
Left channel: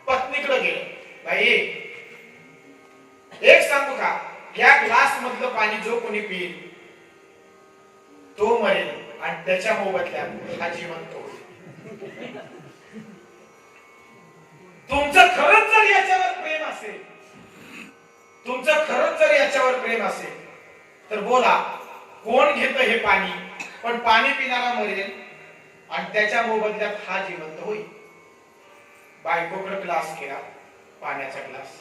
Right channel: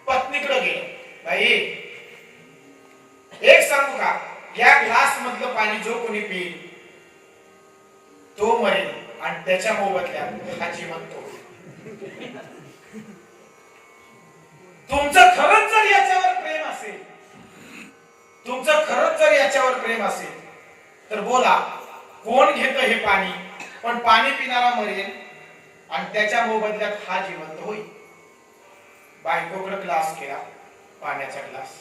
पत्नीकडे गेले. बाई एक सांगू का, या ग्लास मधलं पाणी जो कोणी पिईल तो मरेल आणि त्याच्या मोबदल्यात हा जिवंत होईल. तुमचं खरंच जर याच्यावर प्रेम असेल, तुमचं खरंच जर याच्यावर प्रेम असेल तर बोला, कोण घेतं हे पाणी? पण पाणी पिणारा मरेल आणि त्याच्या मोबदल्यात हा जिवंत होईल. बायकोकडे ग्लास केला, पाण्याचा ग्लास.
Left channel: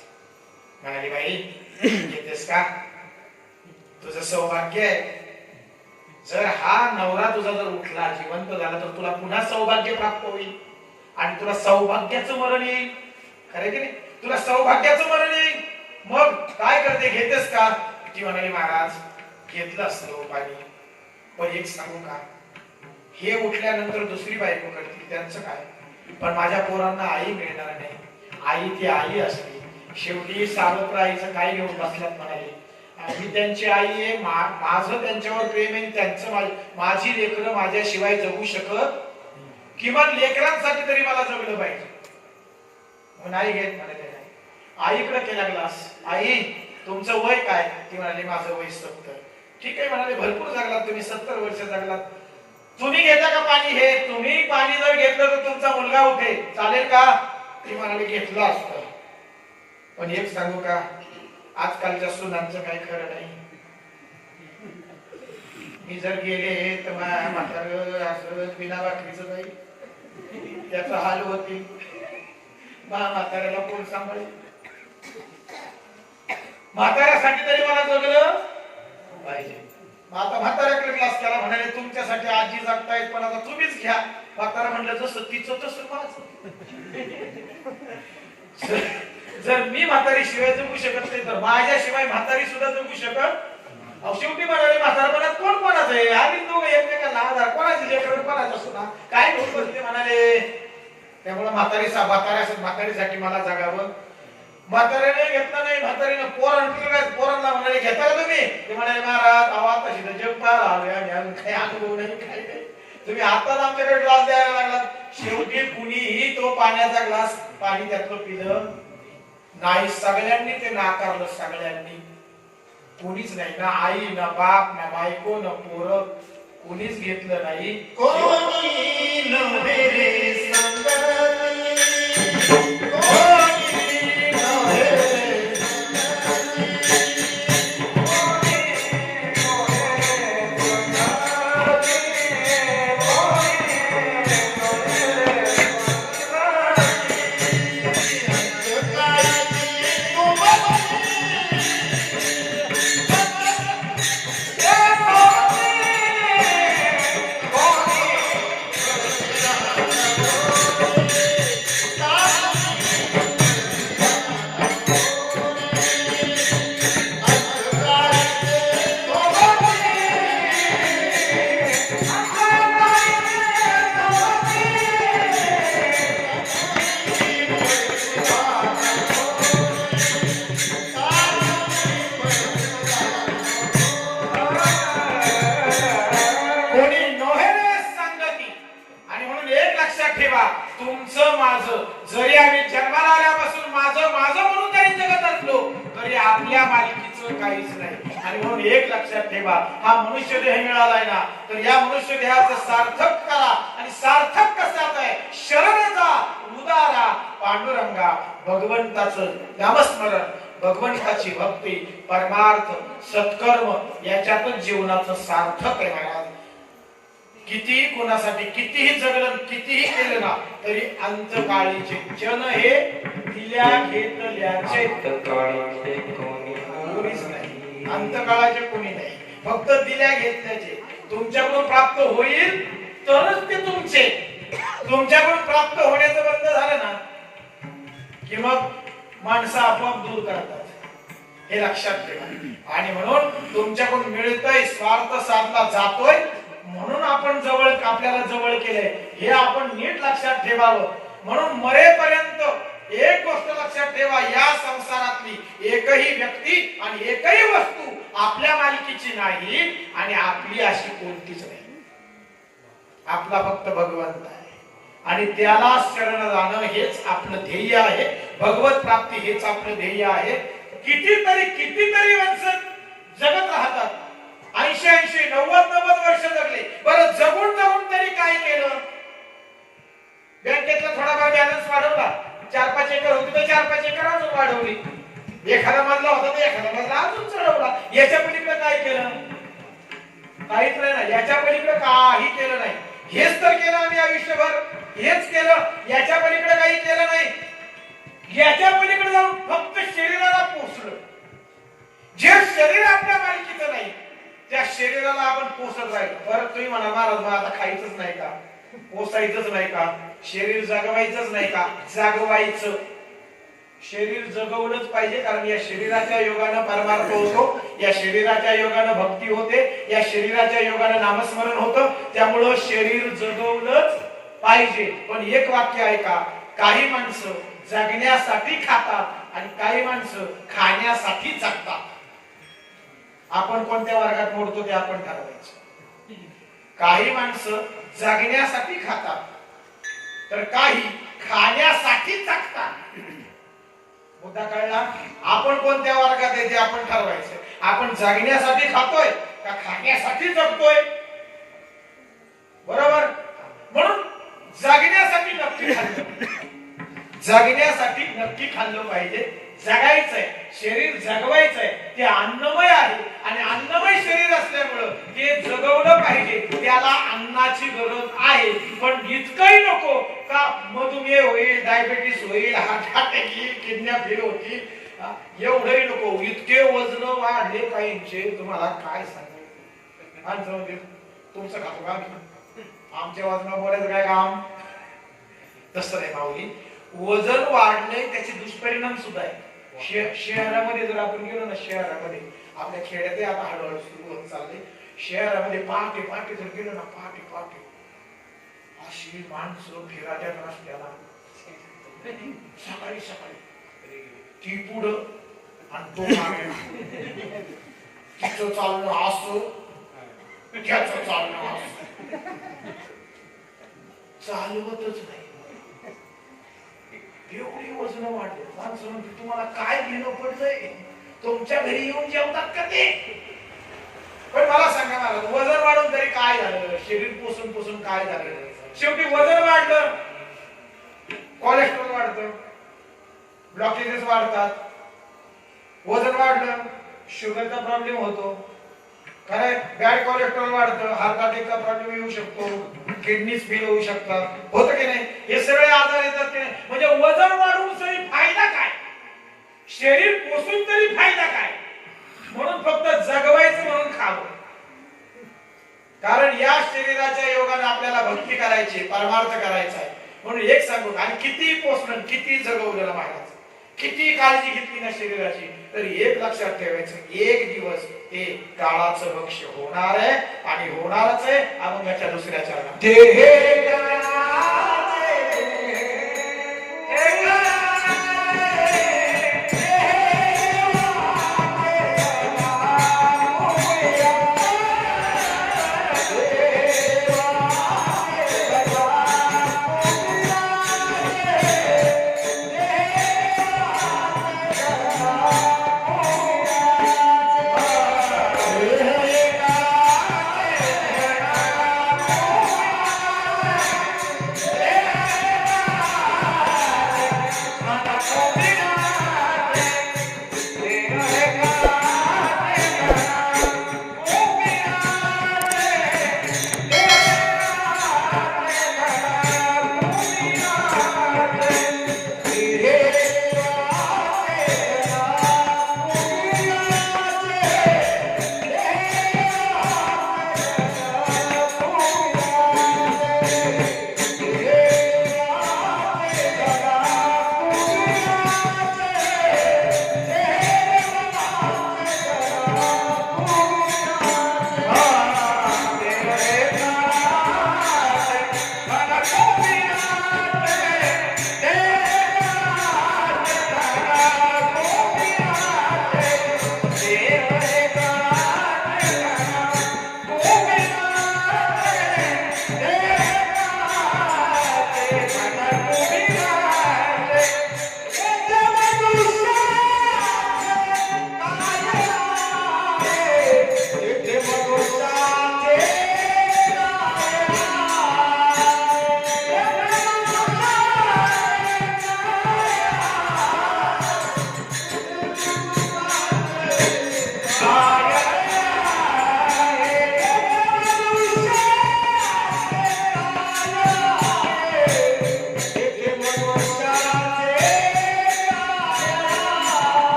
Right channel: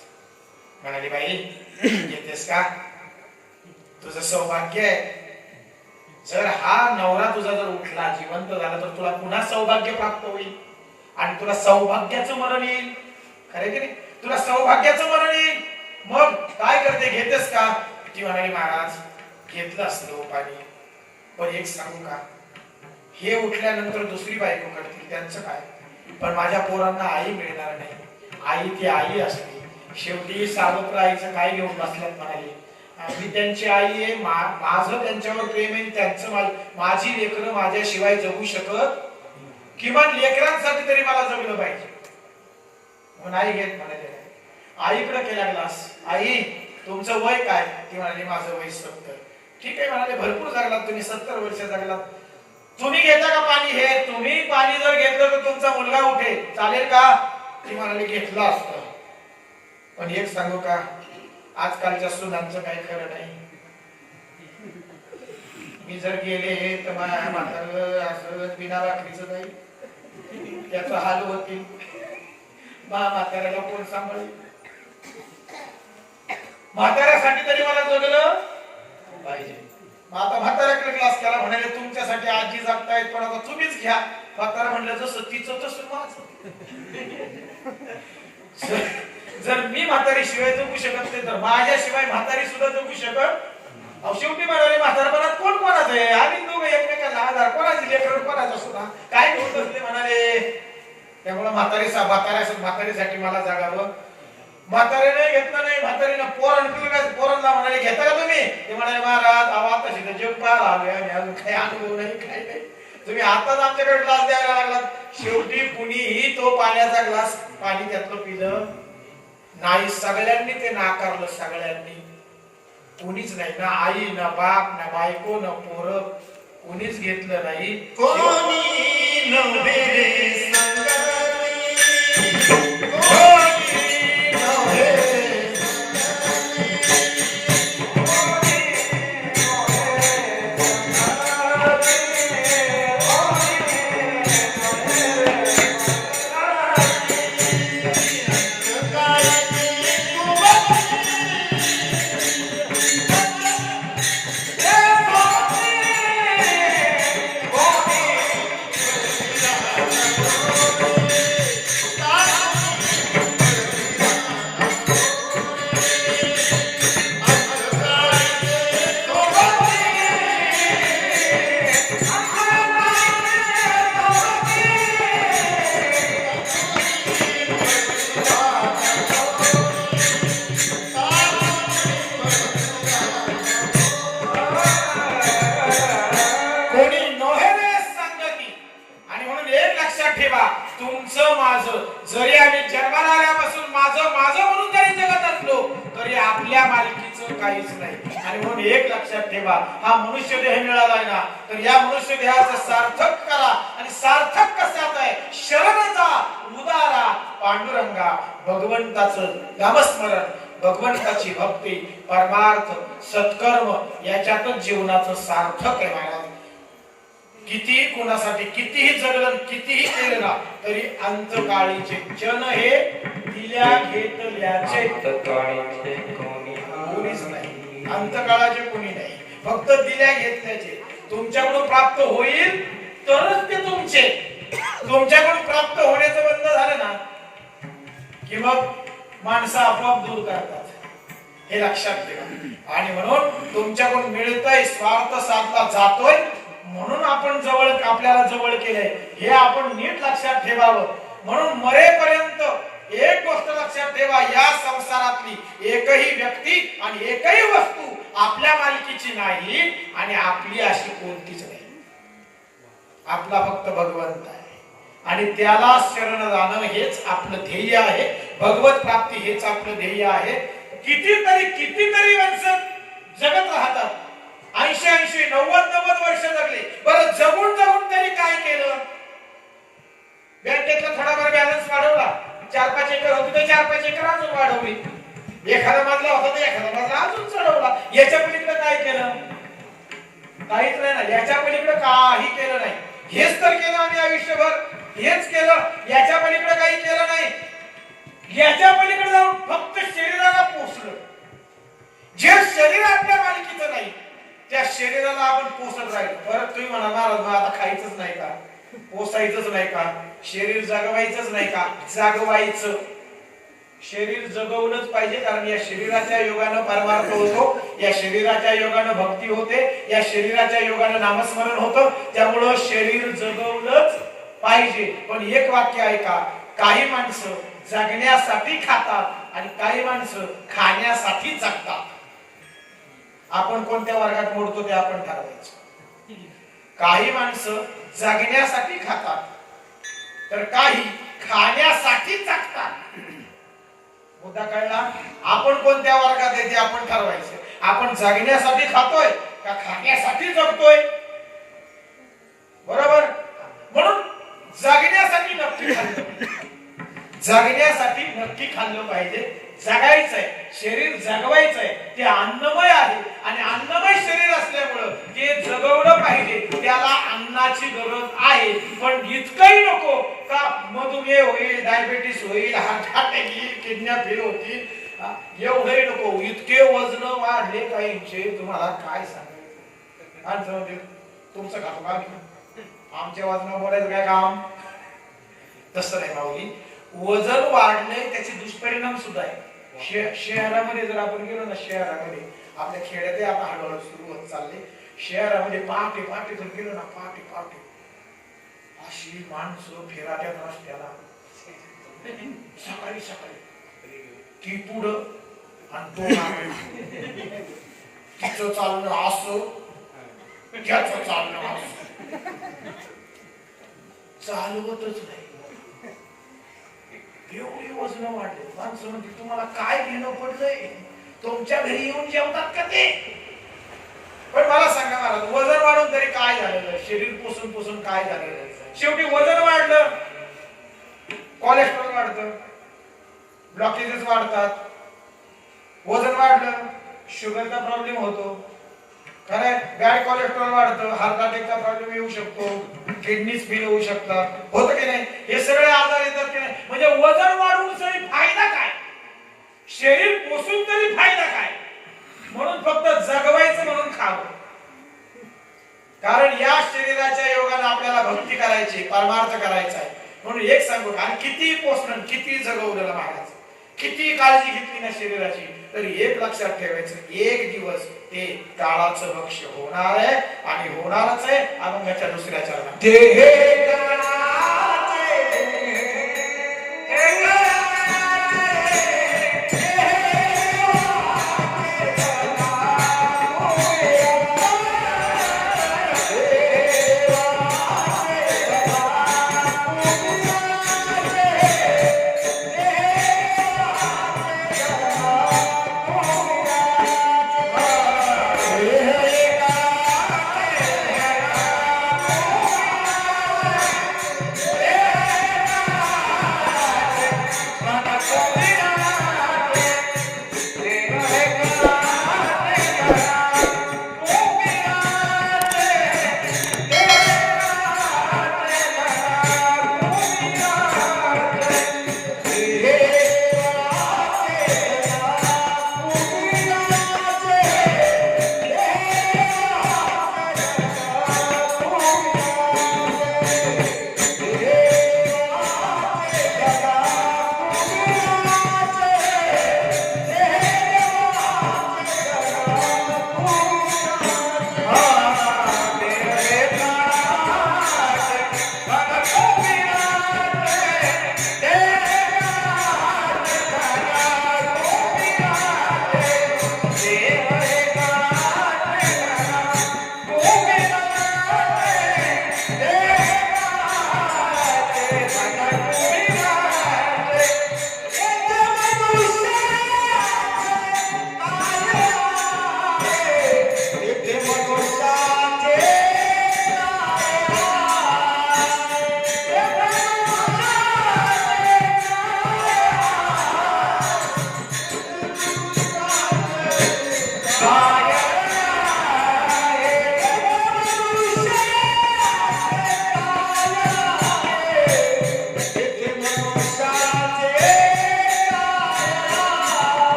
म्हणाली बाई घेतेस का? तुझं सौभाग्य आहे. जर हा नवरा तुझा जर उठला, जिवंत झाला, तर तुला पुन्हा सौभाग्य प्राप्त होईल आणि तुला सौभाग्याचं मरण येईल. खरे की नाही? तुला सौभाग्याचं मरण येईल. मग काय करते? घेतेस का? ती म्हणाली महाराज घेतलं असतं पाणी, पण एक सांगू का, हे उठल्यानंतर दुसरी बायको करतील त्यांचं काय, पण माझ्या पोरांना आई मिळणार नाही. आई ती आई असते. शेवटी सावत्र आईचं काय घेऊन बसल्यात म्हणाली, मी त्यांची आई आहे, माझं त्यांच्यावर प्रेम आहे, त्यांचं माझी लेकरं माझ्याशिवाय जगू शकत, किमान लेकरांसाठी तरी मला जगलं पाहिजे. नाही घेत म्हणाले. आईकडे केला ग्लास. आई तुमचं वय काय? ती म्हणाली माझं वय 70. ठीक आहे म्हणाले, भरपूर जगलात तुम्ही, 70 वर्ष जगलात. तुम्ही घेता का पाणी? हे तुम्ही पाणी जर घेतलं तर तुमचा मुलगा उठेल, चालेल का? ती म्हणाली घेतलं असतं, पण एक सांगू का, आजकालच्या सुनांचं काही खरं नाही. मी जर गेले तर माझ्या म्हातारं असं बिना भाकरीचं नाही, त्याचा हाल होतील. म्हाताऱ्याला कोण सांभाळेल? म्हाताऱ्यासाठी तरी मला जगलं पाहिजे. आता म्हाताऱ्याकडे ग्लास केला. म्हणाले तुमच्यासाठी आजी जगतायत, पण आता तुम्हीच घ्या. म्हातारा म्हणलं जसं तिचं तसं माझं. जर मी म्हातारी शिवाय जगू शकत नाही तर माझ्याशिवाय म्हातारी सुद्धा जगू शकत. शेवटी म्हणाले म्हातारपणात कोण कोणाचं आहे? आम्ही दोघं एकमेकांना आधार, कोणाची लेकरं कोणाचा सुद्धा काय घेऊन बसले म्हणाले. त्यामुळे म्हातारीसाठी मला जागावं. म्हातारीने घेतलं नाही. म्हातारीनं पोरांना म्हणाले घेता का तुम्ही? ते म्हणाले महाराज आता शिकत जग पाहायला आलोय आणि अजून काही अनुभव नाही, काय नाही. तुम्ही आताच आमच्याकडे ग्लास द्यायला लागलात. शेवटी कुणीही तो पाण्याचा ग्लास पाणी त्यातलं पिलं नाही. सगळ्यांनी ते नाकारलं. सगळ्यांनी, कुणीच नाही, ना आई, ना बाप, ना बायको, ना पोरं, कुणीच घेतलं नाही. कोणी नव्हे तुमचं माझं जरी आम्ही जन्माला आल्यापासून माझं माझं म्हणून जरी जगत असलो तरी आपल्या मालकीचं काहीच नाही. आणि म्हणून एक लक्षात ठेवा, हा मनुष्य देह मिळालाय ना, तर या मनुष्य देहाचं सार्थक करा. आणि सार्थक कशात आहे? शरण जा, उदारा, पांडुरंगा, भगवंताचं नामस्मरण, भगवंताची भक्ती, परमार्थ, सत्कर्म याच्यातच जीवनाचं सार्थक आहे महाराज. कितीही कोणासाठी कितीही जगलं, कितीही केलं ना, तरी अंतकाळीचे जन हे दिल्या घेतल्याचे कोणीच नाही. अंतकाळाचे कोणी नाही, फक्त दिल्या घेतल्याचे. तुमच्याकडून प्राप्त होईल तरच ते तुमचे. तुमच्याकडून प्राप्त होण्याचं बंद झालं ना की मग माणसं आपोआप दूर करतात, हे लक्षात ठेवा. आणि म्हणून तुमच्याकडून मिळतंय, स्वार्थ साधला जातोय म्हणून आपण जवळ, आपल्याला जवळ केलंय, हे आपण नीट लक्षात ठेवावं. म्हणून मरेपर्यंत एक गोष्ट लक्षात ठेवा, या संसारातली एकही व्यक्ती आणि एकही वस्तू आपल्या मालकीची नाही आणि आपली अशी कोणतीच नाही. आपला फक्त भगवंत आहे आणि त्याला शरण जाणं हेच आपलं ध्येय आहे. भगवत प्राप्ती हेच आपलं ध्येय आहे. कितीतरी माणसं जगत राहतात, 80-90 वर्ष जगले. बरं जगून तरी काय केलं? बँकेतला थोडाफार बॅलन्स वाढवला, 4-5 एकर होती तर 4-5 एकर अजून वाढवली, एखादा मजला होता तर एखादा मजला अजून चढवला. याच्या पलीकडे काय केलं? काहीच नाही ना. याच्या पलीकडे काही केलं नाही. हेच तर केलं आम्ही आयुष्यभर, हेच केलं. याच्या पलीकडे काही केलं नाही. याच्या पलीकडे जाऊन फक्त शरीराला पोसलं. जे शरीर आपल्या मालकीचं नाही त्या शरीराला आपण पोसत राहिलो. बरं तुम्ही म्हणा महाराज मग आता खायचंच नाही का, पोसायचंच नाही का, शरीर जगवायचंच नाही का? जागवायचं. शरीर जगवलंच पाहिजे, कारण या शरीराच्या योगानं परमार्थ होतो, या शरीराच्या योगानं भक्ती होते, या शरीराच्या योगानं नामस्मरण होतं. त्यामुळं शरीर जगवलंच पाहिजे. पण एक वाक्य आहे का, काही माणसं जगण्यासाठी खातात आणि काही माणसं खाण्यासाठी जगतात. आपण कोणत्या वर्गात मोडतो ते आपण ठरवायचं. काही माणसं जगण्यासाठी खातात तर काही खाण्यासाठी जगतात. मुद्दा कळला? आपण कोणत्या वर्गात आहे ते आपण ठरवायचं. आपण जगण्यासाठी खातोय का खाण्यासाठी जगतोय? बरोबर. म्हणून जगण्यासाठी नक्की खाल्लं, जगण्यासाठी नक्की खाल्लं पाहिजे. जगायचंय, शरीर जगवायचंय, ते अन्नमय आहे आणि अन्नमय शरीर असल्यामुळं ते जगवलं पाहिजे. त्याला अन्नाची गरज आहे. पण इतकंही नको का मधुमेह होईल, डायबिटीस होईल, हार्ट अटॅक येईल, किडन्या फेल होतील, एवढंही नको. इतके वजन वाढले पाहिजे, तुम्हाला काय सांगायचं. तुमचं खातो का आमच्या वजनावर बोलायचं काय काम? तसं नाही माऊली. वजन वाढले त्याचे दुष्परिणाम सुद्धा आहे. शहरामध्ये जर आपण गेलो ना, शहरामध्ये आपल्या खेड्यात आता हळूहळू सुरू होत चालले. शहरामध्ये पहाटे जर गेलो ना, पहाटे अशी माणसं फिराट्यात रस्त्याला सकाळी ती पुढं आणि तो तिचं चालणं असं, त्याचं चालणं असं, चालवतच नाही. एवढी वजन वाढले. माणसं म्हणते तुम्हाला काय घेणं पडलंय? तुमच्या घरी येऊन जेवतात का ते? पण मला सांगा महाराज, वजन वाढून तरी काय झालं? शरीर पोसून काय झालं? शेवटी वजन वाढलं, कोलेस्ट्रॉल वाढतं, ब्लॉकेजेस वाढतात. वजन वाढलं, शुगरचा प्रॉब्लेम होतो. खरंय, बॅड कोलेस्ट्रॉल वाढतं, हार्ट अटॅकचा प्रॉब्लेम येऊ शकतो, किडनीज फेल होऊ शकतात. होतं की नाही? हे सगळे आजार येतात की नाही? म्हणजे वजन वाढून तरी फायदा काय? शरीर पोसून तरी फायदा काय? म्हणून फक्त जगवायचं म्हणून खावं. कारण या शरीराच्या योगाने आपल्याला भक्ती करायची, परमार्थ करायचा आहे. म्हणून एक सांगू, आणि किती पोसणं, किती जगवलं महाराज, किती काळजी घेतली ना शरीराची, तरी एक लक्षात ठेवायचं, एक दिवस ते काळाचं भक्ष होणार आहे आणि होणारच आहे. अभंगाच्या दुसऱ्या चरणात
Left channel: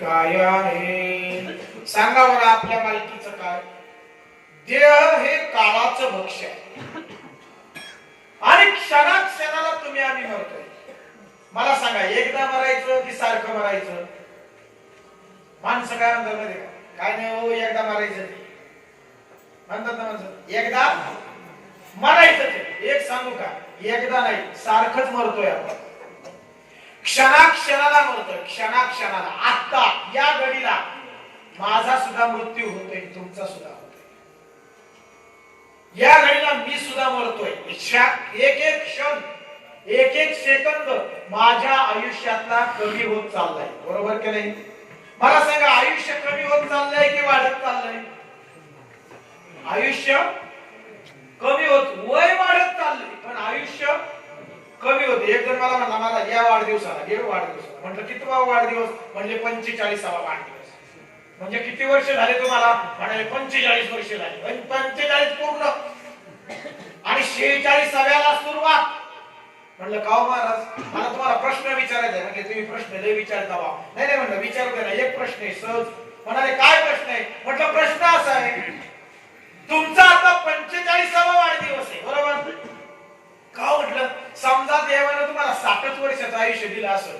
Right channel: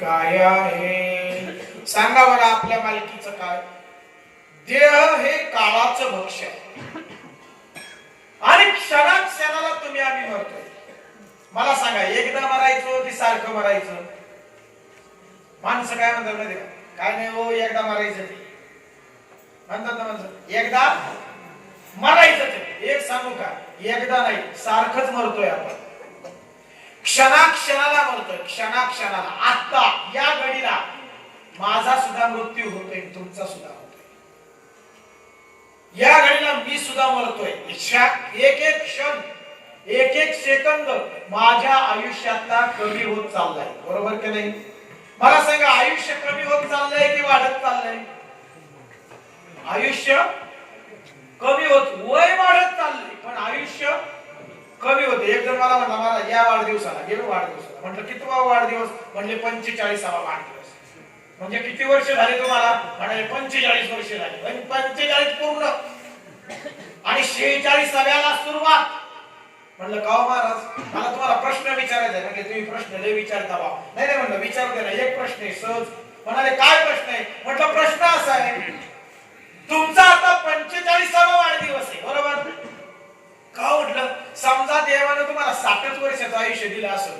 काय आहे? सांगा मला आपल्या मालकीचं काय? देह हे काळाचं भक्ष्य आणि क्षणाला तुम्ही आम्ही मरतोय. मला सांगा, एकदा मरायचं की सारखं मरायचं? माणसं काय म्हणतात माहिती का? काय नाही हो, एकदा मरायचं ते म्हणतात ना माणसं, एकदा मरायचं ते. एक सांगू का, एकदा नाही, सारखंच मरतोय आपण. क्षणाला मरतोय, क्षणाला. आता या घडीला माझा सुद्धा मृत्यू होतोय, तुमचा सुद्धा होतोय. या घडीला मी सुद्धा मरतोय. एक एक क्षण, एक एक सेकंद माझ्या आयुष्यातला कमी होत चाललाय. बरोबर की नाही? मला सांगा, आयुष्य कमी होत चाललंय की वाढत चाललंय? आयुष्य कमी होत, वय वाढत चाललंय पण आयुष्य कमी होते. एक जण मला म्हणला, मला या वाढदिवसाला गेलो वाढदिवसाला. म्हटलं कितवा वाढदिवस? म्हणजे 45वा वाढदिवस. म्हणजे किती वर्ष झाले तुम्हाला? म्हणाले 45 वर्ष झाली. 45 पूर्ण आणि 46व्याला सुरुवात. म्हणलं का हो महाराज, मला तुम्हाला प्रश्न विचारायचा आहे. म्हणजे तुम्ही प्रश्न लय विचारता बा. नाही नाही म्हणलं, विचारू दे ना, एक प्रश्न आहे सहज. म्हणाले काय प्रश्न आहे? म्हटलं प्रश्न असा आहे, तुमचा आता 45वा वाढदिवस आहे, बरोबर? का म्हटलं, समजा देवानं तुम्हाला 60 वर्षाचं आयुष्य दिलं असं.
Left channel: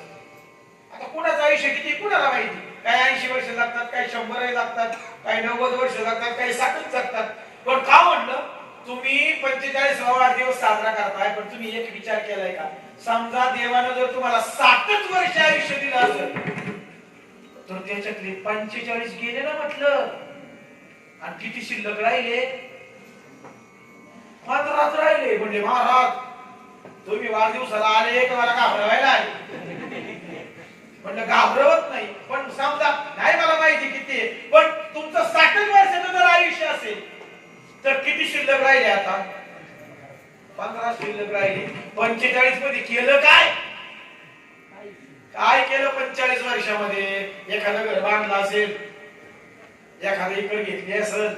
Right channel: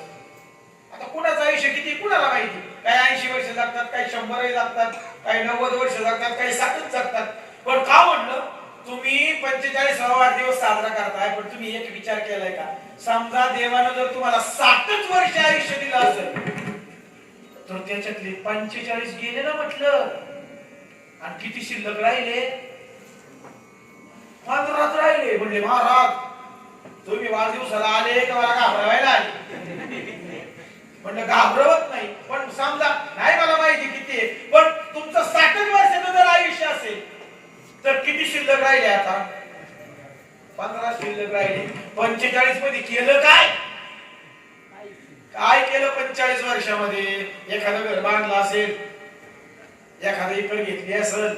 आता कुणाचं आयुष्य किती कुणाला माहिती? काही 80 वर्ष जगतात, काही 100 जगतात, काही 90 वर्ष जगतात, काही 60 जगतात. पण का म्हटलं, तुम्ही 45वा वाढदिवस साजरा करताय, पण तुम्ही एक विचार केलाय का? समजा देवानं जर तुम्हाला 60 वर्ष आयुष्य दिलं असेल, तर त्याच्यातले 45 गेले ना म्हटलं, आणि किती शिल्लक राहिले? 15 राहिले. म्हणजे महाराज, तुम्ही वाढदिवसाला आले का मला घाबरवायला आले? म्हणलं घाबरवत नाही, पण समजा नाही मला माहिती किती आहे, पण तुमचं 60 वर्षाचं जर आयुष्य असेल तर किती शिल्लक राहिले? आता 15 शिल्लक राहिले. 45 मध्ये केलं काय? काय केलं 45 वर्षामध्ये? एखादं घर बांधलं असेल, एखादं इकडे घेतली असेल,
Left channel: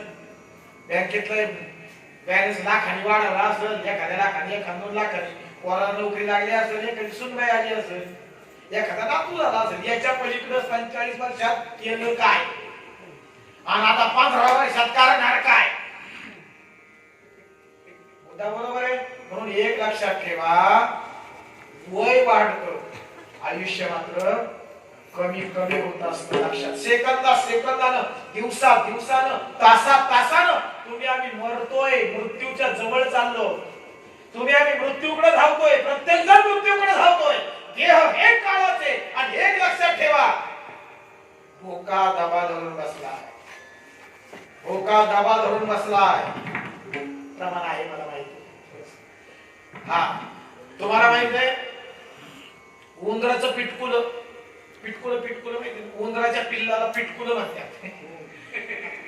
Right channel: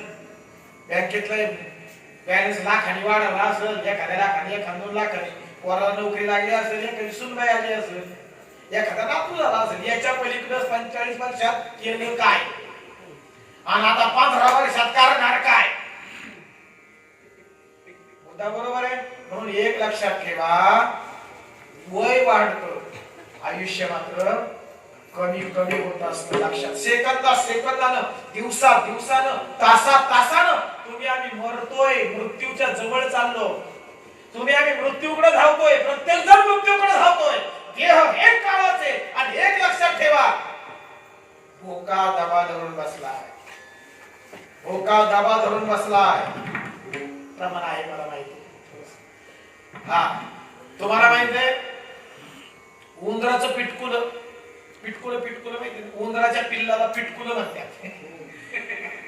बँकेतला बॅलन्स लाखांनी वाढवला असेल, एखाद्या लाखांनी, एखाद्या 2 लाखांनी पोराला नोकरी लागली असेल, एखादी सुनबाई आली असेल, एखादा नातू झाला असेल. याच्या पलीकडे 45 वर्षात केलं काय? आणि आता 15 वर्षात करणार काय? मुद्दा बरोबर आहे. म्हणून एक लक्षात ठेवा, वय वाढतं, आयुष्य मात्र कमी कमी होत असतं. लक्षात, सेकंदानं, दिवसानं, तासानं तुम्ही आम्ही मरतोय, मृत्यूच्या जवळ चाललो. तुम्ही आम्ही मृत्यूकडे धावतोय, प्रत्येक जण मृत्यूकडे धावतोय. देह एक काळाचे. आणि एक लक्षात ठेवा, भोका दाबा धरून बसलाय, भोका दाबा धरून बसलाय. प्रमाण आहे मला माहिती. हा, तुम्हाला माहित आहे उंदराचं पिटकुलं माहिती? उंदराच्या पिल्लाला पिटकुलं म्हणतात.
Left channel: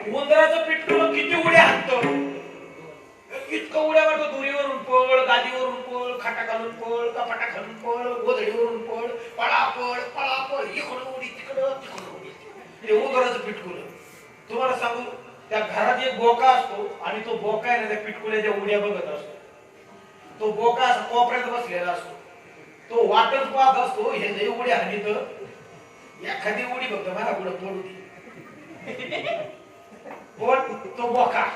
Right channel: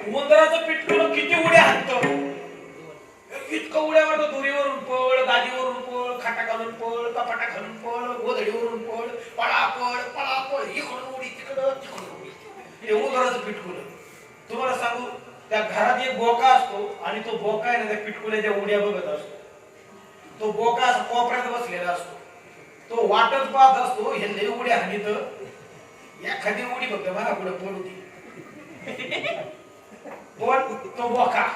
उंदराचं पिटकुलं किती उड्या हाणतं? इतकं उड्या मारतो, दोरीवरून पळ, गादीवरून पळ, खाटा घालून पळ, कपाटा घालून पळ, गोधडीवरून पळ, पळापळ, इकडून उडी, तिकडून उडी. हे उंदराचं पिटकुलं. तुम्हाला सांगू, त्या घरात एक बोका असतो आणि तो बोका आहे ना, त्या पिटकुल्याच्या उड्या बघत असतो. तो बोका असा कोपऱ्यात बसलेला असतो, तो वाटच पाहत असतो, हे लय उड्या हल्ली तर एखादी उडी बघतो मला पुढे पडू. तो बोका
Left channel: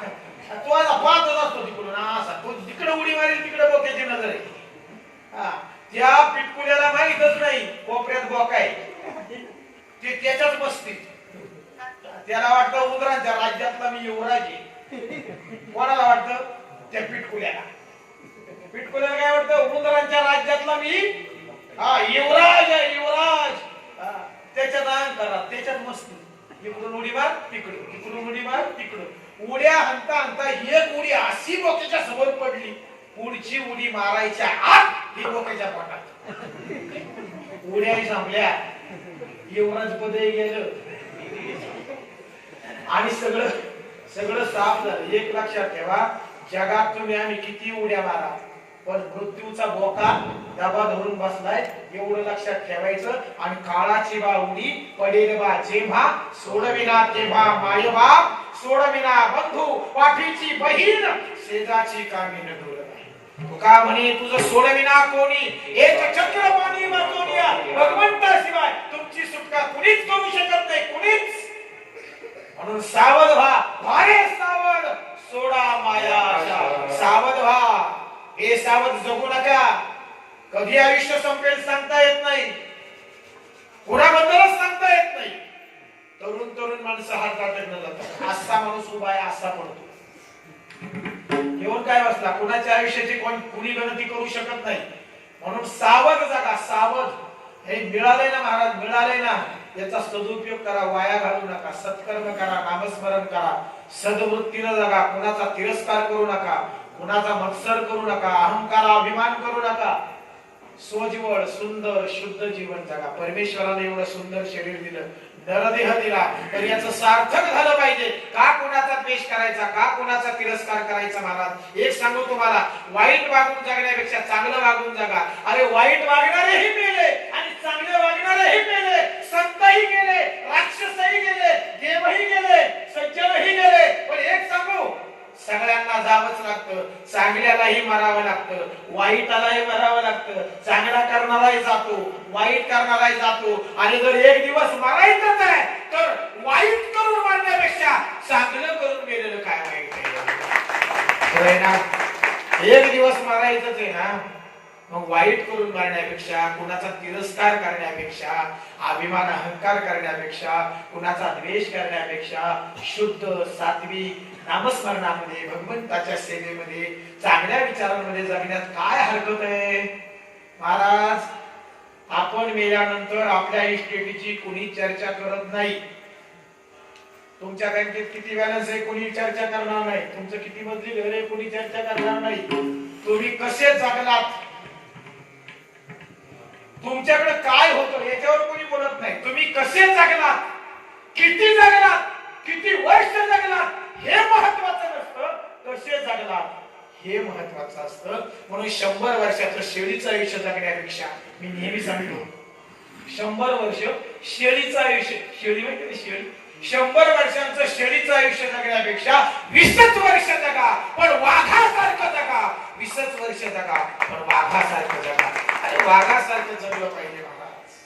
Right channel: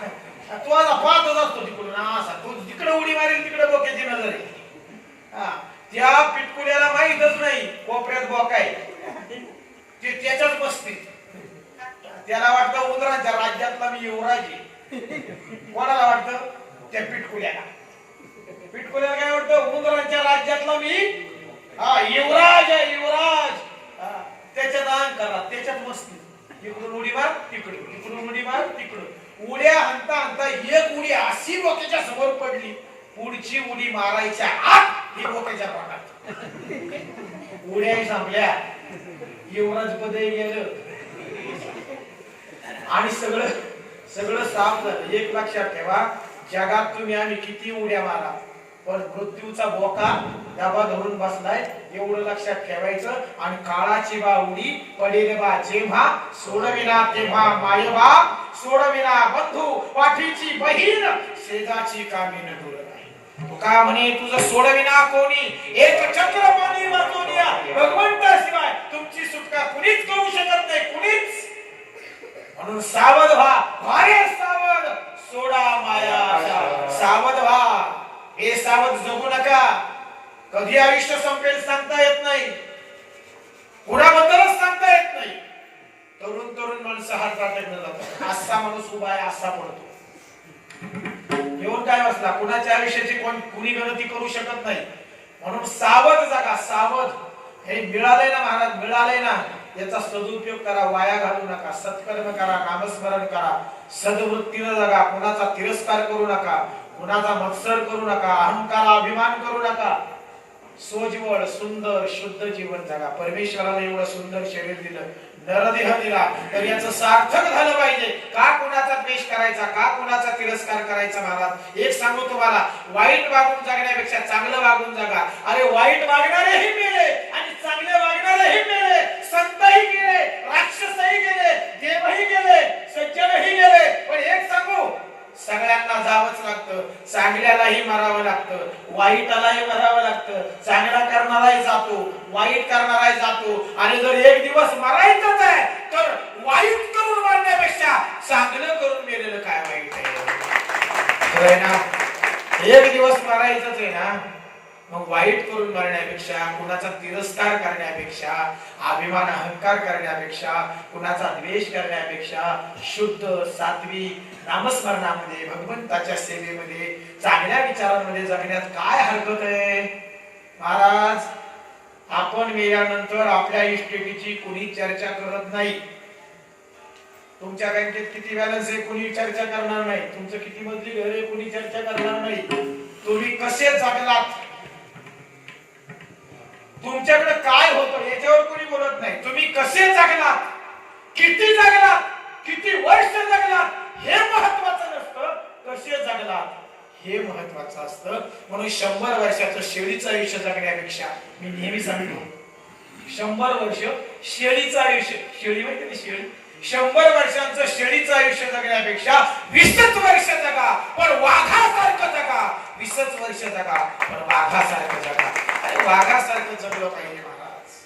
तो असा पाहतच असतो तिकडून, असा तो तिकडे उडी मारेल, तिकडे बोक्याची नजर आहे. त्या पिटकुल्याला माहीतच नाही कोपऱ्यात बोका आहे, ते त्याच्याच बसतील. त्याला वाटतं उंदरांच्या राज्यातला मी युवराज आहे. कोणाला वाटतं? त्या पिटकुल्याला. पिटकुल्याला काय वाटतं? उंदरांच्या राज्यातला मी युवराज आहे, युवराज. त्याच्यात अहंकार, त्याच्यात मस्ती. इकडून उडी मार तिकडे, तिकडून उडी मार तिकडे. उड्या हंता एक उडी अशी बोक्याच्या समोर पडली, पुढची उडी मारायच्या आत ही बोक्याच्या पोटात. उड्या संपल्या, युवराज पदे गेलं आणि सगळं साफ झालं. एक लक्षात ठेवा, जगात तुम्ही आम्ही किती उड्या मारा, पण मृत्यूचा बोका दाबा धरून बसलाय, एवढं लक्षात ठेवायचं. आणि काळाची बाहुडी पडेल बा जेव्हा, सोडविना तेव्हा मायबाप, सोडविना बंधू पाठीची बहीण, शेजाची कामी न डोळ. तुका म्हणे तुझं सोडविना कोणी, एक चक्र पाणी वाचोनी या भगवंताशिवाय तुमची सुटका कुणीच करू शकत नाही, कुणीच. म्हणून सावध व्हा, भारे सावध, सोडा माया आशा. सावध व्हा, हे सावध जगू नका. कधी आयुष्य संपेल सांगता येत नाही, कुणाबद्दलच सांगता येत नाही. तरुण तरुण माणसं हात जातात जातात, असा माणूस उभा आहे असा पडतो. घेऊन काय बसला, कुणाच्या आयुष्याची कुणी गणती करू शकत नाही. म्हणून सावध जागा, सावध. हे मिळालंय ना महाराज, मिळालंय ना, याचा सदुपयोग करा, वाया घालू नका. सत्कर्म करा, नामस्मरण करा, सद्वृत्तीनं जगा. कुणाचा तिरस्कार करू नका, कुणाचा मत्सर करू नका, अहंकार अभिमान करू नका. सोज्वळ सुंदर शुद्ध जीवन जगा. परमेश्वराने एवढं सुंदर शरीर दिलं, नरदेह दिला, तर याचं सार्थक झालं पाहिजे. का कुणाचा द्वेष करायचा, का कुणाचा तिरस्कार करायचा. महाराज एक सांगू तुम्हाला, वाईट वागून जगण्यापेक्षा चांगलं वागून जगा. अरे वाईट वागणारेही मेले आणि चांगले वागणारेही मेले, संतही गेले, राक्षसही गेले, देवही गेले, सज्जनही गेले. पण एक सांगू, सगळ्यांना जावंच लागतं. चांगल्यालाही मरावं लागतं, वाईटालाही मरावं लागतं. चांगला करणाराही जातो, वाईट करणाराही जातो. आणि जर एक दिवस मरायचंच आहे तर वाईट करून मारण्यापेक्षा चांगलं करून गेलेलं काय वाईट आहे ना. एक दिवस मरायचंच आहे ना, मग वाईट करून मारण्यापेक्षा, कुणाचा तिरस्कार करण्यापेक्षा, अभिमान अहंकार करण्यापेक्षा, कुणाचा द्वेष करण्यापेक्षा शुद्ध सात्विक नामस्मरणामध्ये, भगवंताच्या सेवेमध्ये, चांगल्या विचारांमध्ये जगण्यात काय हरकत आहे. महाराज आपण मेल्यानंतर आपल्या इस्टेटीची कुणी चर्चा करत नाही. तुमच्या बँकेत किती बॅलन्स आहे कुणी चर्चा करणार नाही, तुमचं किती मजली घर आहे कुणी चर्चा करणार नाही. तुम्ही कसे जगलात, तुमच्याकडे काय होतं याच्यावर कोणी बोलत नाही. तुम्ही कसे जगलात, किती जगलात, किती वर्ष जगलात हे महत्वाचं नसतं, कसे जगलात हे महत्वाचं असतं. म्हणून 100 वर्षाचं शेळीचं आयुष्य जगण्यापेक्षा, मी नेहमी सांगतो 100 वर्ष शेळीचं आयुष्य, शेळी माहिती ना शेळी, 100 वर्षांचं शेळीचं आयुष्य जगण्यापेक्षा 20 वर्ष जगा पण वाघासारखं जगा. 20 वर्ष जगा पण वाघासारखं जगा. अरे वाघासारखं जगलं पाहिजे महाराज.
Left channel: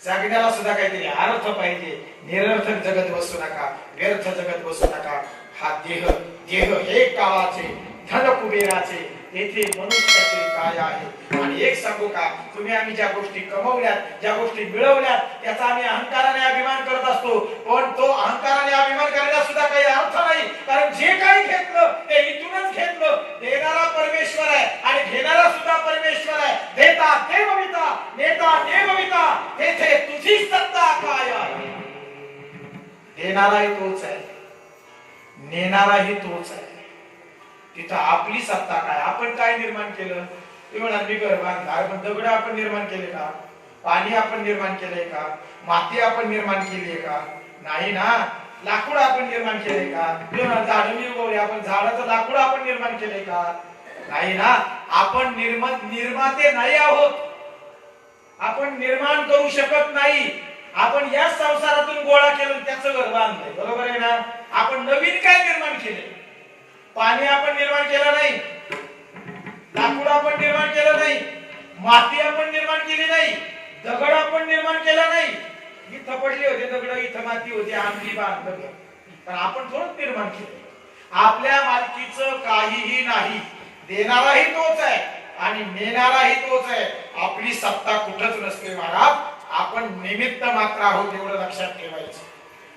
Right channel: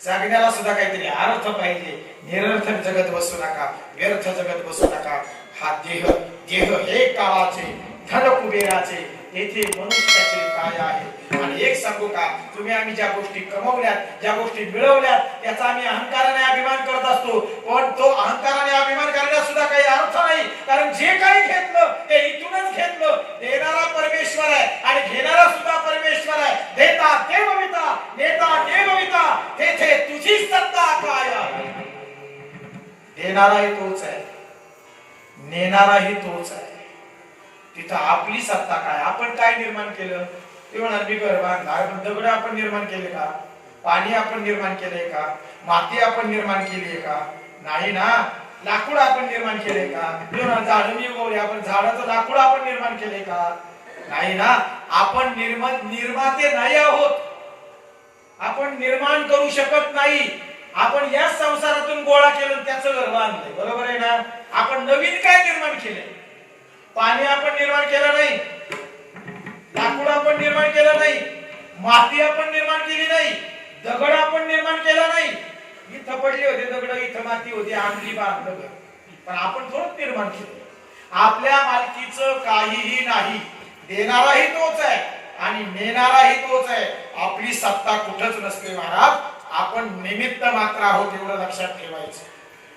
जगण्याला सुद्धा काहीतरी अर्थ पाहिजे. निरर्थक जगत बसू नका, व्यर्थ जगत बसू नका. हा देह हे काळाचे, धन कुबेराचे, येथे मनुष्याचे काय आहे. आणि एक सांगू का, तुम्ही आम्ही ज्या गोष्टी कमवल्यात, ज्या गोष्टी मिळवल्यात, याचा आम्ही अहंकाराने अभिमान करत असतो. पण तो अहंकाराने अभिमान करण्यास सुद्धा काही अर्थ नाही. कारण जे काही घेतलं ते इथूनच घेतलं. देणारा परमेश्वर आहे आणि घेणारा सुद्धा परमेश्वर आहे. देता देवविता, नेता देवविता, तेथे तुझी सत्ता काय आहे. देणाराही तोच आहे, नेणाराही तोच आहे. तिथं आपली सत्ता काय, आपण काय निर्माण केलं. ते म्हणा मी घर बांधणार, पण दगड आपण निर्माण केले का, पाणी आपण निर्माण केले का, माती आपण निर्माण केली आहे का, नाही ना. लाकूड आपण निर्माण केले का, झाड मी उगवले, आपण झाडाचं लाकूड आपण निर्माण केले का, नाही ना. आपण निर्माते नाही आहोत, आपण निर्माण करू शकत नाही. आपण या संसारातून गोळा केलं, त्याचं घर बांधले, बरोबर आहे ना. आपण नवीन काय निर्माण केले, पाणी आपण निर्माण केलं नाही, लाकूड आपण निर्माण केलं नाही, माती आपण निर्माण केली नाही, दगड आपण निर्माण केला नाही. इथं पडली होती दगड, इथं माती होती, आमची बांधलं, पण आपण थोडं निर्माण केलं. आपल्या मालकीचं काहीही नाही. देणाराही तोच आहे आणि नेणाराही तोच आहे. आपली सत्ता कुठंच नसते महाराज. आपण निमित्त मात्र आहोत, एवढं लक्षात ठेवायचं.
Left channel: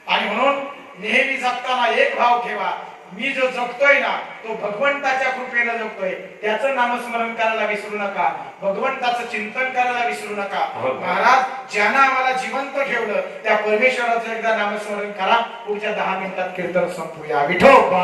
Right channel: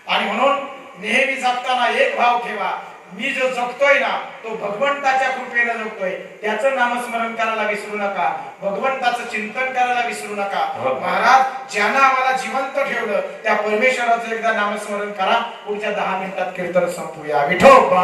आणि म्हणून नेहमी जगताना एक भाव ठेवा, मी जो जगतोय ना तो भगवंताच्या कृपेने जगतोय. त्याचं नामस्मरण करायला विसरू नका, भगवंताचं चिंतन करायला विसरू नका. महाराज ज्यानं आम्हाला जिवंत ठेवलं त्या परमेश्वराचं एकदा नामस्मरण करा. पुढच्या 10 मिनिटात कीर्तन संपूया. विठोबा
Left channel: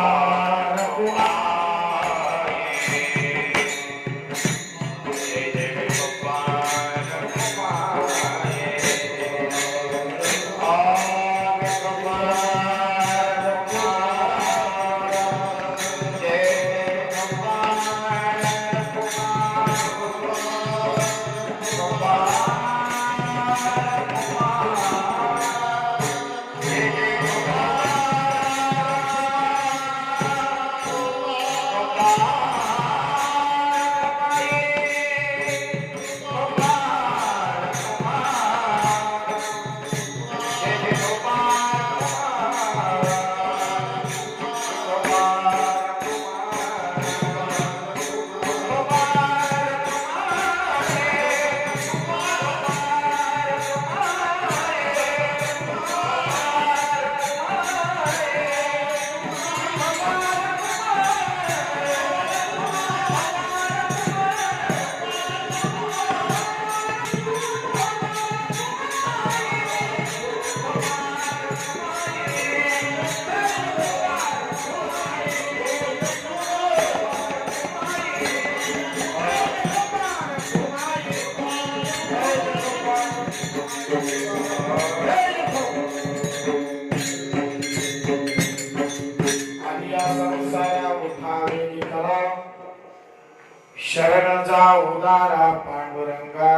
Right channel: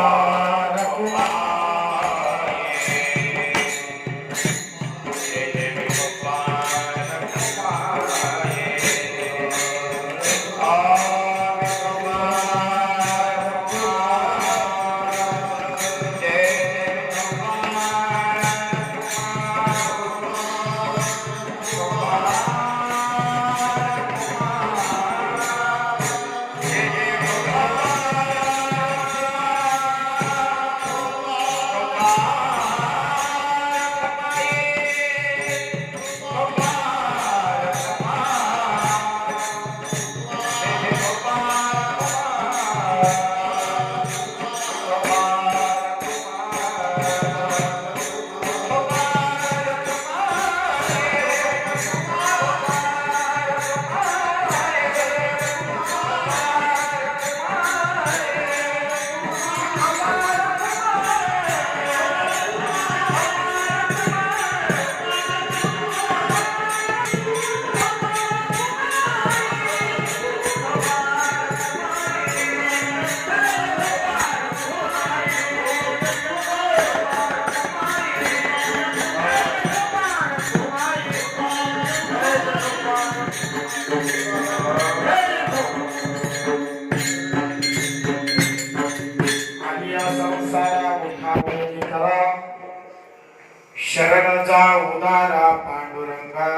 शरण जाऊ दारा पांडुरंगा,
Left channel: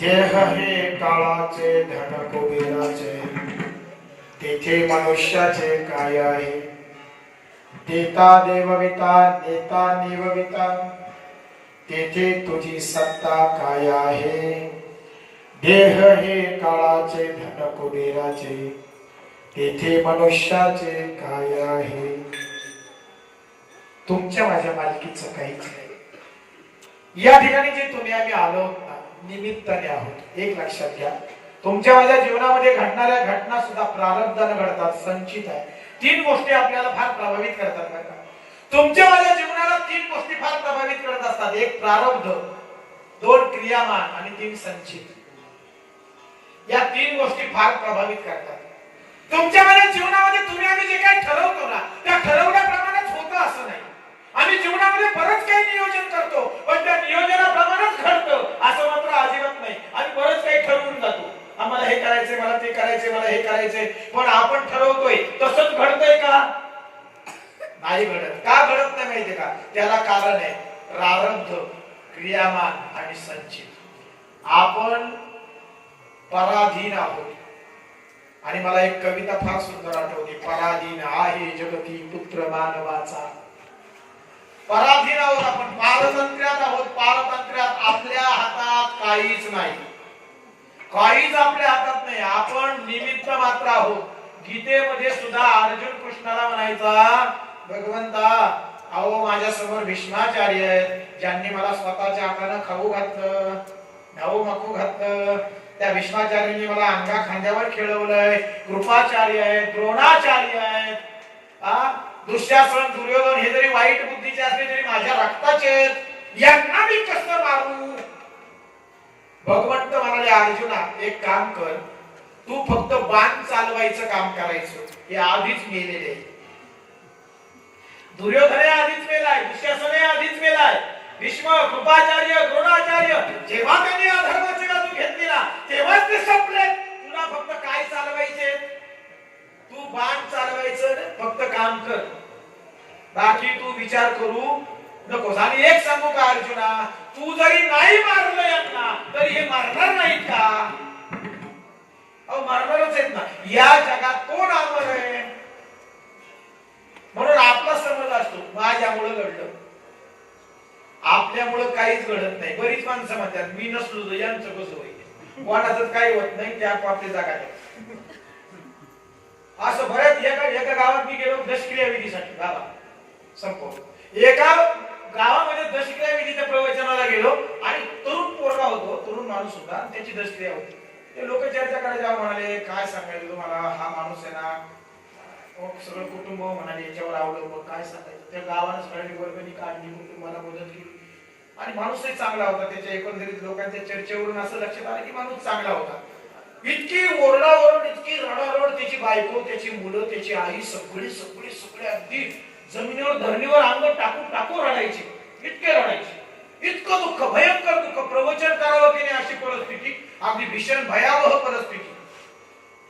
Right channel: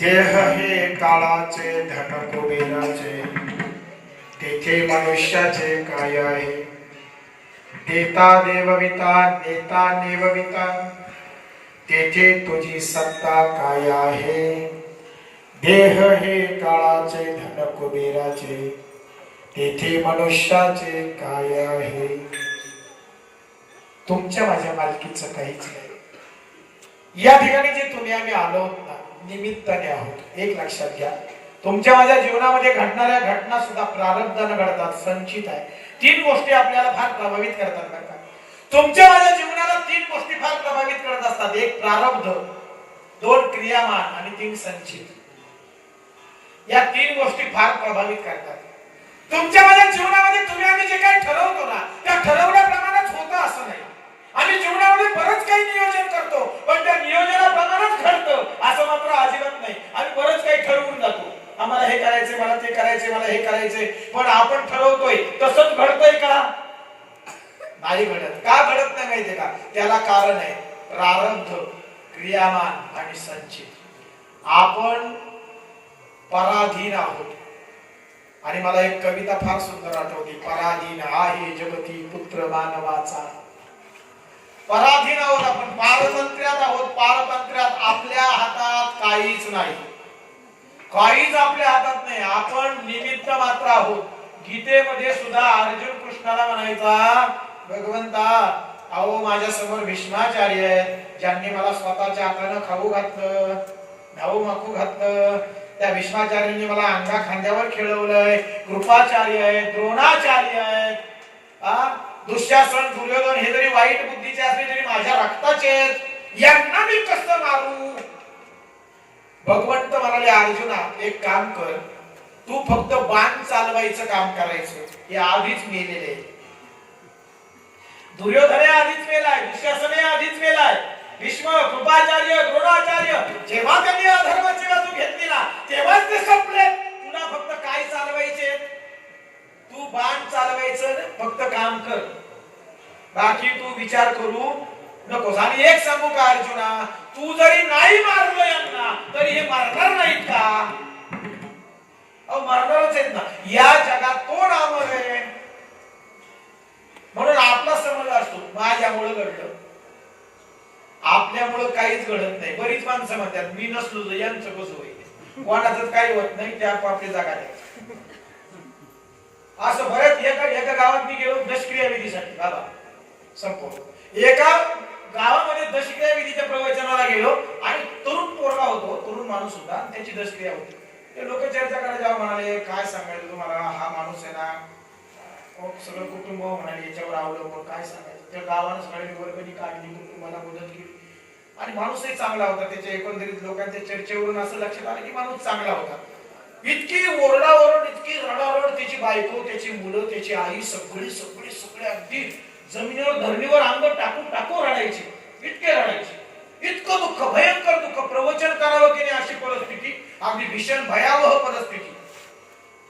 देह हे काळाचे धन कुबेराचे, तेथे मनुष्याचे काय आहे. देता देवविता नेता नेवविता, तेथे तुझी सत्ता काय आहे. देह हे काळाचे धन कुबेराचे, तेथे मनुष्याचे काय आहे. तुमच्या माझ्या मालकीचं काहीच नाही. या ठिकाणी जे तुम्ही आम्ही आलो ना, निमित्ताने आहोत. एक लक्षात घ्या, तुमच्या माझ्या जीवनामध्ये घडणाऱ्या घटना सुद्धा प्रारब्धाने घडतात, संचित आहे. 3 गोष्टी आपल्याला फार प्रभावित करतात बरं का. तुमच्या माझ्या जीवनाला 3 गोष्टी फार प्रभावित करत असतात. 1 प्रारब्ध, 2 क्रियामान आणि 3 संचित. या 3 गोष्टी फार प्रभावित करतात तुमच्या माझ्या जीवनामध्ये. तुम्ही आम्ही जे काही ठरवतो ना, त्या ठरवल्याप्रमाणेच होतं असं नाही. आम्ही जीवनामध्ये बरंच काही नियोजन करतो, पण त्या नियोजनाप्रमाणेच घडतं असं मात्र अजिबात नाही. आम्ही बरंच काही ठरवून जातो, आम्हाला हे करायचंय, मला ते करायचंय, मला हे करायचंय, पण आपण ठरवतोय तसंच घडतंय का? नाही घडत. का घडत नाही माहितीये का? त्याला कारण आहे प्रारब्ध, क्रियामान आणि संचित. आपण पराधीन आहोत. आणि मला एक कविता फार सुंदर आठवते. पराधीन आहे जगती पुत्र मानवाचा. पराधीन आहोत आपण, पारतंत्र्यात आहोत. पारतंत्र्यात आपल्या हातात काहीच नाही, काहीच आपल्या हातात नाही. आपण निमित्त मात्र आहोत. गीतेमध्ये सुद्धा अर्जुन कृष्णाला म्हणायचा, भगवंता अहो माझ्या समोर भीष्माचार्य आहेत, ज्यांनी मला स्वतःच्या हाताने खाऊ घातलं, खाऊ माखू घातलं. त्या भीष्माचार्यांनी मला अंगा खांद्यावर खेळवलंय. कृपाचार्य आहेत, द्रोणाचार्य आहेत, दुःशासन, दुर्योधन हे जरी वाईट बुद्धीचे असले तरी माझ्या रक्ताचे आहेत. यांना मी कसं मारू? भगवंत म्हणाले, अर्जुना एक काम कर, तू फक्त बाण चालवायचं काम करायचं. हे आधीच मेलेले आहे. दुर्योधन आधीच मेलाय, दुःशासन आधीच मेलाय, भीष्म, कृपाचार्य, द्रोणाचार्य जेव्हा त्यांनी अधर्माची बाजू घेतली ना, तेव्हाच ते संपले. तुला फक्त काय चालवायचे? तू बाण चालवायचं, फक्त काम कर. बाकी तू विचार करू नकोस. आणि एक सांगू का अर्जुना, तू जरी नाही मारलं यांना तरी हे मारणार नाहीत का? अहो मारणारच आहेत ना. या जगात कोण अमर आहे? म्हणून आपला समज असतो माझ्यामुळे घडलं, आपल्यामुळे काहीच घडत नाही. बरीच माणसं म्हणतात मी नसलो तर यांचं कसं होईल, कोणाचं काही होत नाही, त्या आपली जागा आहे. असं बऱ्याच एका गावात मी गेलो दशक्रिया विधीसाठी, गावात संपवलं. एका गावामध्ये दशक्रिया विधीच्या प्रवचनाला गेलो आणि तरुण पोरगा होतो, तरुण माणूस होता, त्याची दशक्रिया होती. ते लोक चर्चा करायला म्हणाले, काय सांगायचं तुम्हाला, हा माणूस आहे ना, सगळं कुटुंब म्हणाले याच्यावर अवलंबून, काय सांगायचं. त्या गावानं सगळ्यांनी वर्गणी काढली, कुटुंबाला मदत केली आणि माणूसही चांगला होता. त्याच्या एकंदरीत लोकांच्या चर्चेवरून असं लक्षात आलं की माणूस चांगला होता. इतकी ओरडाओरड, इतकी रडारड, त्याची बायको, त्याची मुलं, त्याची आई सगळे अगदी जमिनीवर धरणीवर अंग टाकून टाकून रडायचे, इतके रडायचे. इतकं दुःख, भयंकर दुःख, प्रवचन करावं की नाही अशी परिस्थिती, अगदी भीषण भयावह परिस्थिती.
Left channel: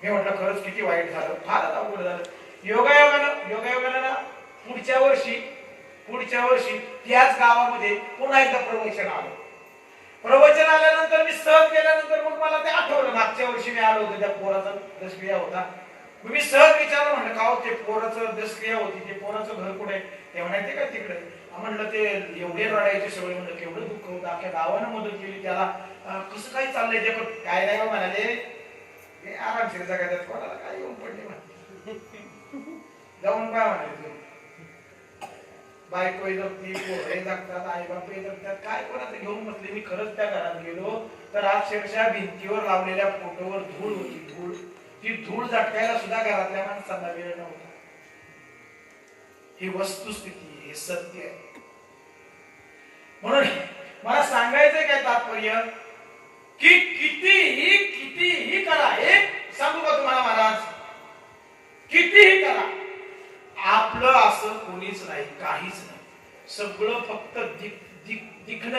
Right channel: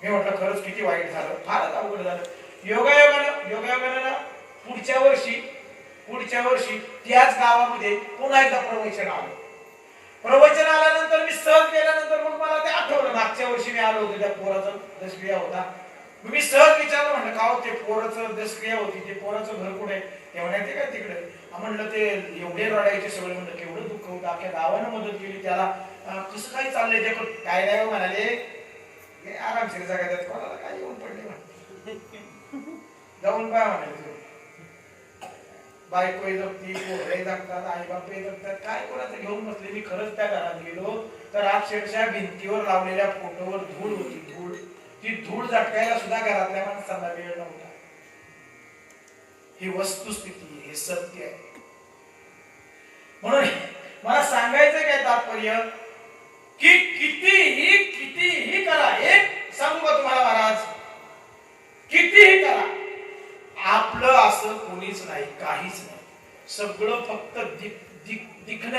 मी म्हटलं खरंच किती वाईट झालं, फारच अवघड झालं. योगायोगानं पुढच्या वर्षी त्याच गावामध्ये पुन्हा एकदा प्रवचन आलं. प्रवचन आल्यानंतर मी सहज गेल्यानंतर मग मला ते आठवलं, मागच्या वर्षी मी आलो होतो, त्या पोराचा दशक्रिया होता. मी सहज विचारलं, म्हणलं का ते पोराचं दशक्रिया होती, ते पोराचं घर कुठे? ते म्हणायचे का तिकडे? म्हणलं ते एवढे रडायचे सगळे. म्हणलं केवढं दुःख होतं, अख्ख्या गावानं मदत केली त्याला, कसं काही चाललंय त्याकडे? काय नाही म्हणाले, आरामशीर जगायचं, कोणाला काय येऊन पडले जाऊन काय म्हणायचं. बायको जगती, पोरे जगतात, आई बापे जगतात, काय कोणाचं घेऊन बसले. मी खरंच त्या घरात गेलो तर अक्षरशः भिंतीवर लावलेल्या फोटोवर धूळ होती, धूळ. ती धूळ झटकायला सुद्धा घरातल्या माणसांना वेळ नव्हता. ही वस्तुस्थिती, हे सत्य आहे. म्हणून मला सांगायचं काय तात्पर्य, की कितीही करा. एक सांगू का तुम्हाला महाराज, कितीही करा, आपलं असं कोणीच नाही, काहीच नाही. सगळं फक्त दिखणं.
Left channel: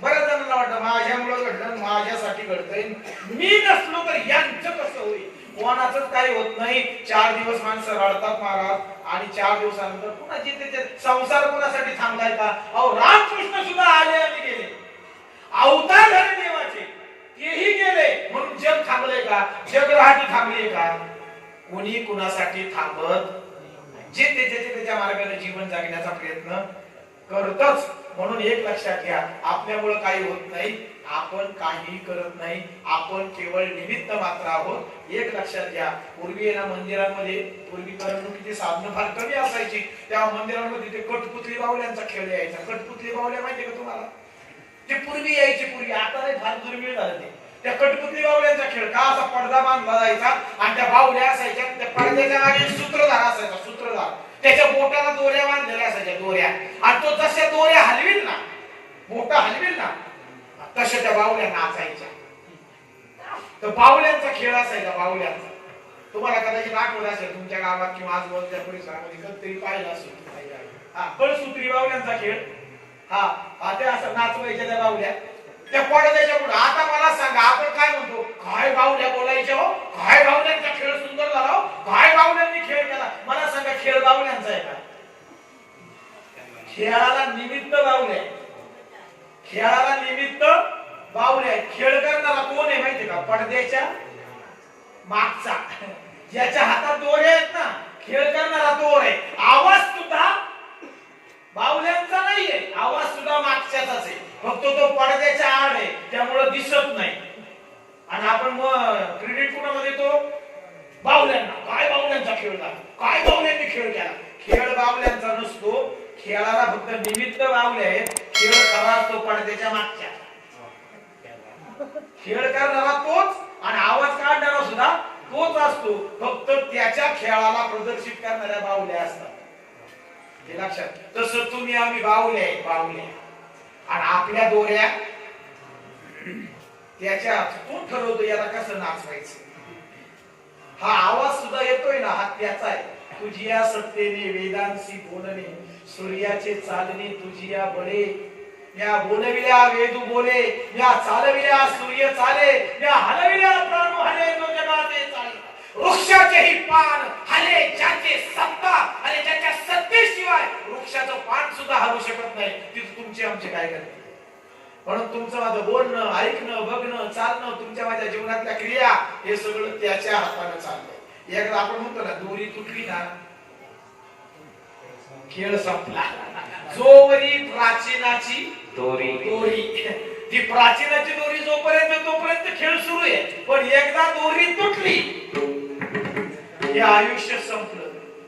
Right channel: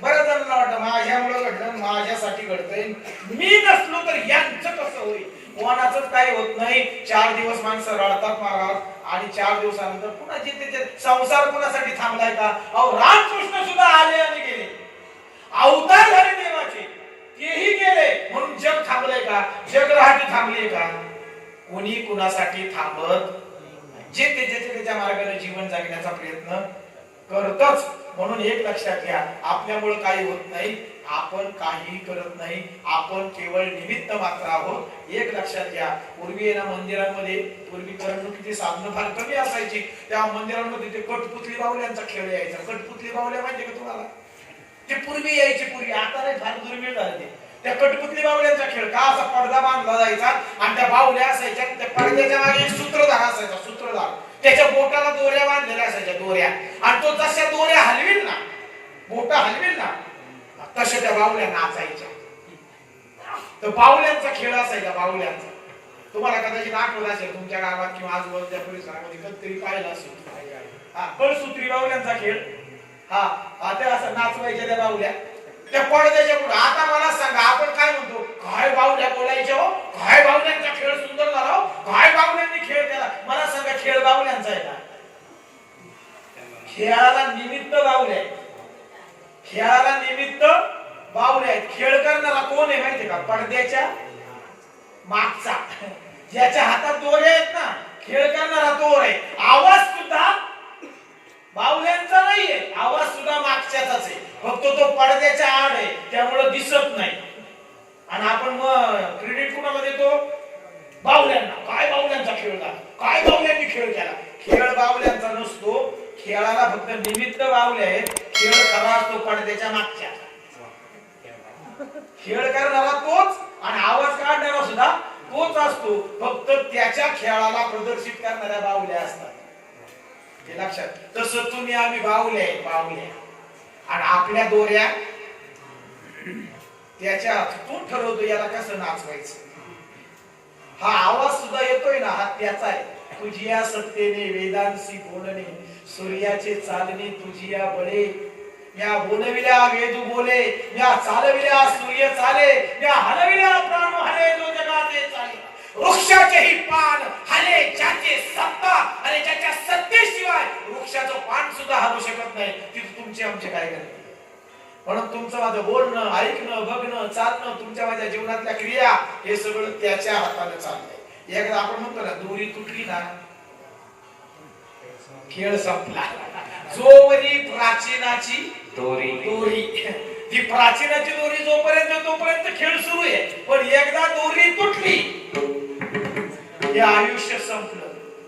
बऱ्याच जणांना वाटतं माझ्यामुळे घडलं, माझ्यासाठी घडतंय, मी नसलो तर यांचं कसं सवय. कोणाचंच काही होत नाही. 4 दिवस माणसं रडतात महाराज आणि 4 दिवसानंतर पुन्हा जिथे संसार कोणासाठी थांबलाय का? अहो रामकृष्ण सुद्धा आले आणि गेले, अवतार झाले देवाचे, तेही गेले म्हणून जग थांबले का? जगराहाटी थांबली का? कोणी कुणासाठी थांबत? जे त्याच्या मार्गाने जीवन जगण्याचा प्रयत्न करतच. म्हणून एक लक्षात घ्या, आपल्यामुळे काही होत नाही, आपण काही करत नाही, आपण केवळ निमित्त मात्र आहोत. एक लक्षात घ्या, पूर्वी ना मंदिरांमध्ये पूर्वी करमणुकीची साधनं फार कमी असायची. त्या मंदिरांमध्ये ते कठपुतली बाहुल्यांचा खेळ यायचा. कठपुतली बाहुल्या माहिती का तुम्हाला? ते पूर्वी यायची, पूर्वी, आता नाही, फार दुर्मिळ झालं ते. त्या कठपुतली बाहुल्यांचा खेळ का? असा पडदा बांधला जायचा आणि त्या बाहुल्या असायच्या, त्या पडद्याच्या मागे सूत्रधार असायचा, सूत्रधार, त्याच्या बोटाला दोऱ्या बांधलेल्या असायच्या, दोऱ्या, आणि तो जशा दोऱ्या हलविल ना, बोटा हलविल ना, तशा त्या बाहुल्या नाचायच्या. तर बाहुल्यांचा खेळ असायचा, बाहुल्यांचा. तुम्हाला कदाचित आठवत असेल, तुमच्या गावात किंवा आजूबाजूच्या परिसरामध्ये कधीतरी पाहिलं असेल. हा, कळसूत्री बाहुल्यांचा खेळ. हा, ते असं नाचवायच्या त्या बाहुल्या त्या पडद्याच्या पुढे. आता मला सांगा, आपण काय म्हणतो? काय बाहुल्या बोलायचे हो, काय बाहुल्यांचा खेळ सुंदर झाला हो, काय बाहुल्यांनी खेळ केला. मला सांगा, खेळ बाहुल्यांचा आहे का? खेळाला निमित्त बाहुल्या, खेळाला निमित्त बाहुल्या. खेळ करणारा कोण आहे माहितीये का? पडद्याच्या मागचा, ज्याच्या हातात दोरे आहेत ना, खेळ करणारा तो आहे. आवाज सुद्धा बाहुल्यांचा नाहीये, आवाज सुद्धा मागच्याचाच आहे, फक्त तो पडद्याच्या आड आहे, त्यामुळे दिसत नाही. आणि आपण मग क्रेडिट कुणाला देतो? बाहुल्यांना. काय बाहुल्यांचा खेळ झाला, काय बाहुल्यांनी खेळ केला. खेळ बाहुल्यांचा नसतो, खेळाला फक्त निमित्त बाहुले आहेत. खेळ खरा असतो पडद्याच्या मागच्या. खेळ करणारा तोच आणि आवाज काढणारा सुद्धा तोच असतो, फक्त त्याच्या खेळाला प्रदर्शित करणाऱ्या बाहुल्या असतात. हे लक्षात. तसं तुम्ही आम्ही बाहुले आहे, बाहुले, आणि आपल्या दोऱ्या त्याच्या तो ठरवतो याला कसं नाचवायचं. हा आवाज सुद्धा येतोय ना, हा त्याचा आहे. तुझिया सत्तेने वेदांशी बोलणे, सूर्याचे चालणे तुझिया बळे. या बोलविल्या वेदू बोले, या चालविल्या सूर्य चाले, या हलविल्या प्राणू हले जो जगाचे चाले. वृक्षाचेही पान हले ज्याचे सत्ता, आणि ज्याच्या सत्तेशिवाय वृक्षाचं पान सुद्धा हलू शकत नाही. तिथे तुमचे आमचे काय करते? म्हणून तुमचं माझं बोलणं, ऐकणं, बघणं, चालणं, तुमच्या माझ्या जीवनातल्या क्रिया, हे सगळं त्याच्या हाताने चाललंय. एकदा आपण म्हणतो ना, दोरी तुटली ना, खेळ संपला. जोवरी प्राचीनाची दोरी, दोरी, ती प्राचीनाची दोरी जोपर्यंत तोपर्यंत खेळ सुरू आहे. पण एकदा दोरी तुटली, हे आयुष्य संपलं.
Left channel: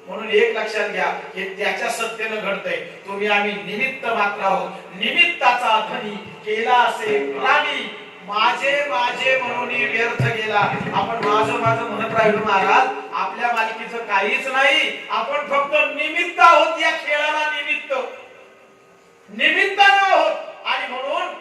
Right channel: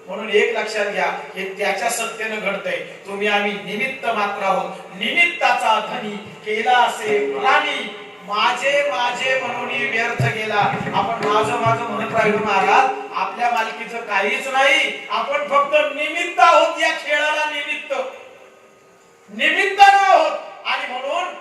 म्हणून एक लक्षात घ्या, हे त्याच्या सत्तेने घडतंय. तुम्ही आम्ही निमित्त मात्र आहोत. निमित्ताचा धनी केला असे प्राणी, माझे माझे म्हणून व्यर्थ गेला. आपण माझं माझं म्हणत राहिलो महाराज, आपल्या मालकीचं काहीच नाही. आपण फक्त निमित्त आहोत, या खेळाला निमित्त, निमित्तानं आहोत. आणि म्हणून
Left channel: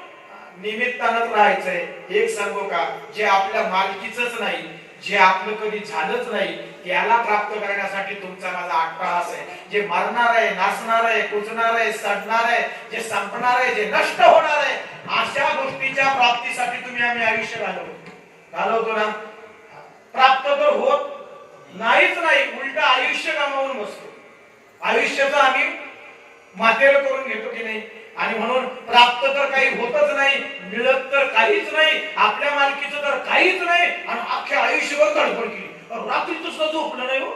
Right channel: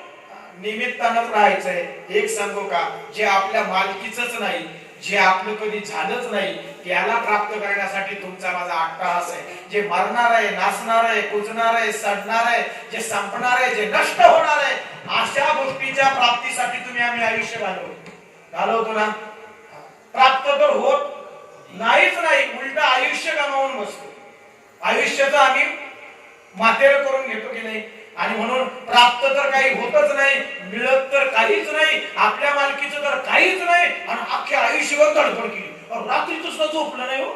निमित्तानंच राहायचंय. एक सांगू का, जे आपल्या मालकीचंच नाही, जे आपलं कधी झालंच नाही, त्याला प्राप्त करण्यासाठी तुमचा माझा अट्टहास आहे. जे मरणार आहे, नाचणार आहे, कुजणार आहे, सडणार आहे, जे संपणार आहे, जे नष्ट होणार आहे, अशा गोष्टीच्या प्राप्तीसाठी तुम्ही आम्ही आयुष्य घालवतो ना. प्राप्त तर होत नाहीच नाही, उलट आयुष्य गमावून बसतो. आयुष्याचं आम्ही मातेर करून घेतो की नाही. आणि म्हणून प्राप्त तर काही होतच नाही, मिळत तर काहीच नाही, आपल्या मालकीचं तर काहीच नाही. आणि अख्ख्या आयुष्यभर तडफड केली, रात्रीच सुद्धा झोपलं नाही हो.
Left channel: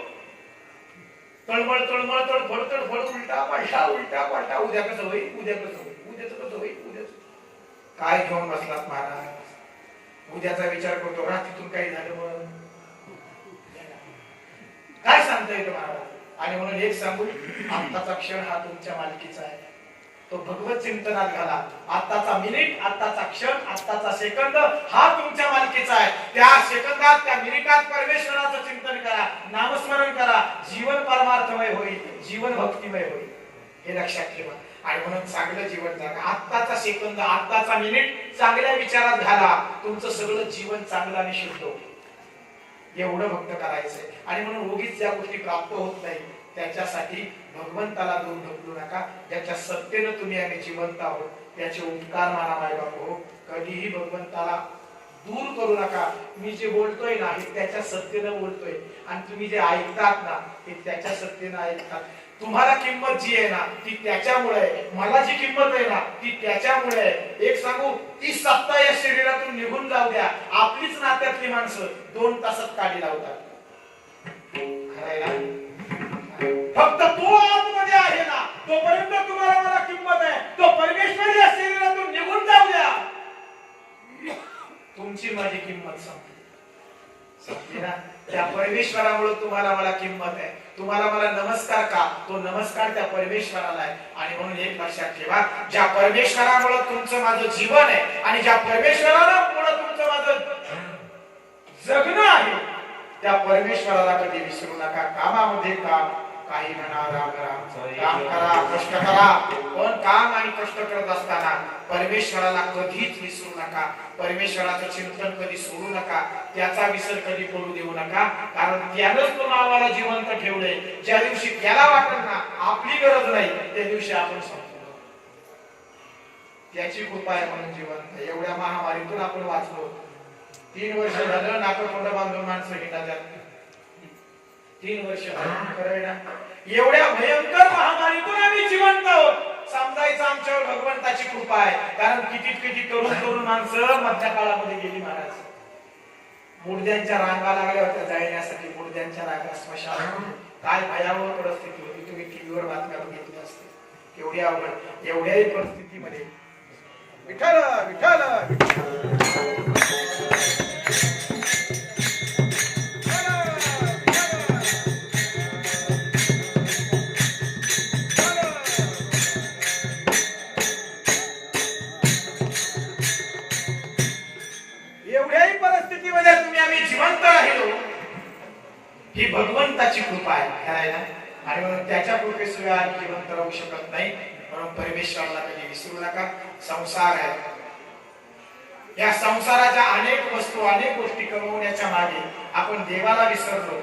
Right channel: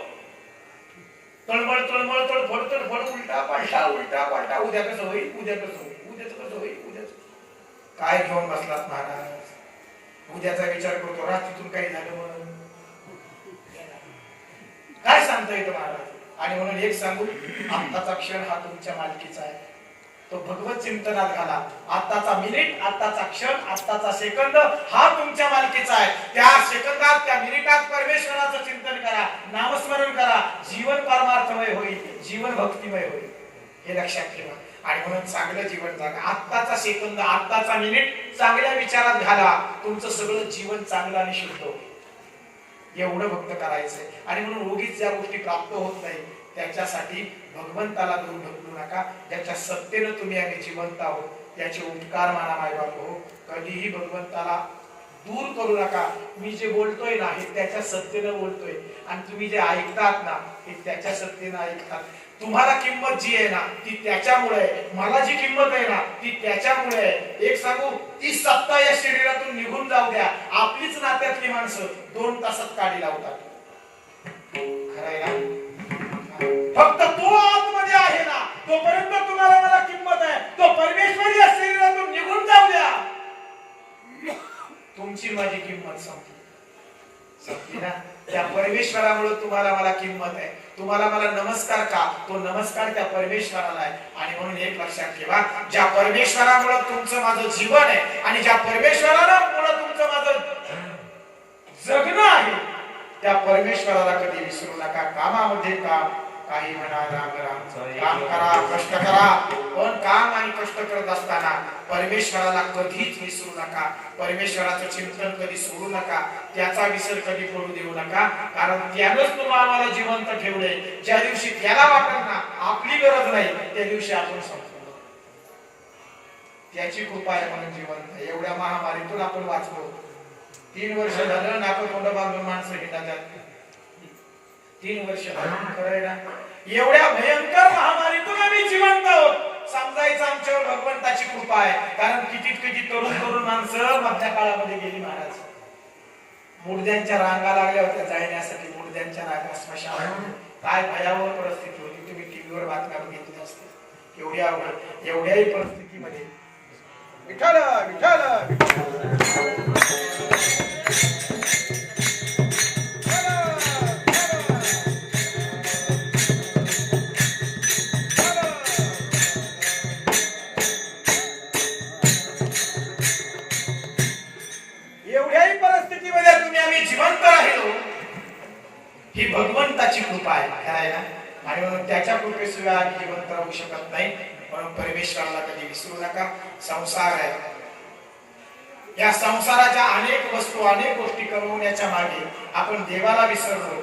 तळमळ तळमळ तडफड तडफड, उलटा पालटा उलटा पालटा. उद्या कसं होईल, उद्या कसं होईल, उद्याच कसं होईल, उद्याच काय घेऊन बसलात महाराज. उद्याचा विचार करतो, रात्रीतून काही झालं म्हणून काय सांगता येतं महाराज. आणि म्हणून एक सांगू, आत्ताचा क्षण हा तुमच्या मालकीचा आहे, तो भगवत चिंतनात घाला. आत्ताचा मिनिट, आत्ताचा क्षण, आत्ताचा सेकंद हा तुमच्या मालकीचा आहे. त्या सेकंदात, त्या मिनिटात परमेश्वराचं चिंतन करा, नामस्मरण करा. जीवन परमार्थमय होईल, जीवन भक्तिमय होईल, हे लक्षात ठेवा. आणि म्हणून चांगलं जीवन जगा. आत्ताचा सेकंद, आत्ताचा मिनिट चांगल्या विचारात घाला, तुमचं सगळं जीवन चांगलं आणि शुद्ध होईल. एवढं भक्त करायचंय. आणि म्हणून उगीच ज्या गोष्टी प्राप्त होत नाही त्याच्यासाठी भगवंताला दूर ढकलू नका. ज्याच्या सत्तेनं तुम्ही आम्ही जिवंत आहोत त्याचे उपकार माना मायबाप हो. कधीही भगवंताला दूर करू नका. मी जे बोलतोय ना हे त्याच्या सत्तेनं बोलतोय आणि तुम्ही जे ऐकतात ना हे त्याच्या सत्तेनं ऐकतात. तुम्हाला किंमत जी आहे ना ती त्याच्यामुळे आहे. मला जी किंमत आहे ना ती त्याच्यामुळे आहे. एक सांगू, ती सत्ता या शरीरातून निघून जाऊ द्या, आपलीच नात्यातली माणसं 2 तासात काढी लावतात. खरं आहे ना? फक्त तो आतमध्ये आहे ना तोपर्यंत तुम्हाला मला किंमत आहे. तो परमेश्वर या शरीरातून निघून जाऊ द्या, तुमची माझी किंमत संपली ना. त्या परमेश्वरामुळे तुम्हाला मला किंमत आहे. तुम्हाला मला नमस्कार का? तो नमस्कार त्या परमेश्वराला आहे. आणि म्हणून एक लक्षात ठेवा, ज्या परमेश्वरामुळे तुमचं माझं जीवन आहे आणि ज्या परमेश्वरामुळे तुमचं माझं जगणं आहे त्या परमेश्वराला कधी विसरू नका. कामामध्ये काम, काही म्हणा राम राम, काम करा, कष्ट करा, पण काम आणि कष्ट करत असताना परमेश्वराला कधीच विसरू नका. परमेश्वराचं चिंतन कधी सोडू नका, त्याचा विसर कधी पडू देऊ नका. कारण त्यानंच तुम्हाला जिवंत ठेवले. ज्या दिवशी त्याला वाटत ना आपली गरज नाही त्या दिवशी आपण संपलो. त्याची कृपा आहे म्हणून जिवंत. एवढ्या महामारीतून आपण वाचलो. 3 वर्ष झालं नाकतोंड बांधून माणसं हिंडातात. 3 वर्ष झालं. एवढ्या भयंकर महामारीतून आम्ही जिवंत आहोत. समजायचं आमच्यावर भगवंताची कृपा आहे. कारण किती तरुण माणसं मध्य काळामध्ये गेली महाराज. मुडद्यांच्या रांगा लागल्या होत्या जाण्यासाठी. मुडद्यांच्या रांगा स्मशान. काय भयावह परिस्थिती होती. तुम्ही टीव्हीवर बातम्या बघितल्या असतील. एवढ्या अवघड एवढ्याही परिस्थितीमध्ये विठ्ठल विठ्ठल एवढ्याही परिस्थितीमध्ये तुम्ही आम्ही जिवंत राहिलो ही भगवंताची कृपा आहे. काय ना? आणि म्हणून त्याच्या कृपेशिवाय आम्ही जिवंत राहू शकत नाही. म्हणून परमेश्वराला कधी विसरू नका. संसार आहे, या संसाराच्या अनेक वस्तू अनेक गोष्टी कमवण्याच्या मागे आपण देवाला विसरलो.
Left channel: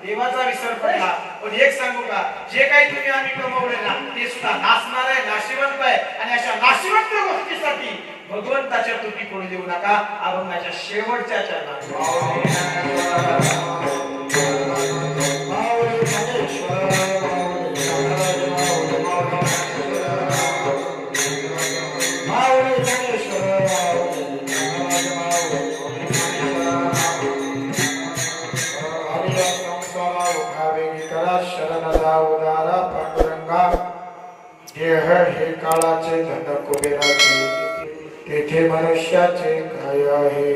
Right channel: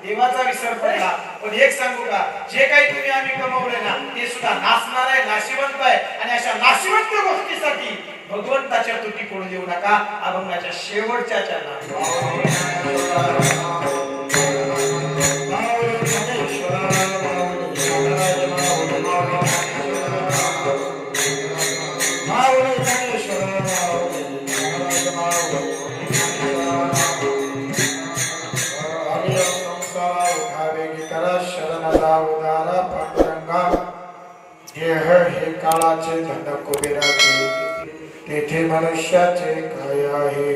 देवाचा विसर पडला. पण एक सांगू का, जे काही तुम्ही आम्ही कमवले ना ते सुद्धा नासणार आहे, नाशिवंत आहे. आणि अशा नाशिवंत गोष्टीसाठी भगवंताच्या तुटी पडू देऊ नका. अभंगाच्या शेवटच्या चरणात हे काळाचे धन कुबेराचे, तेथे मनुष्याचे काय आहे.